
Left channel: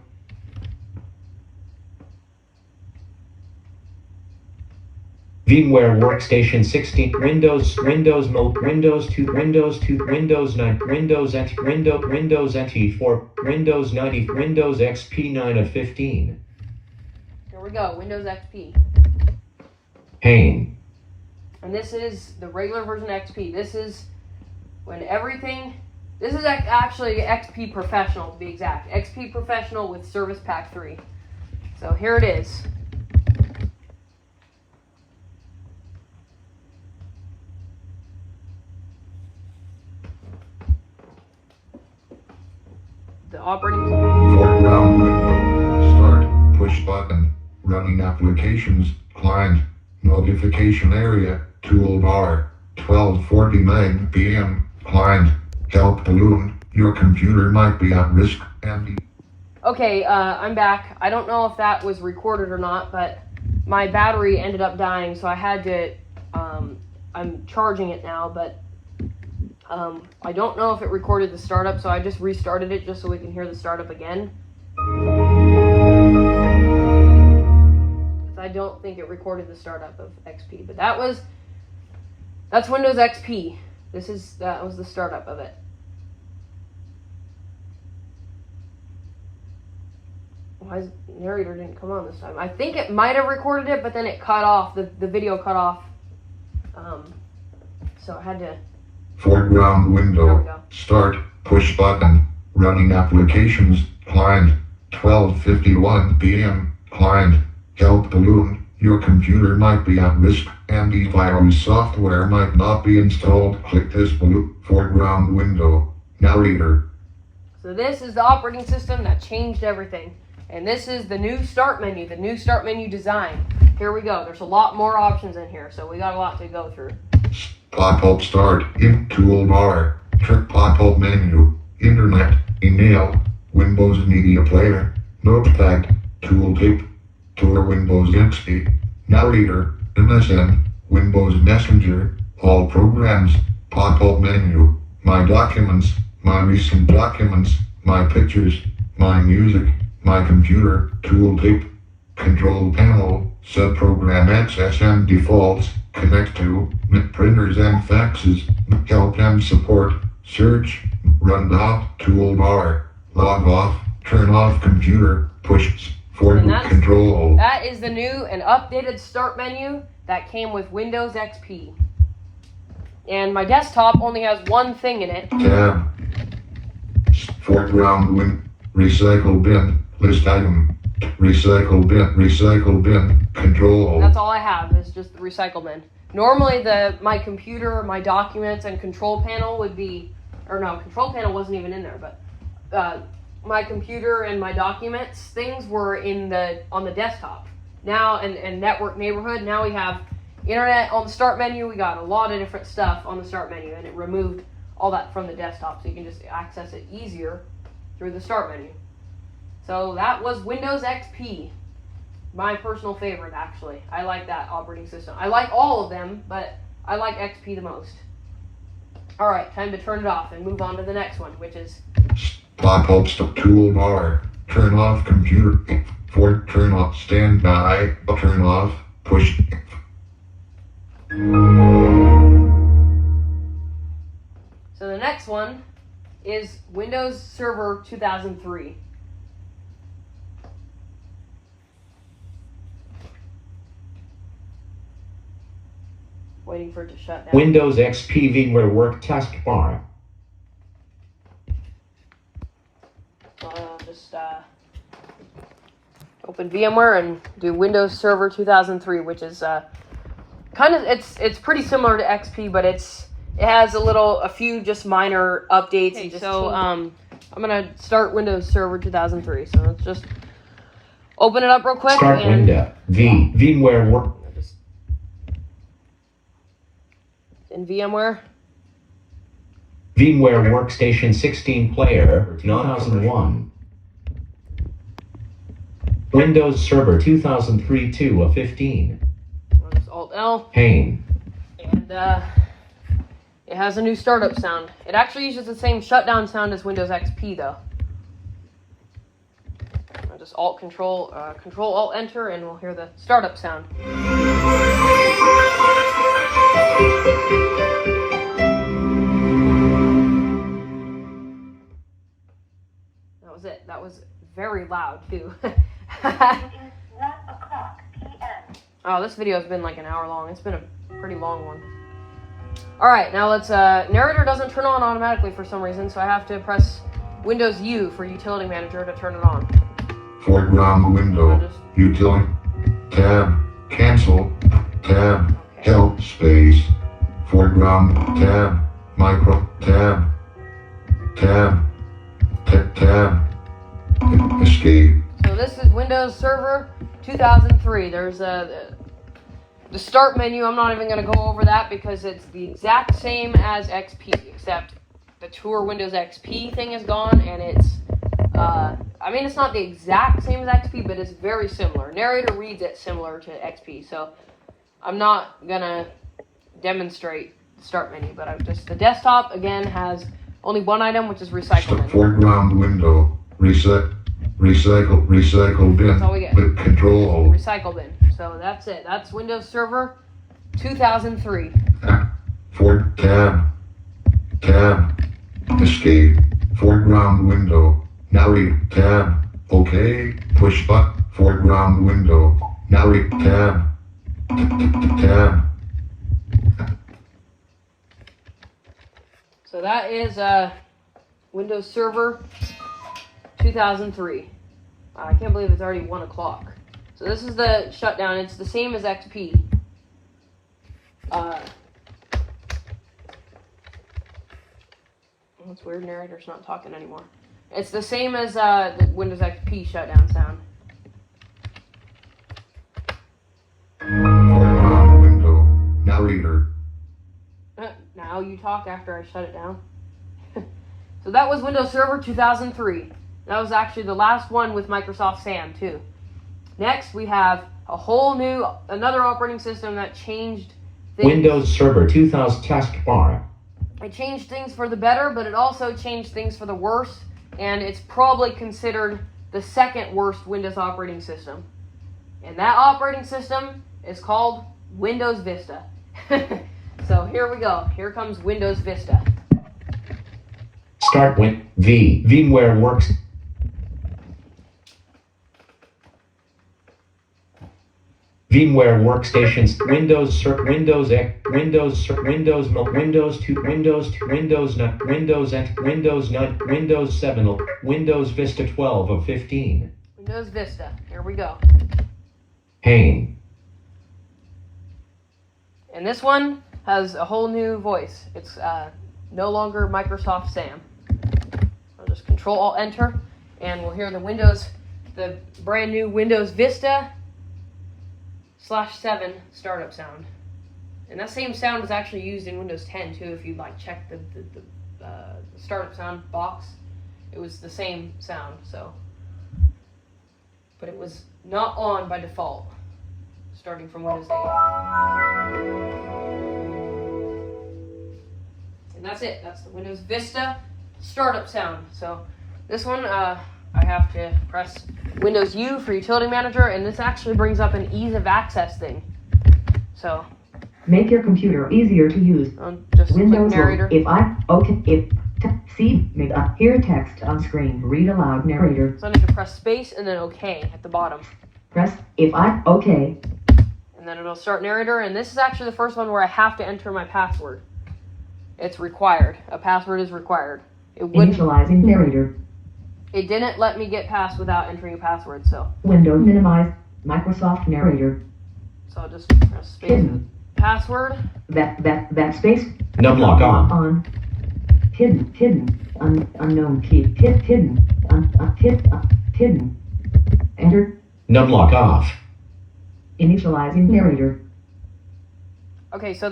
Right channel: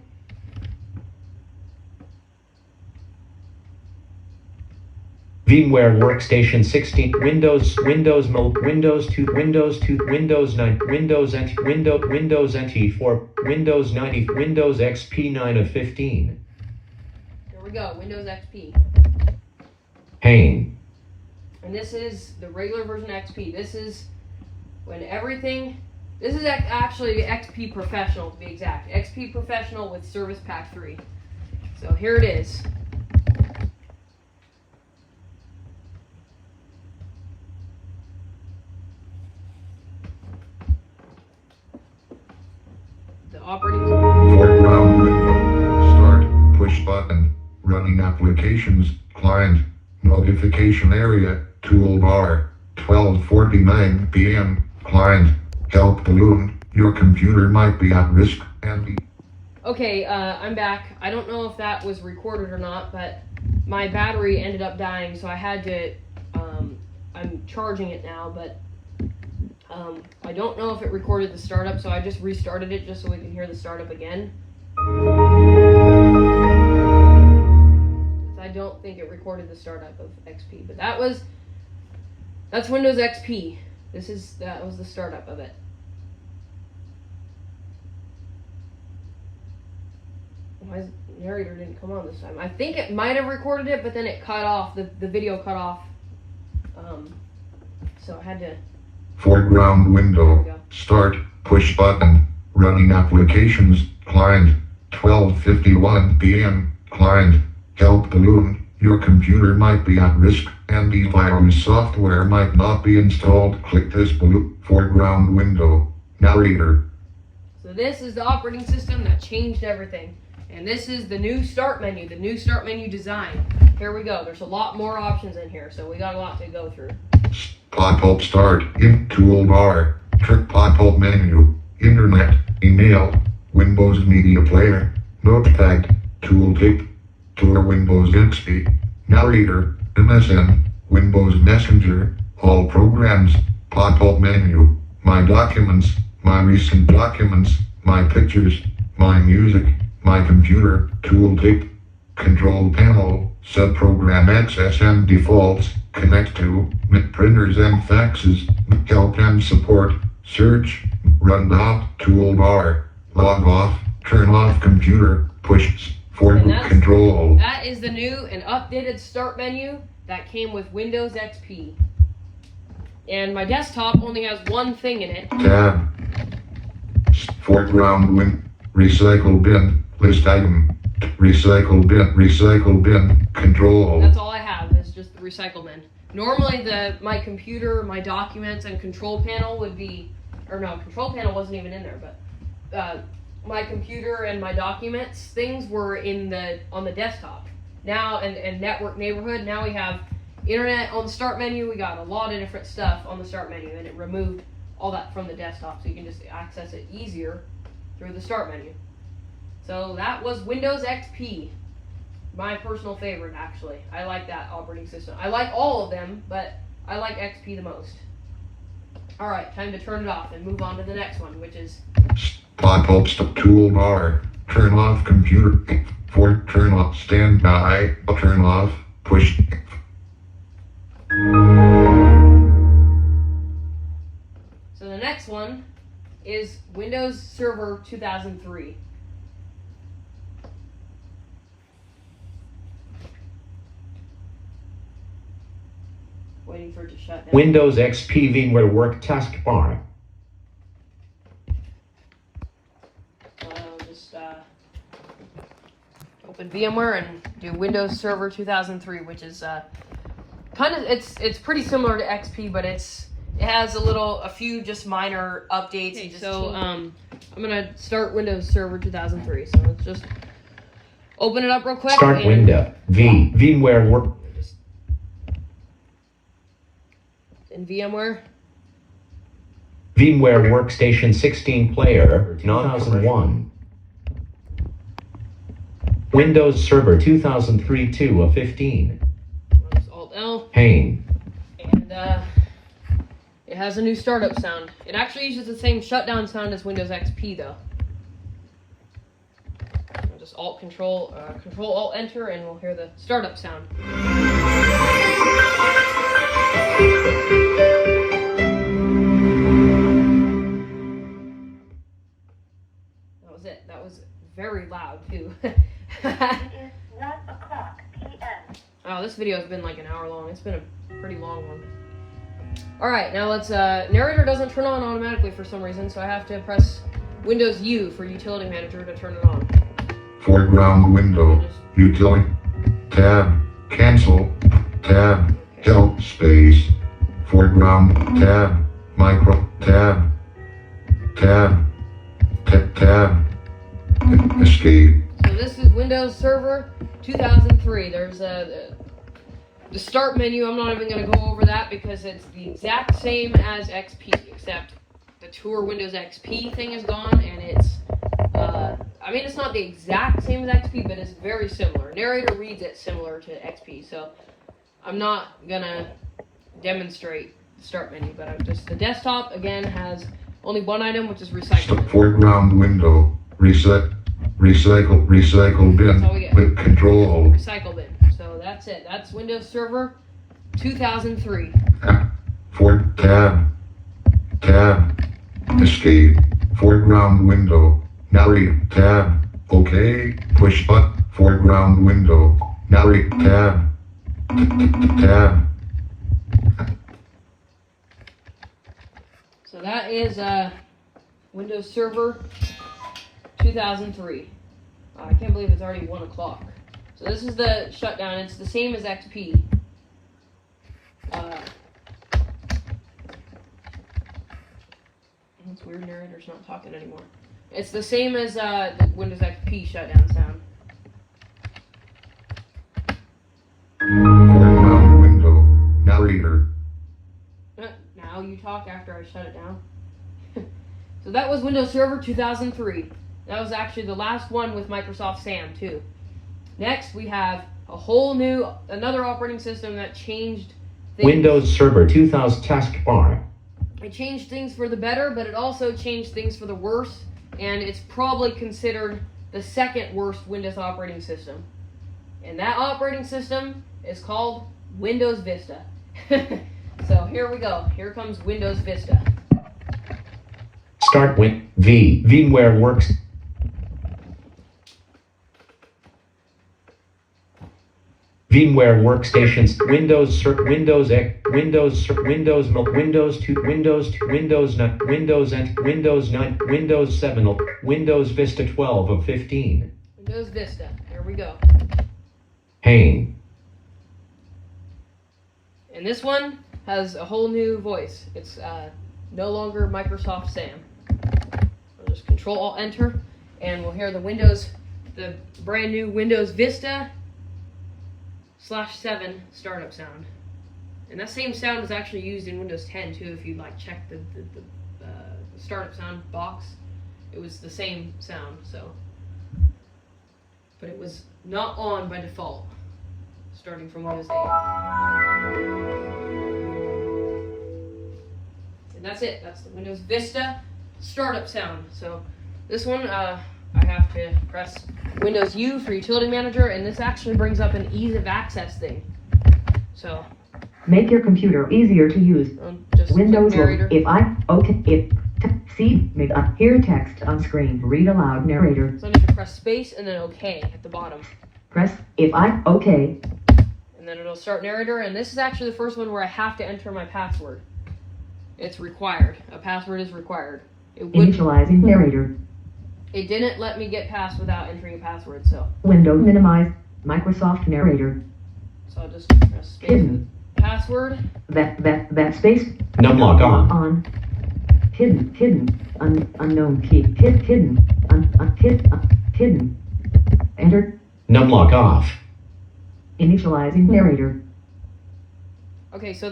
VMware Workstation 16, Windows Mode, Windows 2, Windows 9, Windows NT, Windows NT4, Windows 90, Windows XP 9 of 15. Here we go. Windows XP. Pain. And this is the regular version of XP. This is when everything. This is actually XP Professional to be exact. XP Professional with Service Pack 3. So here it is. The operating. Foreground window. Start. Push button. Running applications. Client. Notification area. Toolbar. 12:49 p.m. Client, help balloon. Your computer might be at risk. Andy. Okay, I'm back. I don't know if that was recorded or not, but my battery ended up dying, so I had to, I'm charging it now, but I don't know if it recorded the startup, so I just restarted it just so we can hear the startup again. I don't think it recorded the startup of XP, but that's Windows XP. That was the startup of it. Why is narrator didn't come on this time? I think it might have recorded it, but then it cut off. The video cut off. So I had to. Foreground There we window. go. Start. Push button. Running applications. Client. 12:51 p.m. Client. Help balloon. Your computer might be at risk. Antivirus software might not be installed. Click this blue foreground window. Narrator. So this is the operating system that changed everything. And this is the new start menu, the new start menu design. Here we go. There's a lot more options in here, so we got a lot to go through. Pop-up start. In toolbar. Trick pop-up menu. Internet. Email. Windows Media Player. Notepad. Tooltip. Tour Windows XP. Narrator. MSN. Windows Messenger. All programs. Pop-up menu. My documents. My recent documents. My pictures. My music. My computer. Tooltip. Control panel. Subprogram access and defaults. Connect to. Printers and faxes. Help and support. Search. Run off. Toolbar. Log off. Turn off computer. Push. Forward control. That is the new and updated start menu that came with Windows XP. And my desktop only has one thing in it. Tab. Foreground win. Recycle bin. List item. Recycle bin. Recycle bin. Control. That's all I have is just the recycle bin. Normally my computer, my documents, and control panel would be, or no, control panel wasn't even in there, but my computer and my documents, things were on the desktop. Now, and network neighborhood, now we have internet on the start menu. We got a lot of different stuff on the start menu, and it removed all that from the desktop, so you can just access it easier through the start menu. So that was Windows XP. My personal favorite, actually. I like that operating system. I like all of them, but I like XP the most. Alright, time to turn it off and move on to the next one, which is Pop-up toolbar. Turn off computer. Turn off standby. Turn off. Push. So the next one is Windows Server 2003. Waiting for it to shut down. Windows XP VMware Work Taskbar. I'll just open VMware and do Windows Server 2003, which is kind of it's pretty similar to XP, but it has a few just minor updates. Okay, so I'm gonna start Windows Server 2003. So let's just open it up real quick. Start window. VMware Work. In VMware. VMware Workstation 16 Player 2001. Windows Server 2003 2 of 15. Alt-L. Pane. And it has a new startup sound. It actually uses the same shutdown sound as Windows XP though. I'll just Control Alt Enter and we'll hear the startup sound. That was it. That was very loud too. Oh, this video has been like an hour long. It's been a pretty long one. Alright, now let's, narrator doesn't turn on automatically for some reason, so I have to press Windows U for Utility Manager to turn it on. Foreground window. Utility. Tab. Cancel. Tab. Help space. Foreground. Tab. Micro. Tab. Tab. Tab. Escape. So this is Windows Server 2003. There's The start menu, I'm not even going to go over that because it's the exact same as XP, except the Tour Windows XP thing is gone, and it's, I mean, it's not the exact same as XP, but it's very similar. Narrator reads it similar to XP, so I'm not going to demonstrate the start menu, but the desktop, again, has only one item, which is recycle. Foreground window. Recycle bin. That's all we get. Click control. Recycle bin. So that's it. That's Windows Server 2003. Tab. Escape. Foreground window. Narrate. Tab. OK. Push button. Foreground window. Narrate. Tab. Tab. So that is Windows Server 2003. I can't believe it's already 1 o'clock. So this is the shutdown. It's the same as XP. That's weird. Narrator's not talking anymore. It's the same as the Windows XP shutdown sound. Foreground window. Narrator. Now you talk after I shut it down. So that was Windows Server 2003. That was actually the last one with Microsoft SAM too. Next we have a whole new, another operating system that changed things. Windows Server 2000 taskbar. It changed things for the better, but it also changed things for the worse, and it's probably considered the second worst Windows operating system. And that operating system is called Windows Vista. So here we go. Here comes Windows Vista. Start VMware Works. VMware Workstations, Windows 2, Windows NT, Windows 7, Windows Vista 12 of 15. Windows Vista. Here we go. Pain. And this one has a whole new voice. It's no longer Microsoft SAM. I'll just Control-Alt-Enter, and we'll hear the brand new Windows Vista /7 startup sound. And that same sound is actually used in Windows 10 too. If you check the startup sound box, it was the same sound. So, but it was not on by default, starting from Windows 8. And that's it. That's the Windows Vista startup sound. So this one, I have to press Windows U for Utility Manager, and this actually brings up an ease of access thing. So Make your computer easier to use. just Windows click narrator. Hear text on screen. Read aloud narrator. So I need to press space and then OK at the bottom. Press And then it'll start narrator, and this is actually the first one where I have to enter my password. It's required. A password is required. Initializing narrator. It didn't let me get past without entering a password, so Window minimize. Microsoft narrator. I'll just press space. Hidden. Password. That space. Numlock on. On. Hidden. Unknown key. Hidden. Hidden. Enter. Numlock off. Initializing narrator. Okay, so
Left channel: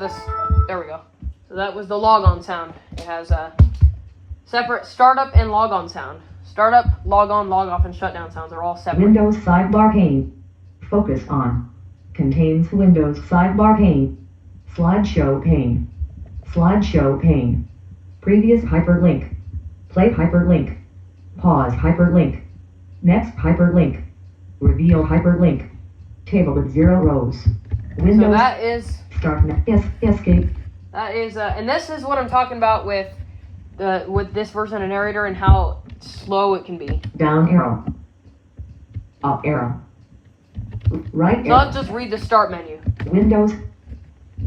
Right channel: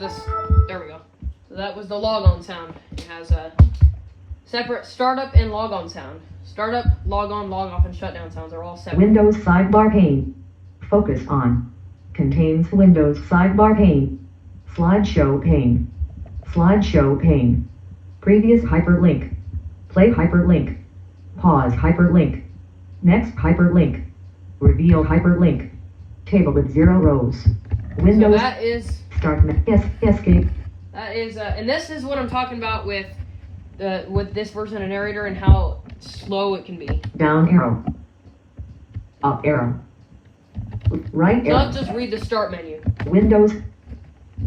there we go. So that was the logon sound. It has a separate startup and logon sound. Startup, log on, log off, and shutdown sounds are all separate. Windows sidebar pane. Focus on. Contains Windows sidebar pane. Slideshow pane. Slideshow pane. Previous hyperlink. Play hyperlink. Pause hyperlink. Next hyperlink. Reveal hyperlink. Table with 0 rows. So Windows that is, start escape. and this is what I'm talking about with this version of narrator and how slow it can be. Down arrow. Up arrow. Right So arrow. let's just read the start menu. Windows.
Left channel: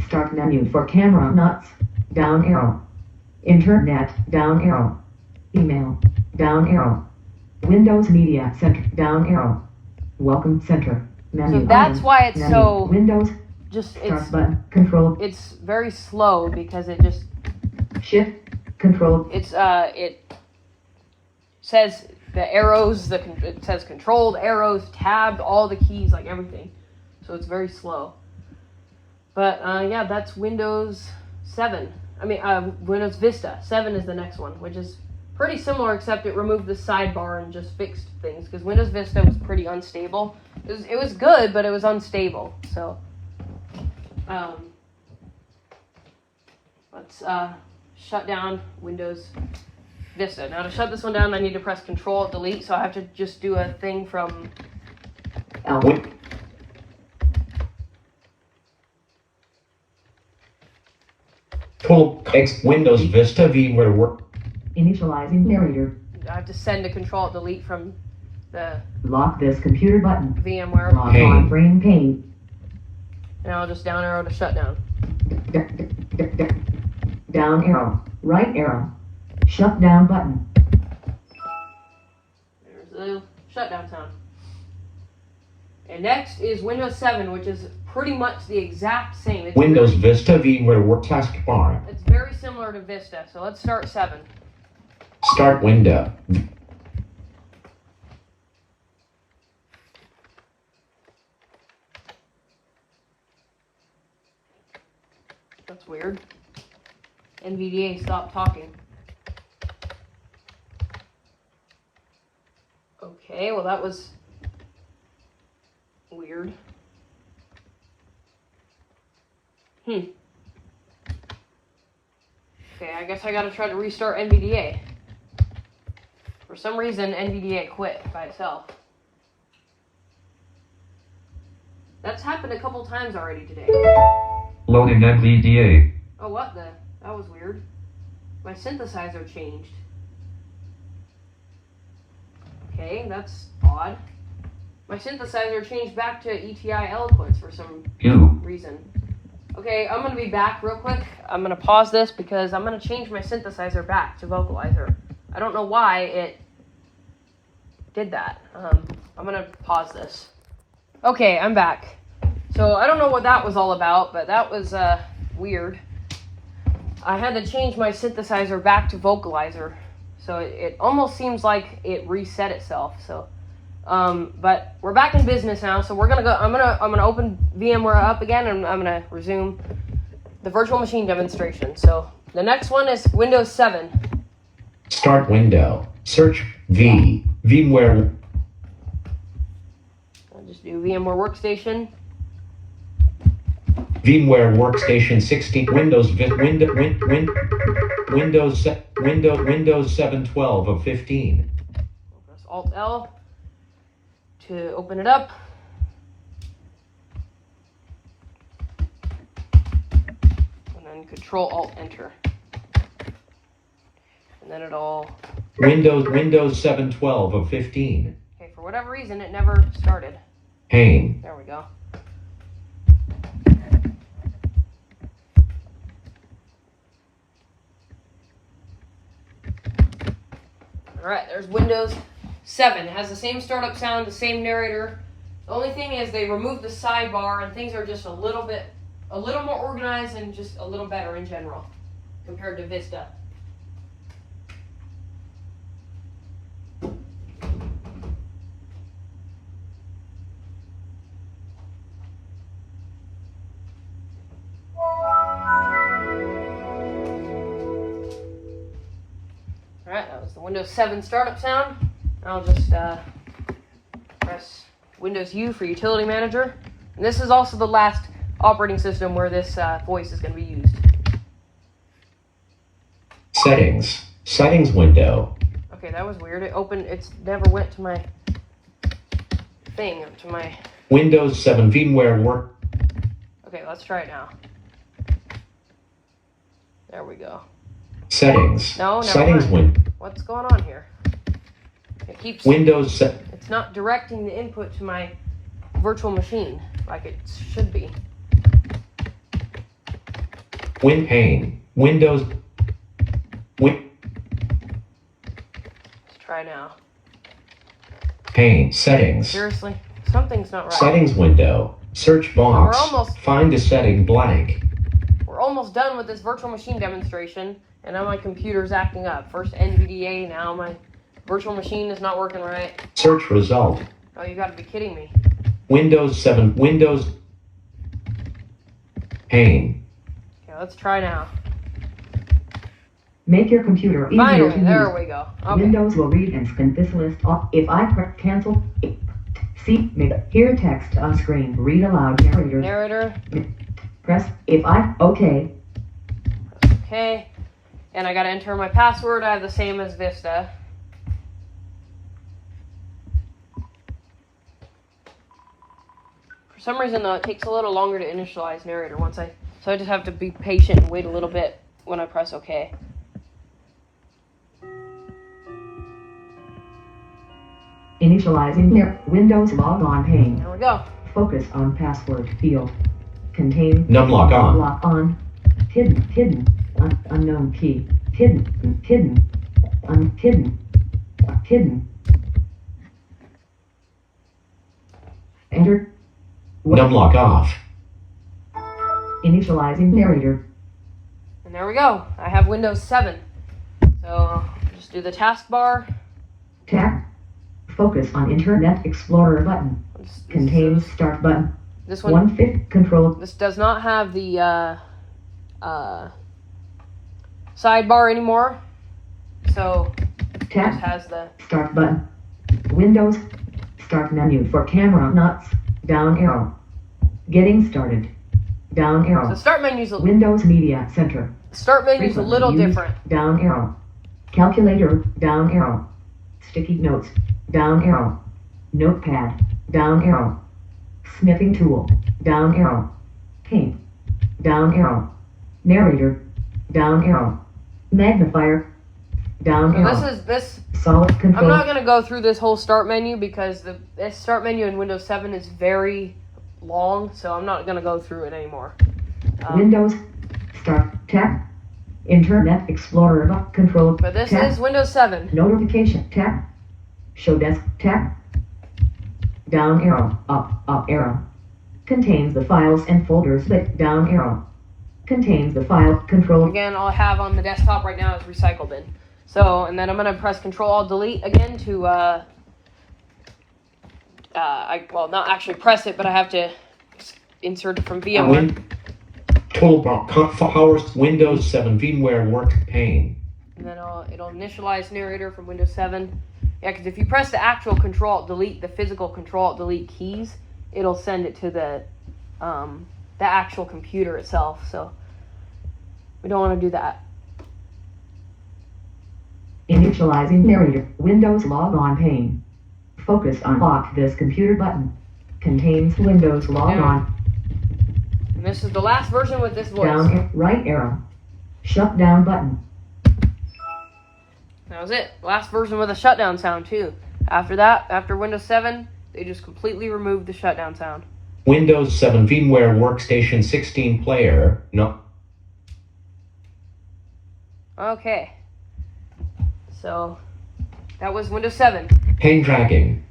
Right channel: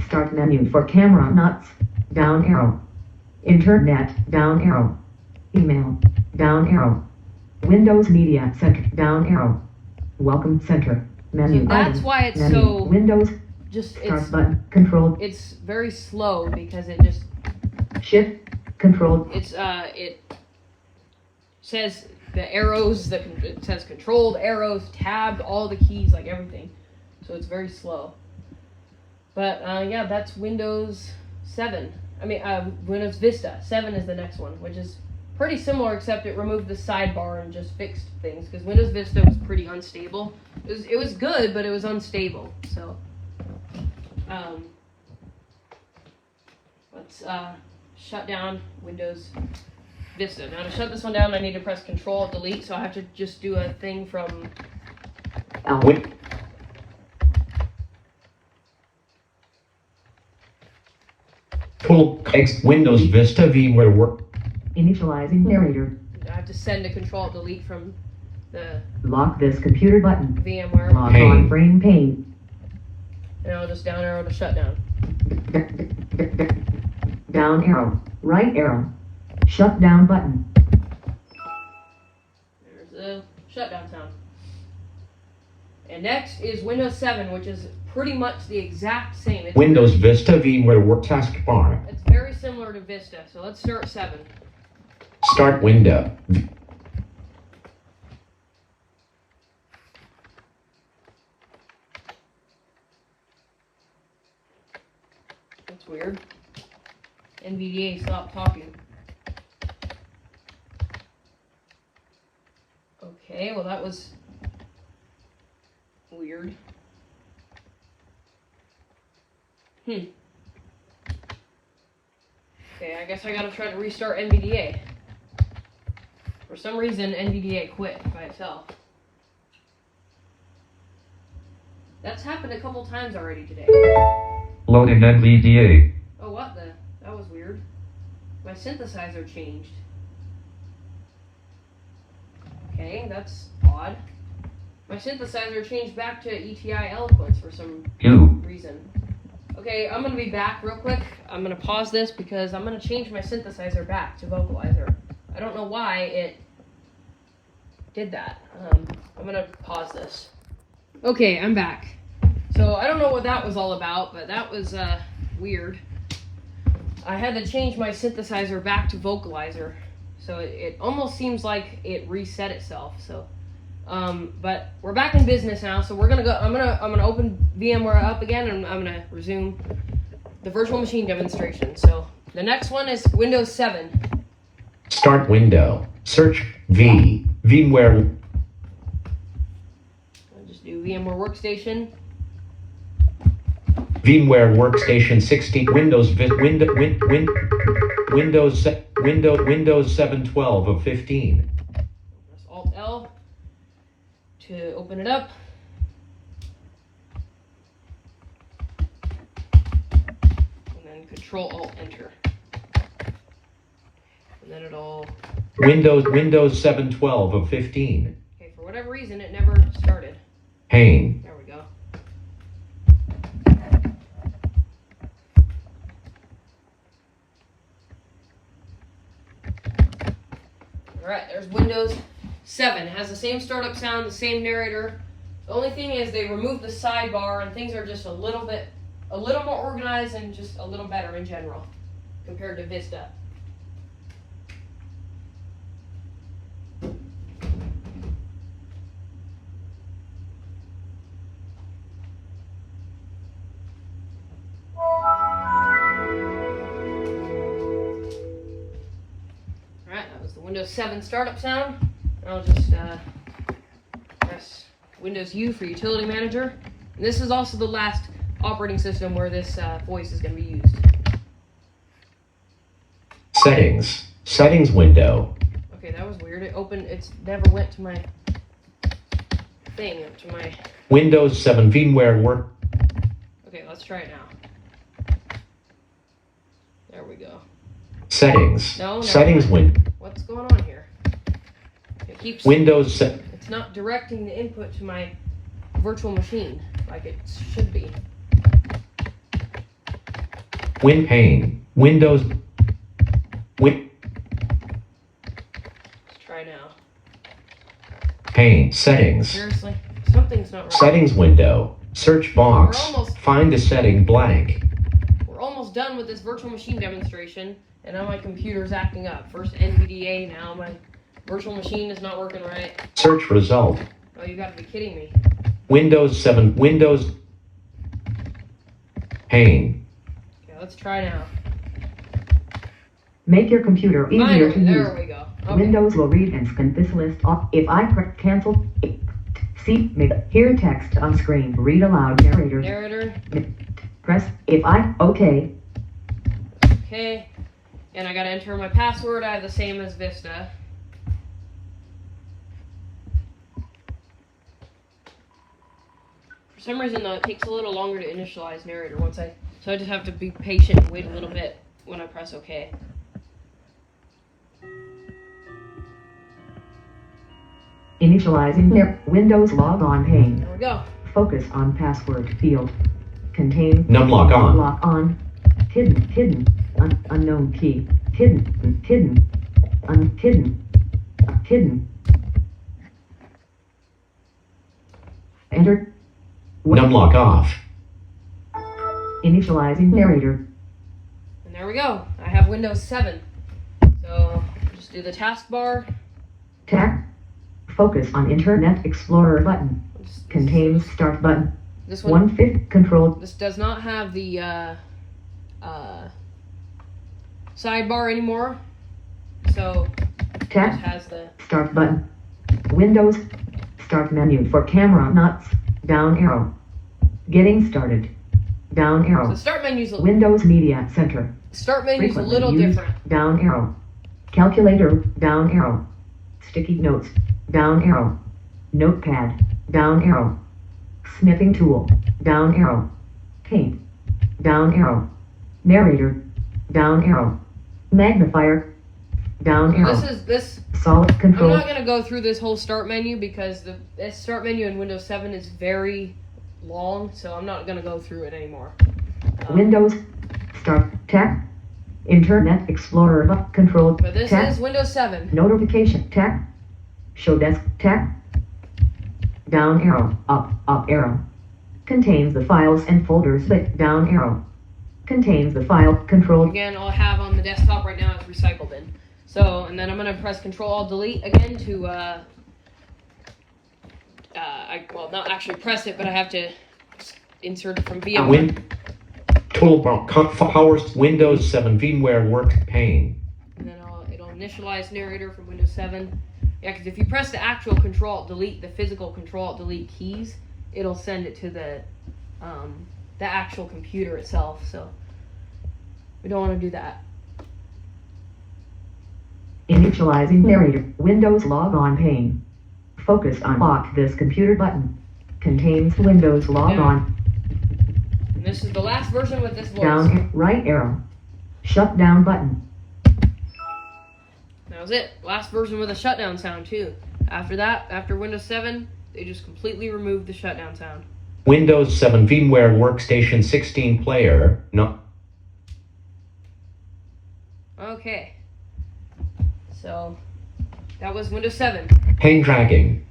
Start menu for camera nuts. Down arrow. Internet. Down arrow. Email. Down arrow. Windows Media Center. Down arrow. Welcome Center. Menu. So that's item, why it's menu. so Windows. just Start button. Control. it's very slow because it just Shift. Control. it says the arrows, it says controlled arrows, tabbed, all the keys, like everything. So it's very slow. But yeah, that's Windows 7. Windows Vista 7 is the next one, which is pretty similar, except it removed the sidebar and just fixed things, because Windows Vista was pretty unstable. It was good, but it was unstable. So let's shut down Windows Vista. Now to shut this one down, I need to press Control Delete, so I have to just do a thing from Win- Cool. Windows Vista VMware Work. Initializing narrator. I have to send a Control Delete from the Lock this computer button. VMware. Lock Pane. on frame pane. And I'll just down arrow to shut down. Down arrow. Right arrow. Shut down button. There's the shutdown sound. And next is Windows 7, which is pretty much the exact same. It's Windows very, Vista VMware Work Taskbar. it's very similar to Vista, so let's start 7. Start window. That's weird. NVDA stopped talking. Okay, well that was weird. Okay, I guess I gotta try to restart NVDA. For some reason, NVDA quit by itself. That's happened a couple times already today. Loading NVDA. Oh, what the? That was weird. My synthesizer changed. Okay, that's odd. My synthesizer changed back to ETI Eloquence for some U. reason. Okay, I'm gonna be back real quick. I'm gonna pause this because I'm gonna change my synthesizer back to Vocalizer. I don't know why it did that. I'm gonna pause this. Okay, I'm back. So I don't know what that was all about, but that was weird. I had to change my synthesizer back to Vocalizer, so it almost seems like it reset itself. So, but we're back in business now, so we're gonna go. I'm gonna open VMware up again, and I'm gonna resume the virtual machine demonstration. So the next one is Windows 7. Start window. Search VMware. I'll just do VMware Workstation. VMware Workstation 16 Windows Windows 7 12 of 15. Press Alt L to open it up. And then Control Alt Enter. And then it'll. Windows 7 12 of 15. Okay, for whatever reason, it never started. Pane. There we go. Alright, there's Windows 7. It has the same startup sound, the same narrator. The only thing is they removed the sidebar and things are just a little more organized and just a little better in general compared to Vista. Alright, that was the Windows 7 startup sound. I'll just press Windows U for Utility Manager. And this is also the last operating system where this voice is going to be used. Settings. Settings window. Okay, that was weird. It's never went to my thing, to my... Windows 7 VMware Work. Okay, let's try it now. There we go. Settings. No, never Settings mind. window. What's going on here? It keeps... Windows It's not directing the input to my virtual machine like it should be. Pane. Windows. Let's try now. Pane. Settings. Seriously? Something's not right. Settings window. Search box. We're almost- Find a setting blank. We're almost done with this virtual machine demonstration, and now my computer's acting up. First NVDA, now my virtual machine is not working right. Search result. Oh, you gotta be kidding me. Windows 7. Windows. Pane. Okay, let's try now. Make your computer easier Finally, to there use. we go. Okay. Windows will read and scan this list off. If I cancel, see, hear text on screen. Read aloud narrator. Narrator. Press if I, okay. Okay. And I gotta enter my password. I have the same as Vista. For some reason though, it takes a little longer to initialize narrator so I just have to be patient and wait a little bit when I press OK. Initializing Windows log on pane. There we go. Focus on password field. Contain. Numlock on. Lock on. Hidden. Unknown key. Hidden. Hidden. Enter. Numlock off. Initializing narrator. And there we go. I have Windows 7. So just do the taskbar. Tap. Focus on Internet Explorer button. Contains start button. This one. 1/5 control. This does not have the sidebar anymore. So it Tap. just has the Start button. Windows. Start menu for camera nuts. Down arrow. Getting started. Down the arrow. start menu's a Windows Media Center. a little used. different. Down arrow. Calculator. Down arrow. Sticky notes. Down arrow. Notepad. Down arrow. Sniffing tool. Down arrow. Paint. Down arrow. Narrator. Down arrow. Magnifier. Down So arrow. this. Solid I'm control. not gonna go through this whole start menu because this start menu in Windows 7 is very long, so I'm not gonna go through it anymore. Windows. Start. Tap. Internet Explorer. Control. But this Tap. is Windows 7. Notification. Tap. Show desk. Tap. Down arrow. Up arrow. Contains the files and folders. But down arrow. Contains the file. Control. Again, all I have on the desktop right now is Recycle Bin. So, and then I'm gonna press Control Alt Delete again to well, not actually press it, but I have to insert it from VMware. Toolbar. Powers. Windows 7 VMware Work pane. And then it'll initialize narrator from Windows 7. Yeah, because if you press the actual Control Alt Delete, the physical Control Alt Delete keys, it'll send it to the actual computer itself. So we don't want to do that. Initializing narrator. Windows log on pane. Focus on lock this computer button. Contains Windows log on. And this is the last version with this voice. Down right arrow. Shut down button. That was it. Last version with a shutdown sound too. After that, after Windows 7, they just completely removed the shutdown sound. Windows 7 VMware Workstation 16 player. No. Okay. So that was Windows 7. Pane dragging.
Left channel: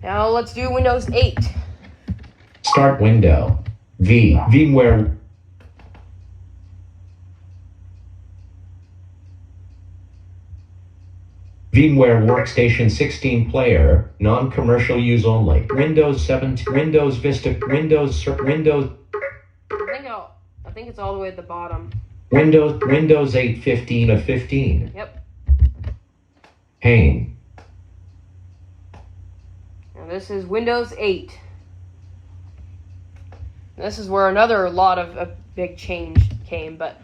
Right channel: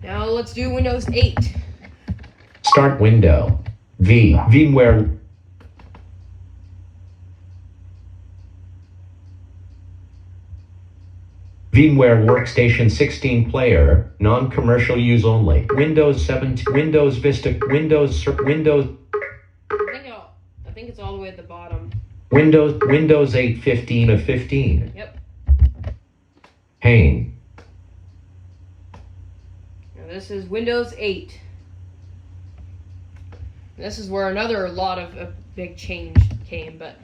Now let's do Windows 8. Start window. VMware. VMware Workstation 16 player, non-commercial use only. Windows 7, Windows Vista, Windows. I think it's all the way at the bottom. Windows 8 15 of 15. Yep. Pane. Now this is Windows 8. This is where another lot of a big change came, but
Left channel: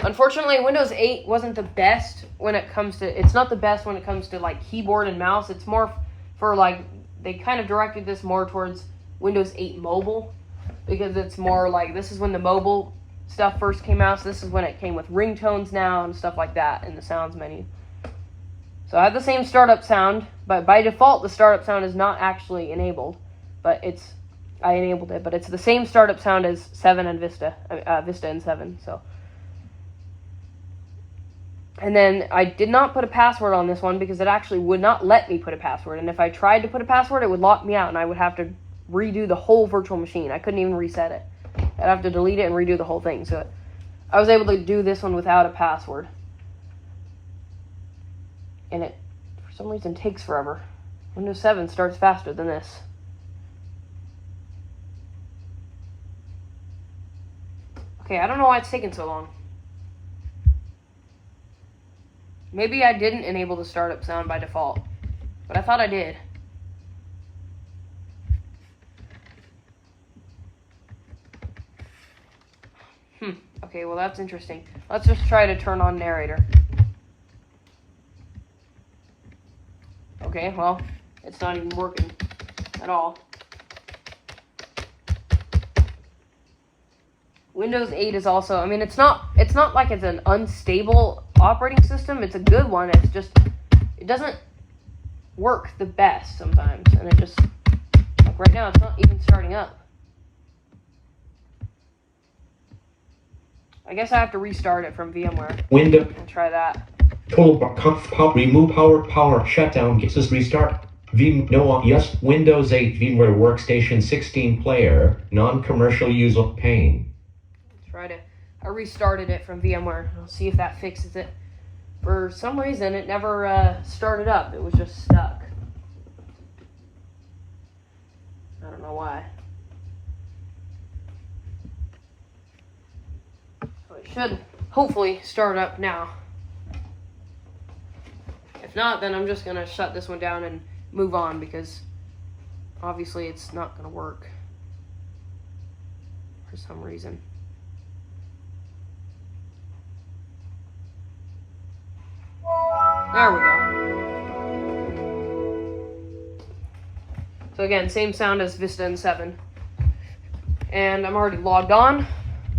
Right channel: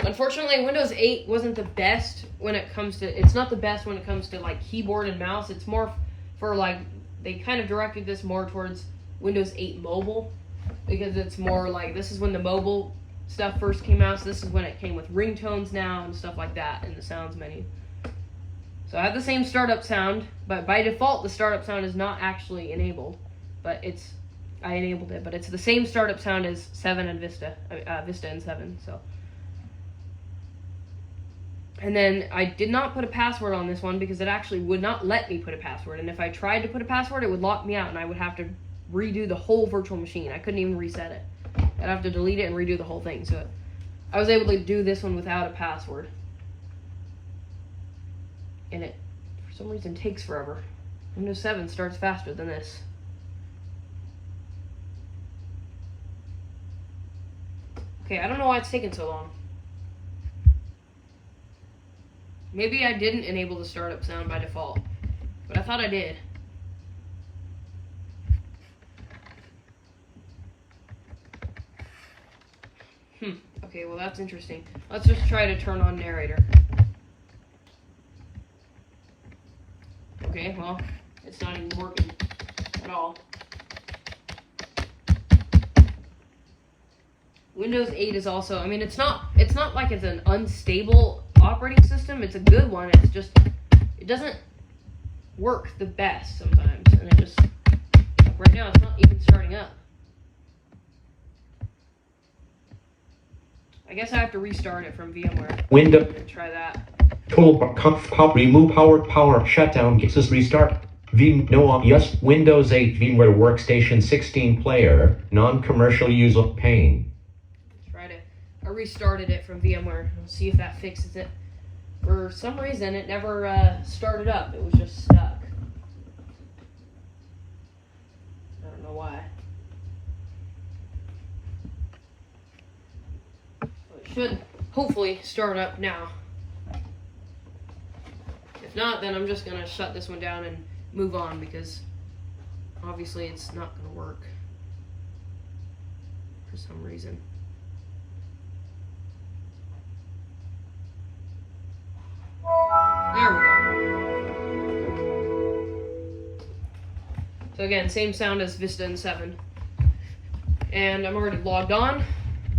unfortunately Windows 8 wasn't the best when it comes to, it's not the best when it comes to like keyboard and mouse. It's more for like, they kind of directed this more towards Windows 8 mobile, because it's more like, this is when the mobile stuff first came out, so this is when it came with ringtones now and stuff like that in the sounds menu. So I have the same startup sound, but by default the startup sound is not actually enabled, but I enabled it, but it's the same startup sound as 7 and Vista, Vista and 7, so. And then I did not put a password on this one because it actually would not let me put a password, and if I tried to put a password, it would lock me out, and I would have to redo the whole virtual machine. I couldn't even reset it. I'd have to delete it and redo the whole thing, so I was able to do this one without a password. And it, for some reason, takes forever. Windows 7 starts faster than this. Okay, I don't know why it's taking so long. Maybe I didn't enable the startup sound by default, but I thought I did. Okay, well that's interesting. Let's just try to turn on narrator. Okay, well, it's not even working at all. Windows 8 is also, I mean, it's not like it's an unstable operating system. It's a good one. It's just, it doesn't work the best sometimes. And it just, like right now, it's not even starting up. I guess I have to restart it from VMware. Window. And try that. Toolbar. Pop. Remove power. Shutdown. Gets us restart. Yes. Windows 8 VMware Workstation 16 player. Non-commercial user pane. I restarted it from VMware. I'll see if that fixes it. For some reason, it never started up. It was just stuck. I don't know why. But it should hopefully start up now. If not, then I'm just going to shut this one down and move on because obviously it's not going to work for some reason. There we go. So again, same sound as Vista and 7. And I'm already logged on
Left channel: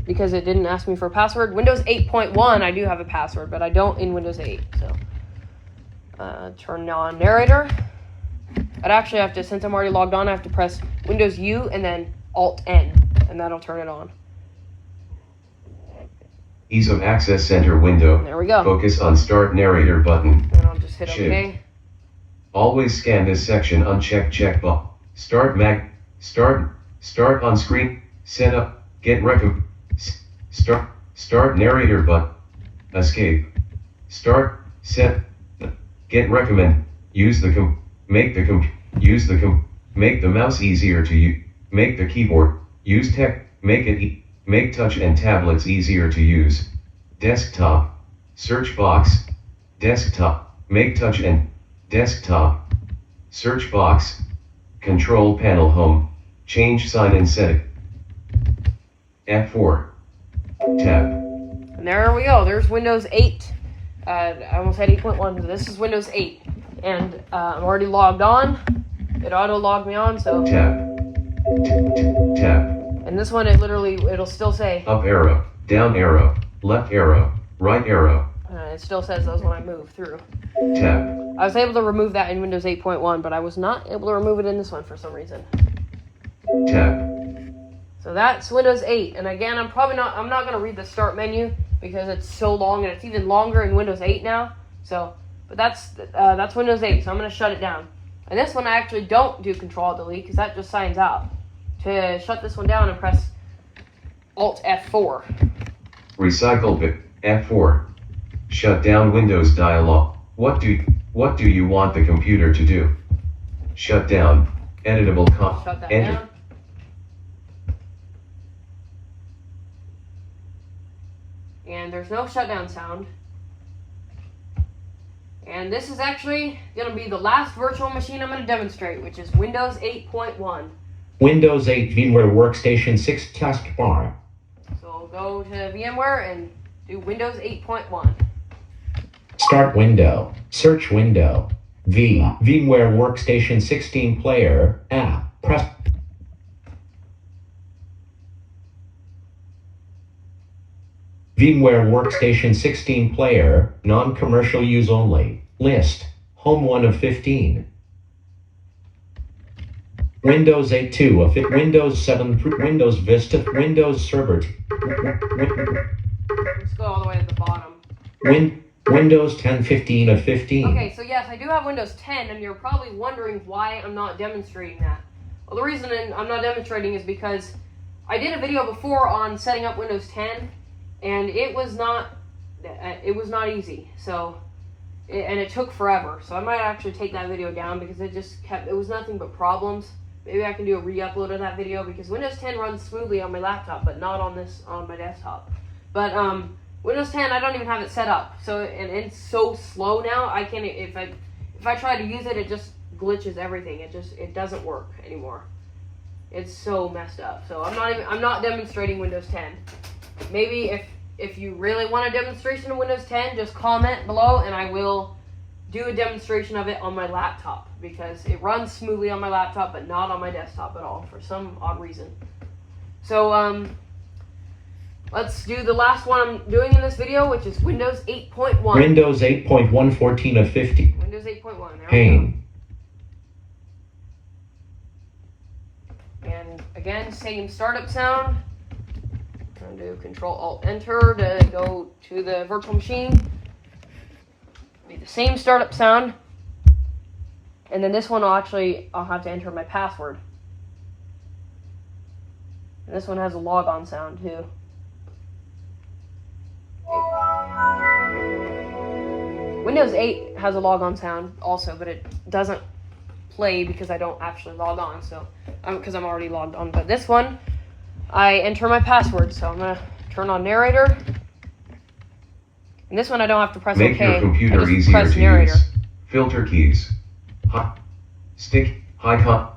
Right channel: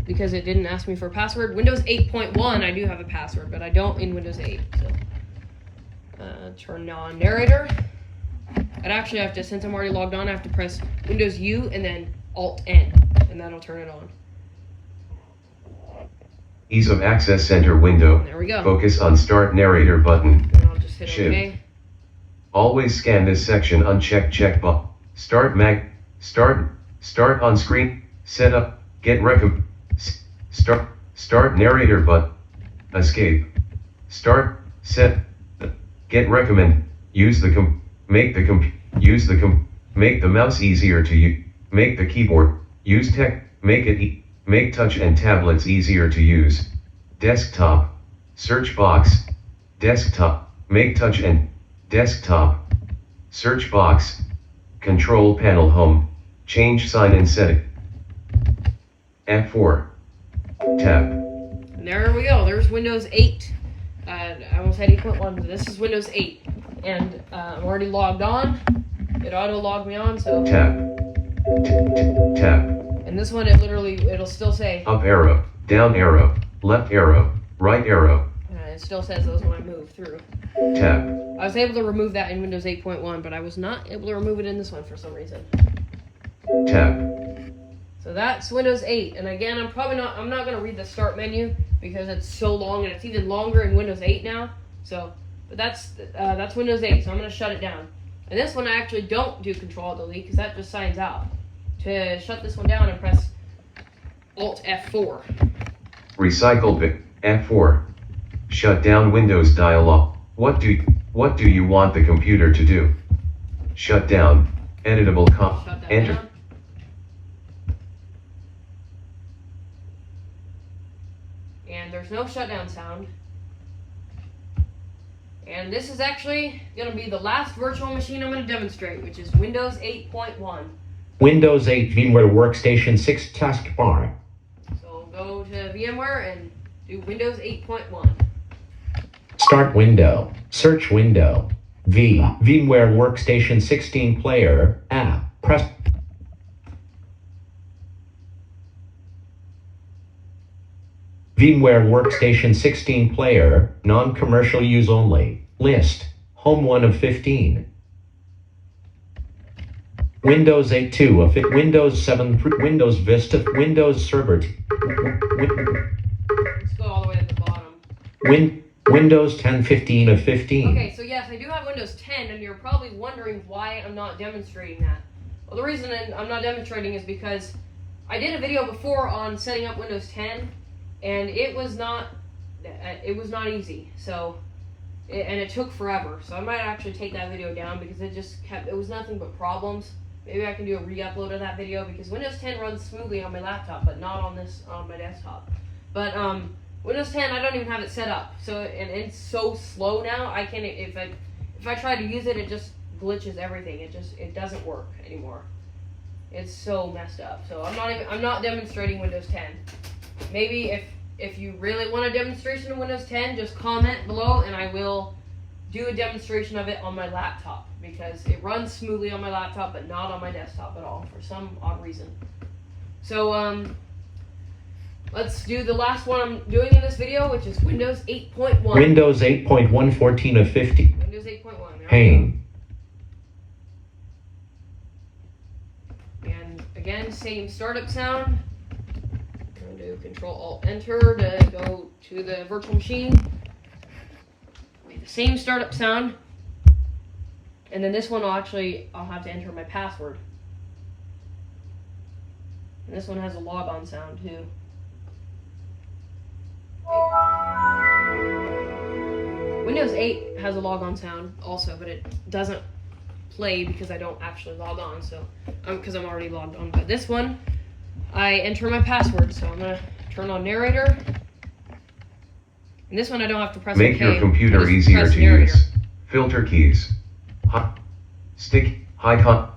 because it didn't ask me for a password. Windows 8.1, I do have a password, but I don't in Windows 8. So turn on narrator. I'd actually have to, since I'm already logged on, I have to press Windows U and then Alt N, and that'll turn it on. Ease of Access Center window. There we go. Focus on Start Narrator button. And I'll just hit Shift. OK. Always scan this section unchecked checkbox. Start on screen. Setup. Start narrator button. Escape. Start. Set. Get recommend. Use the make the mouse easier to use. Make the keyboard. Use tech. Make touch and tablets easier to use. Desktop. Search box. Desktop. Make touch and desktop. Search box. Control panel home. Change sign and setting. F4. Tab. And there we go. There's Windows 8. I almost had 8.1, but this is Windows 8. And I'm already logged on. It auto-logged me on, so... Tab. Tab. And this one, it'll still say... Up arrow. Down arrow. Left arrow. Right arrow. It still says those when I move through. Tab. I was able to remove that in Windows 8.1, but I was not able to remove it in this one for some reason. Tab. So that's Windows 8. And again, I'm not going to read the start menu because it's so long and it's even longer in Windows 8 now. So, but that's Windows 8, so I'm going to shut it down. And this one I actually don't do Control-Delete because that just signs out. To shut this one down and press Alt F4. Recycle bit. F4. Shut down Windows dialog. What do you want the computer to do? Shut down. Editable Shut that enter. down. And there's no shutdown sound. And this is actually going to be the last virtual machine I'm going to demonstrate, which is Windows 8.1. Windows 8 VMware Workstation 6 taskbar. So go to VMware and do Windows 8.1. Start window. Search window. VMware Workstation 16 player. Press. VMware Workstation 16 player. Non-commercial use only. List. Home 1 of 15. Windows 8 2 of it. Windows 7 Windows Vista. Windows Server. Let's go all the way to the bottom. Windows 10 15 of 15. Okay, so yes, I do have Windows 10, and you're probably wondering why I'm not demonstrating that. Well, the reason I'm not demonstrating is because I did a video before on setting up Windows 10, and it was not easy. So, and it took forever. So I might actually take that video down because it was nothing but problems. maybe I can do a re-upload of that video because Windows 10 runs smoothly on my laptop, but not on my desktop. But Windows 10, I don't even have it set up, so and it's so slow now. I can if I try to use it, it just glitches everything. It doesn't work anymore. It's so messed up. So I'm not demonstrating Windows 10. Maybe if you really want a demonstration of Windows 10, just comment below and I will do a demonstration of it on my laptop because it runs smoothly on my laptop but not on my desktop at all for some odd reason. So let's do the last one I'm doing in this video, which is Windows 8.1. Windows 8.1 14 of 50. Windows 8.1. Pain. And again, same startup sound. I'm going to do Control-Alt-Enter to go to the virtual machine. Be the same startup sound. And then this one I'll have to enter my password. And this one has a logon sound too. Windows 8 has a logon sound also, but it doesn't play because I don't actually log on, so because I'm already logged on. But this one, I enter my password, so I'm gonna turn on narrator. And this one I don't have to press Make OK. your computer I just easier press to narrator. use. Filter keys. Stick, icon,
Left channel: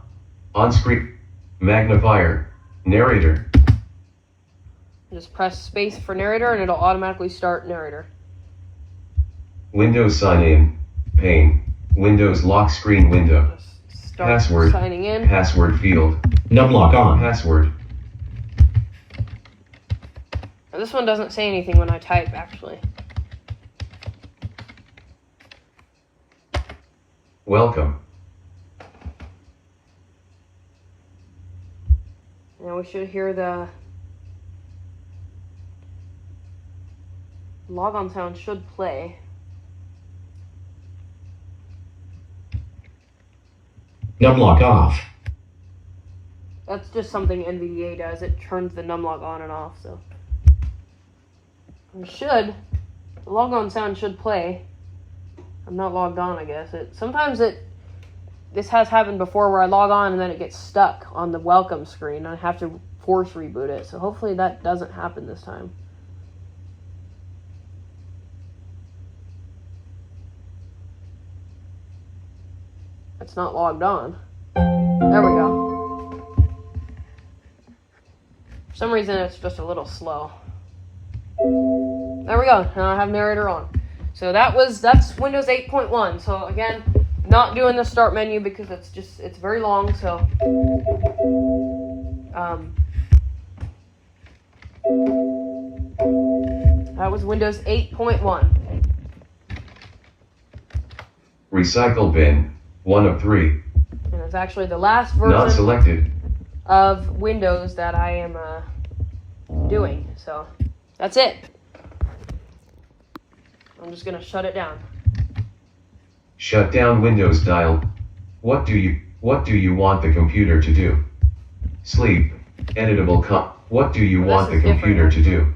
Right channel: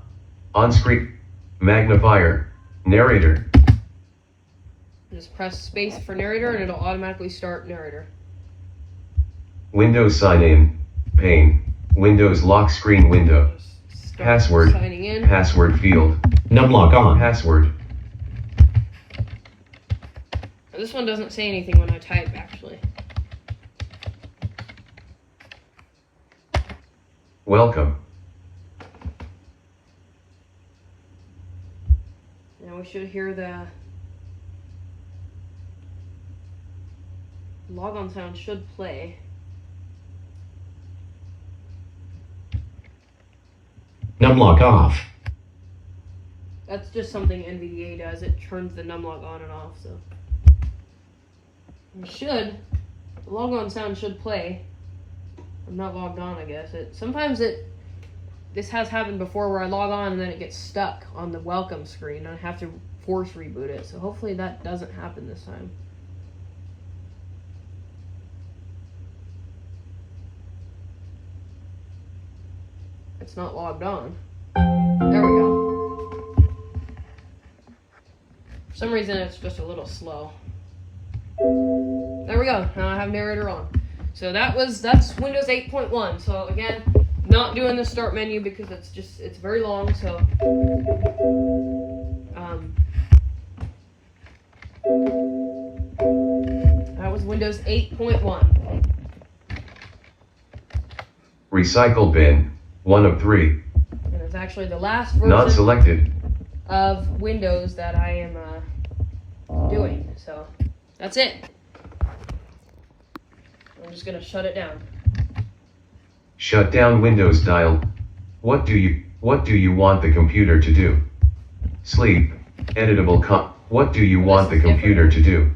on-screen, magnifier, narrator. Just press space for narrator and it'll automatically start narrator. Windows sign in, pane, Windows lock screen window, Start Password. signing in. password field, Numlock on. password, And this one doesn't say anything when I type, actually. welcome, Now we should hear the logon sound should play. Numlock off. That's just something NVDA does. It turns the numlock on and off, so. The logon sound should play. I'm not logged on, I guess. This has happened before where I log on and then it gets stuck on the welcome screen. I have to force reboot it, so hopefully that doesn't happen this time. It's not logged on. There we go. For some reason it's just a little slow. There we go. Now I have narrator on. So that's Windows 8.1. So again, not doing the start menu because it's very long. So that was Windows 8.1. recycle bin, 1 of 3, And it's actually the last not version selected, of Windows that I am doing. So that's it. I'm just gonna shut it down. shut down Windows dial, what do you want the computer to do? Sleep, editable what do you want the is computer to do?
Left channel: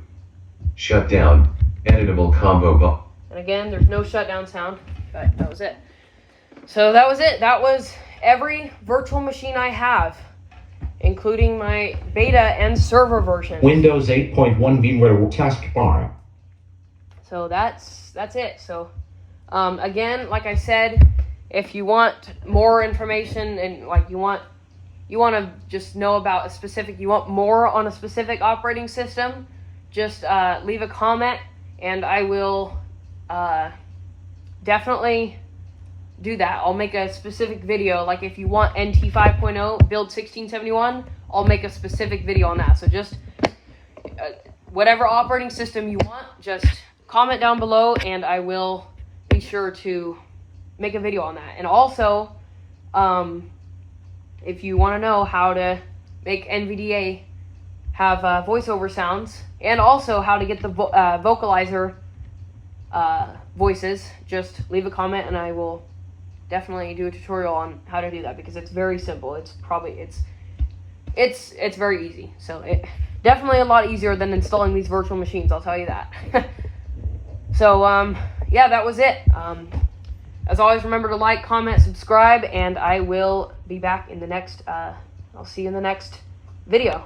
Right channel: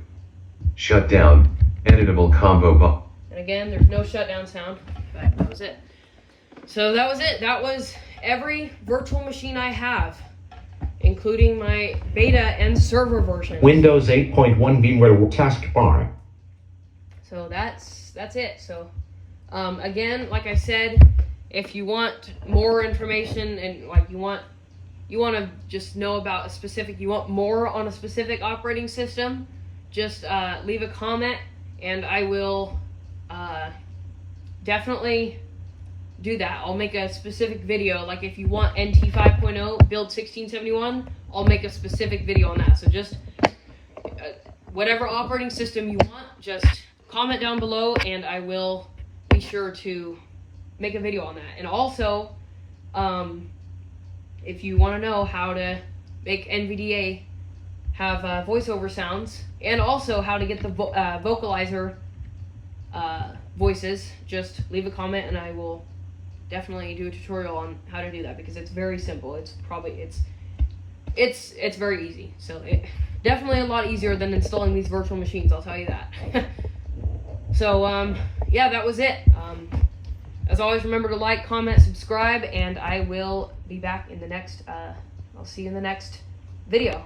Shut down, editable combo And again, there's no shutdown sound, but that was it. So that was it. That was every virtual machine I have, including my beta and server version. Windows 8.1 VMware taskbar. So that's it. So again, like I said, if you want more information and like you want to just know about a specific, you want more on a specific operating system, just leave a comment and I will definitely do that. I'll make a specific video. Like if you want NT 5.0 build 1671, I'll make a specific video on that. So just whatever operating system you want, just comment down below and I will be sure to make a video on that. And also, if you want to know how to make NVDA have voiceover sounds and also how to get the vocalizer voices, just leave a comment and I will definitely do a tutorial on how to do that because it's very simple. It's very easy. So it definitely a lot easier than installing these virtual machines, I'll tell you that. So yeah, that was it. As always, remember to like, comment, subscribe, and I will be back in the next, I'll see you in the next video.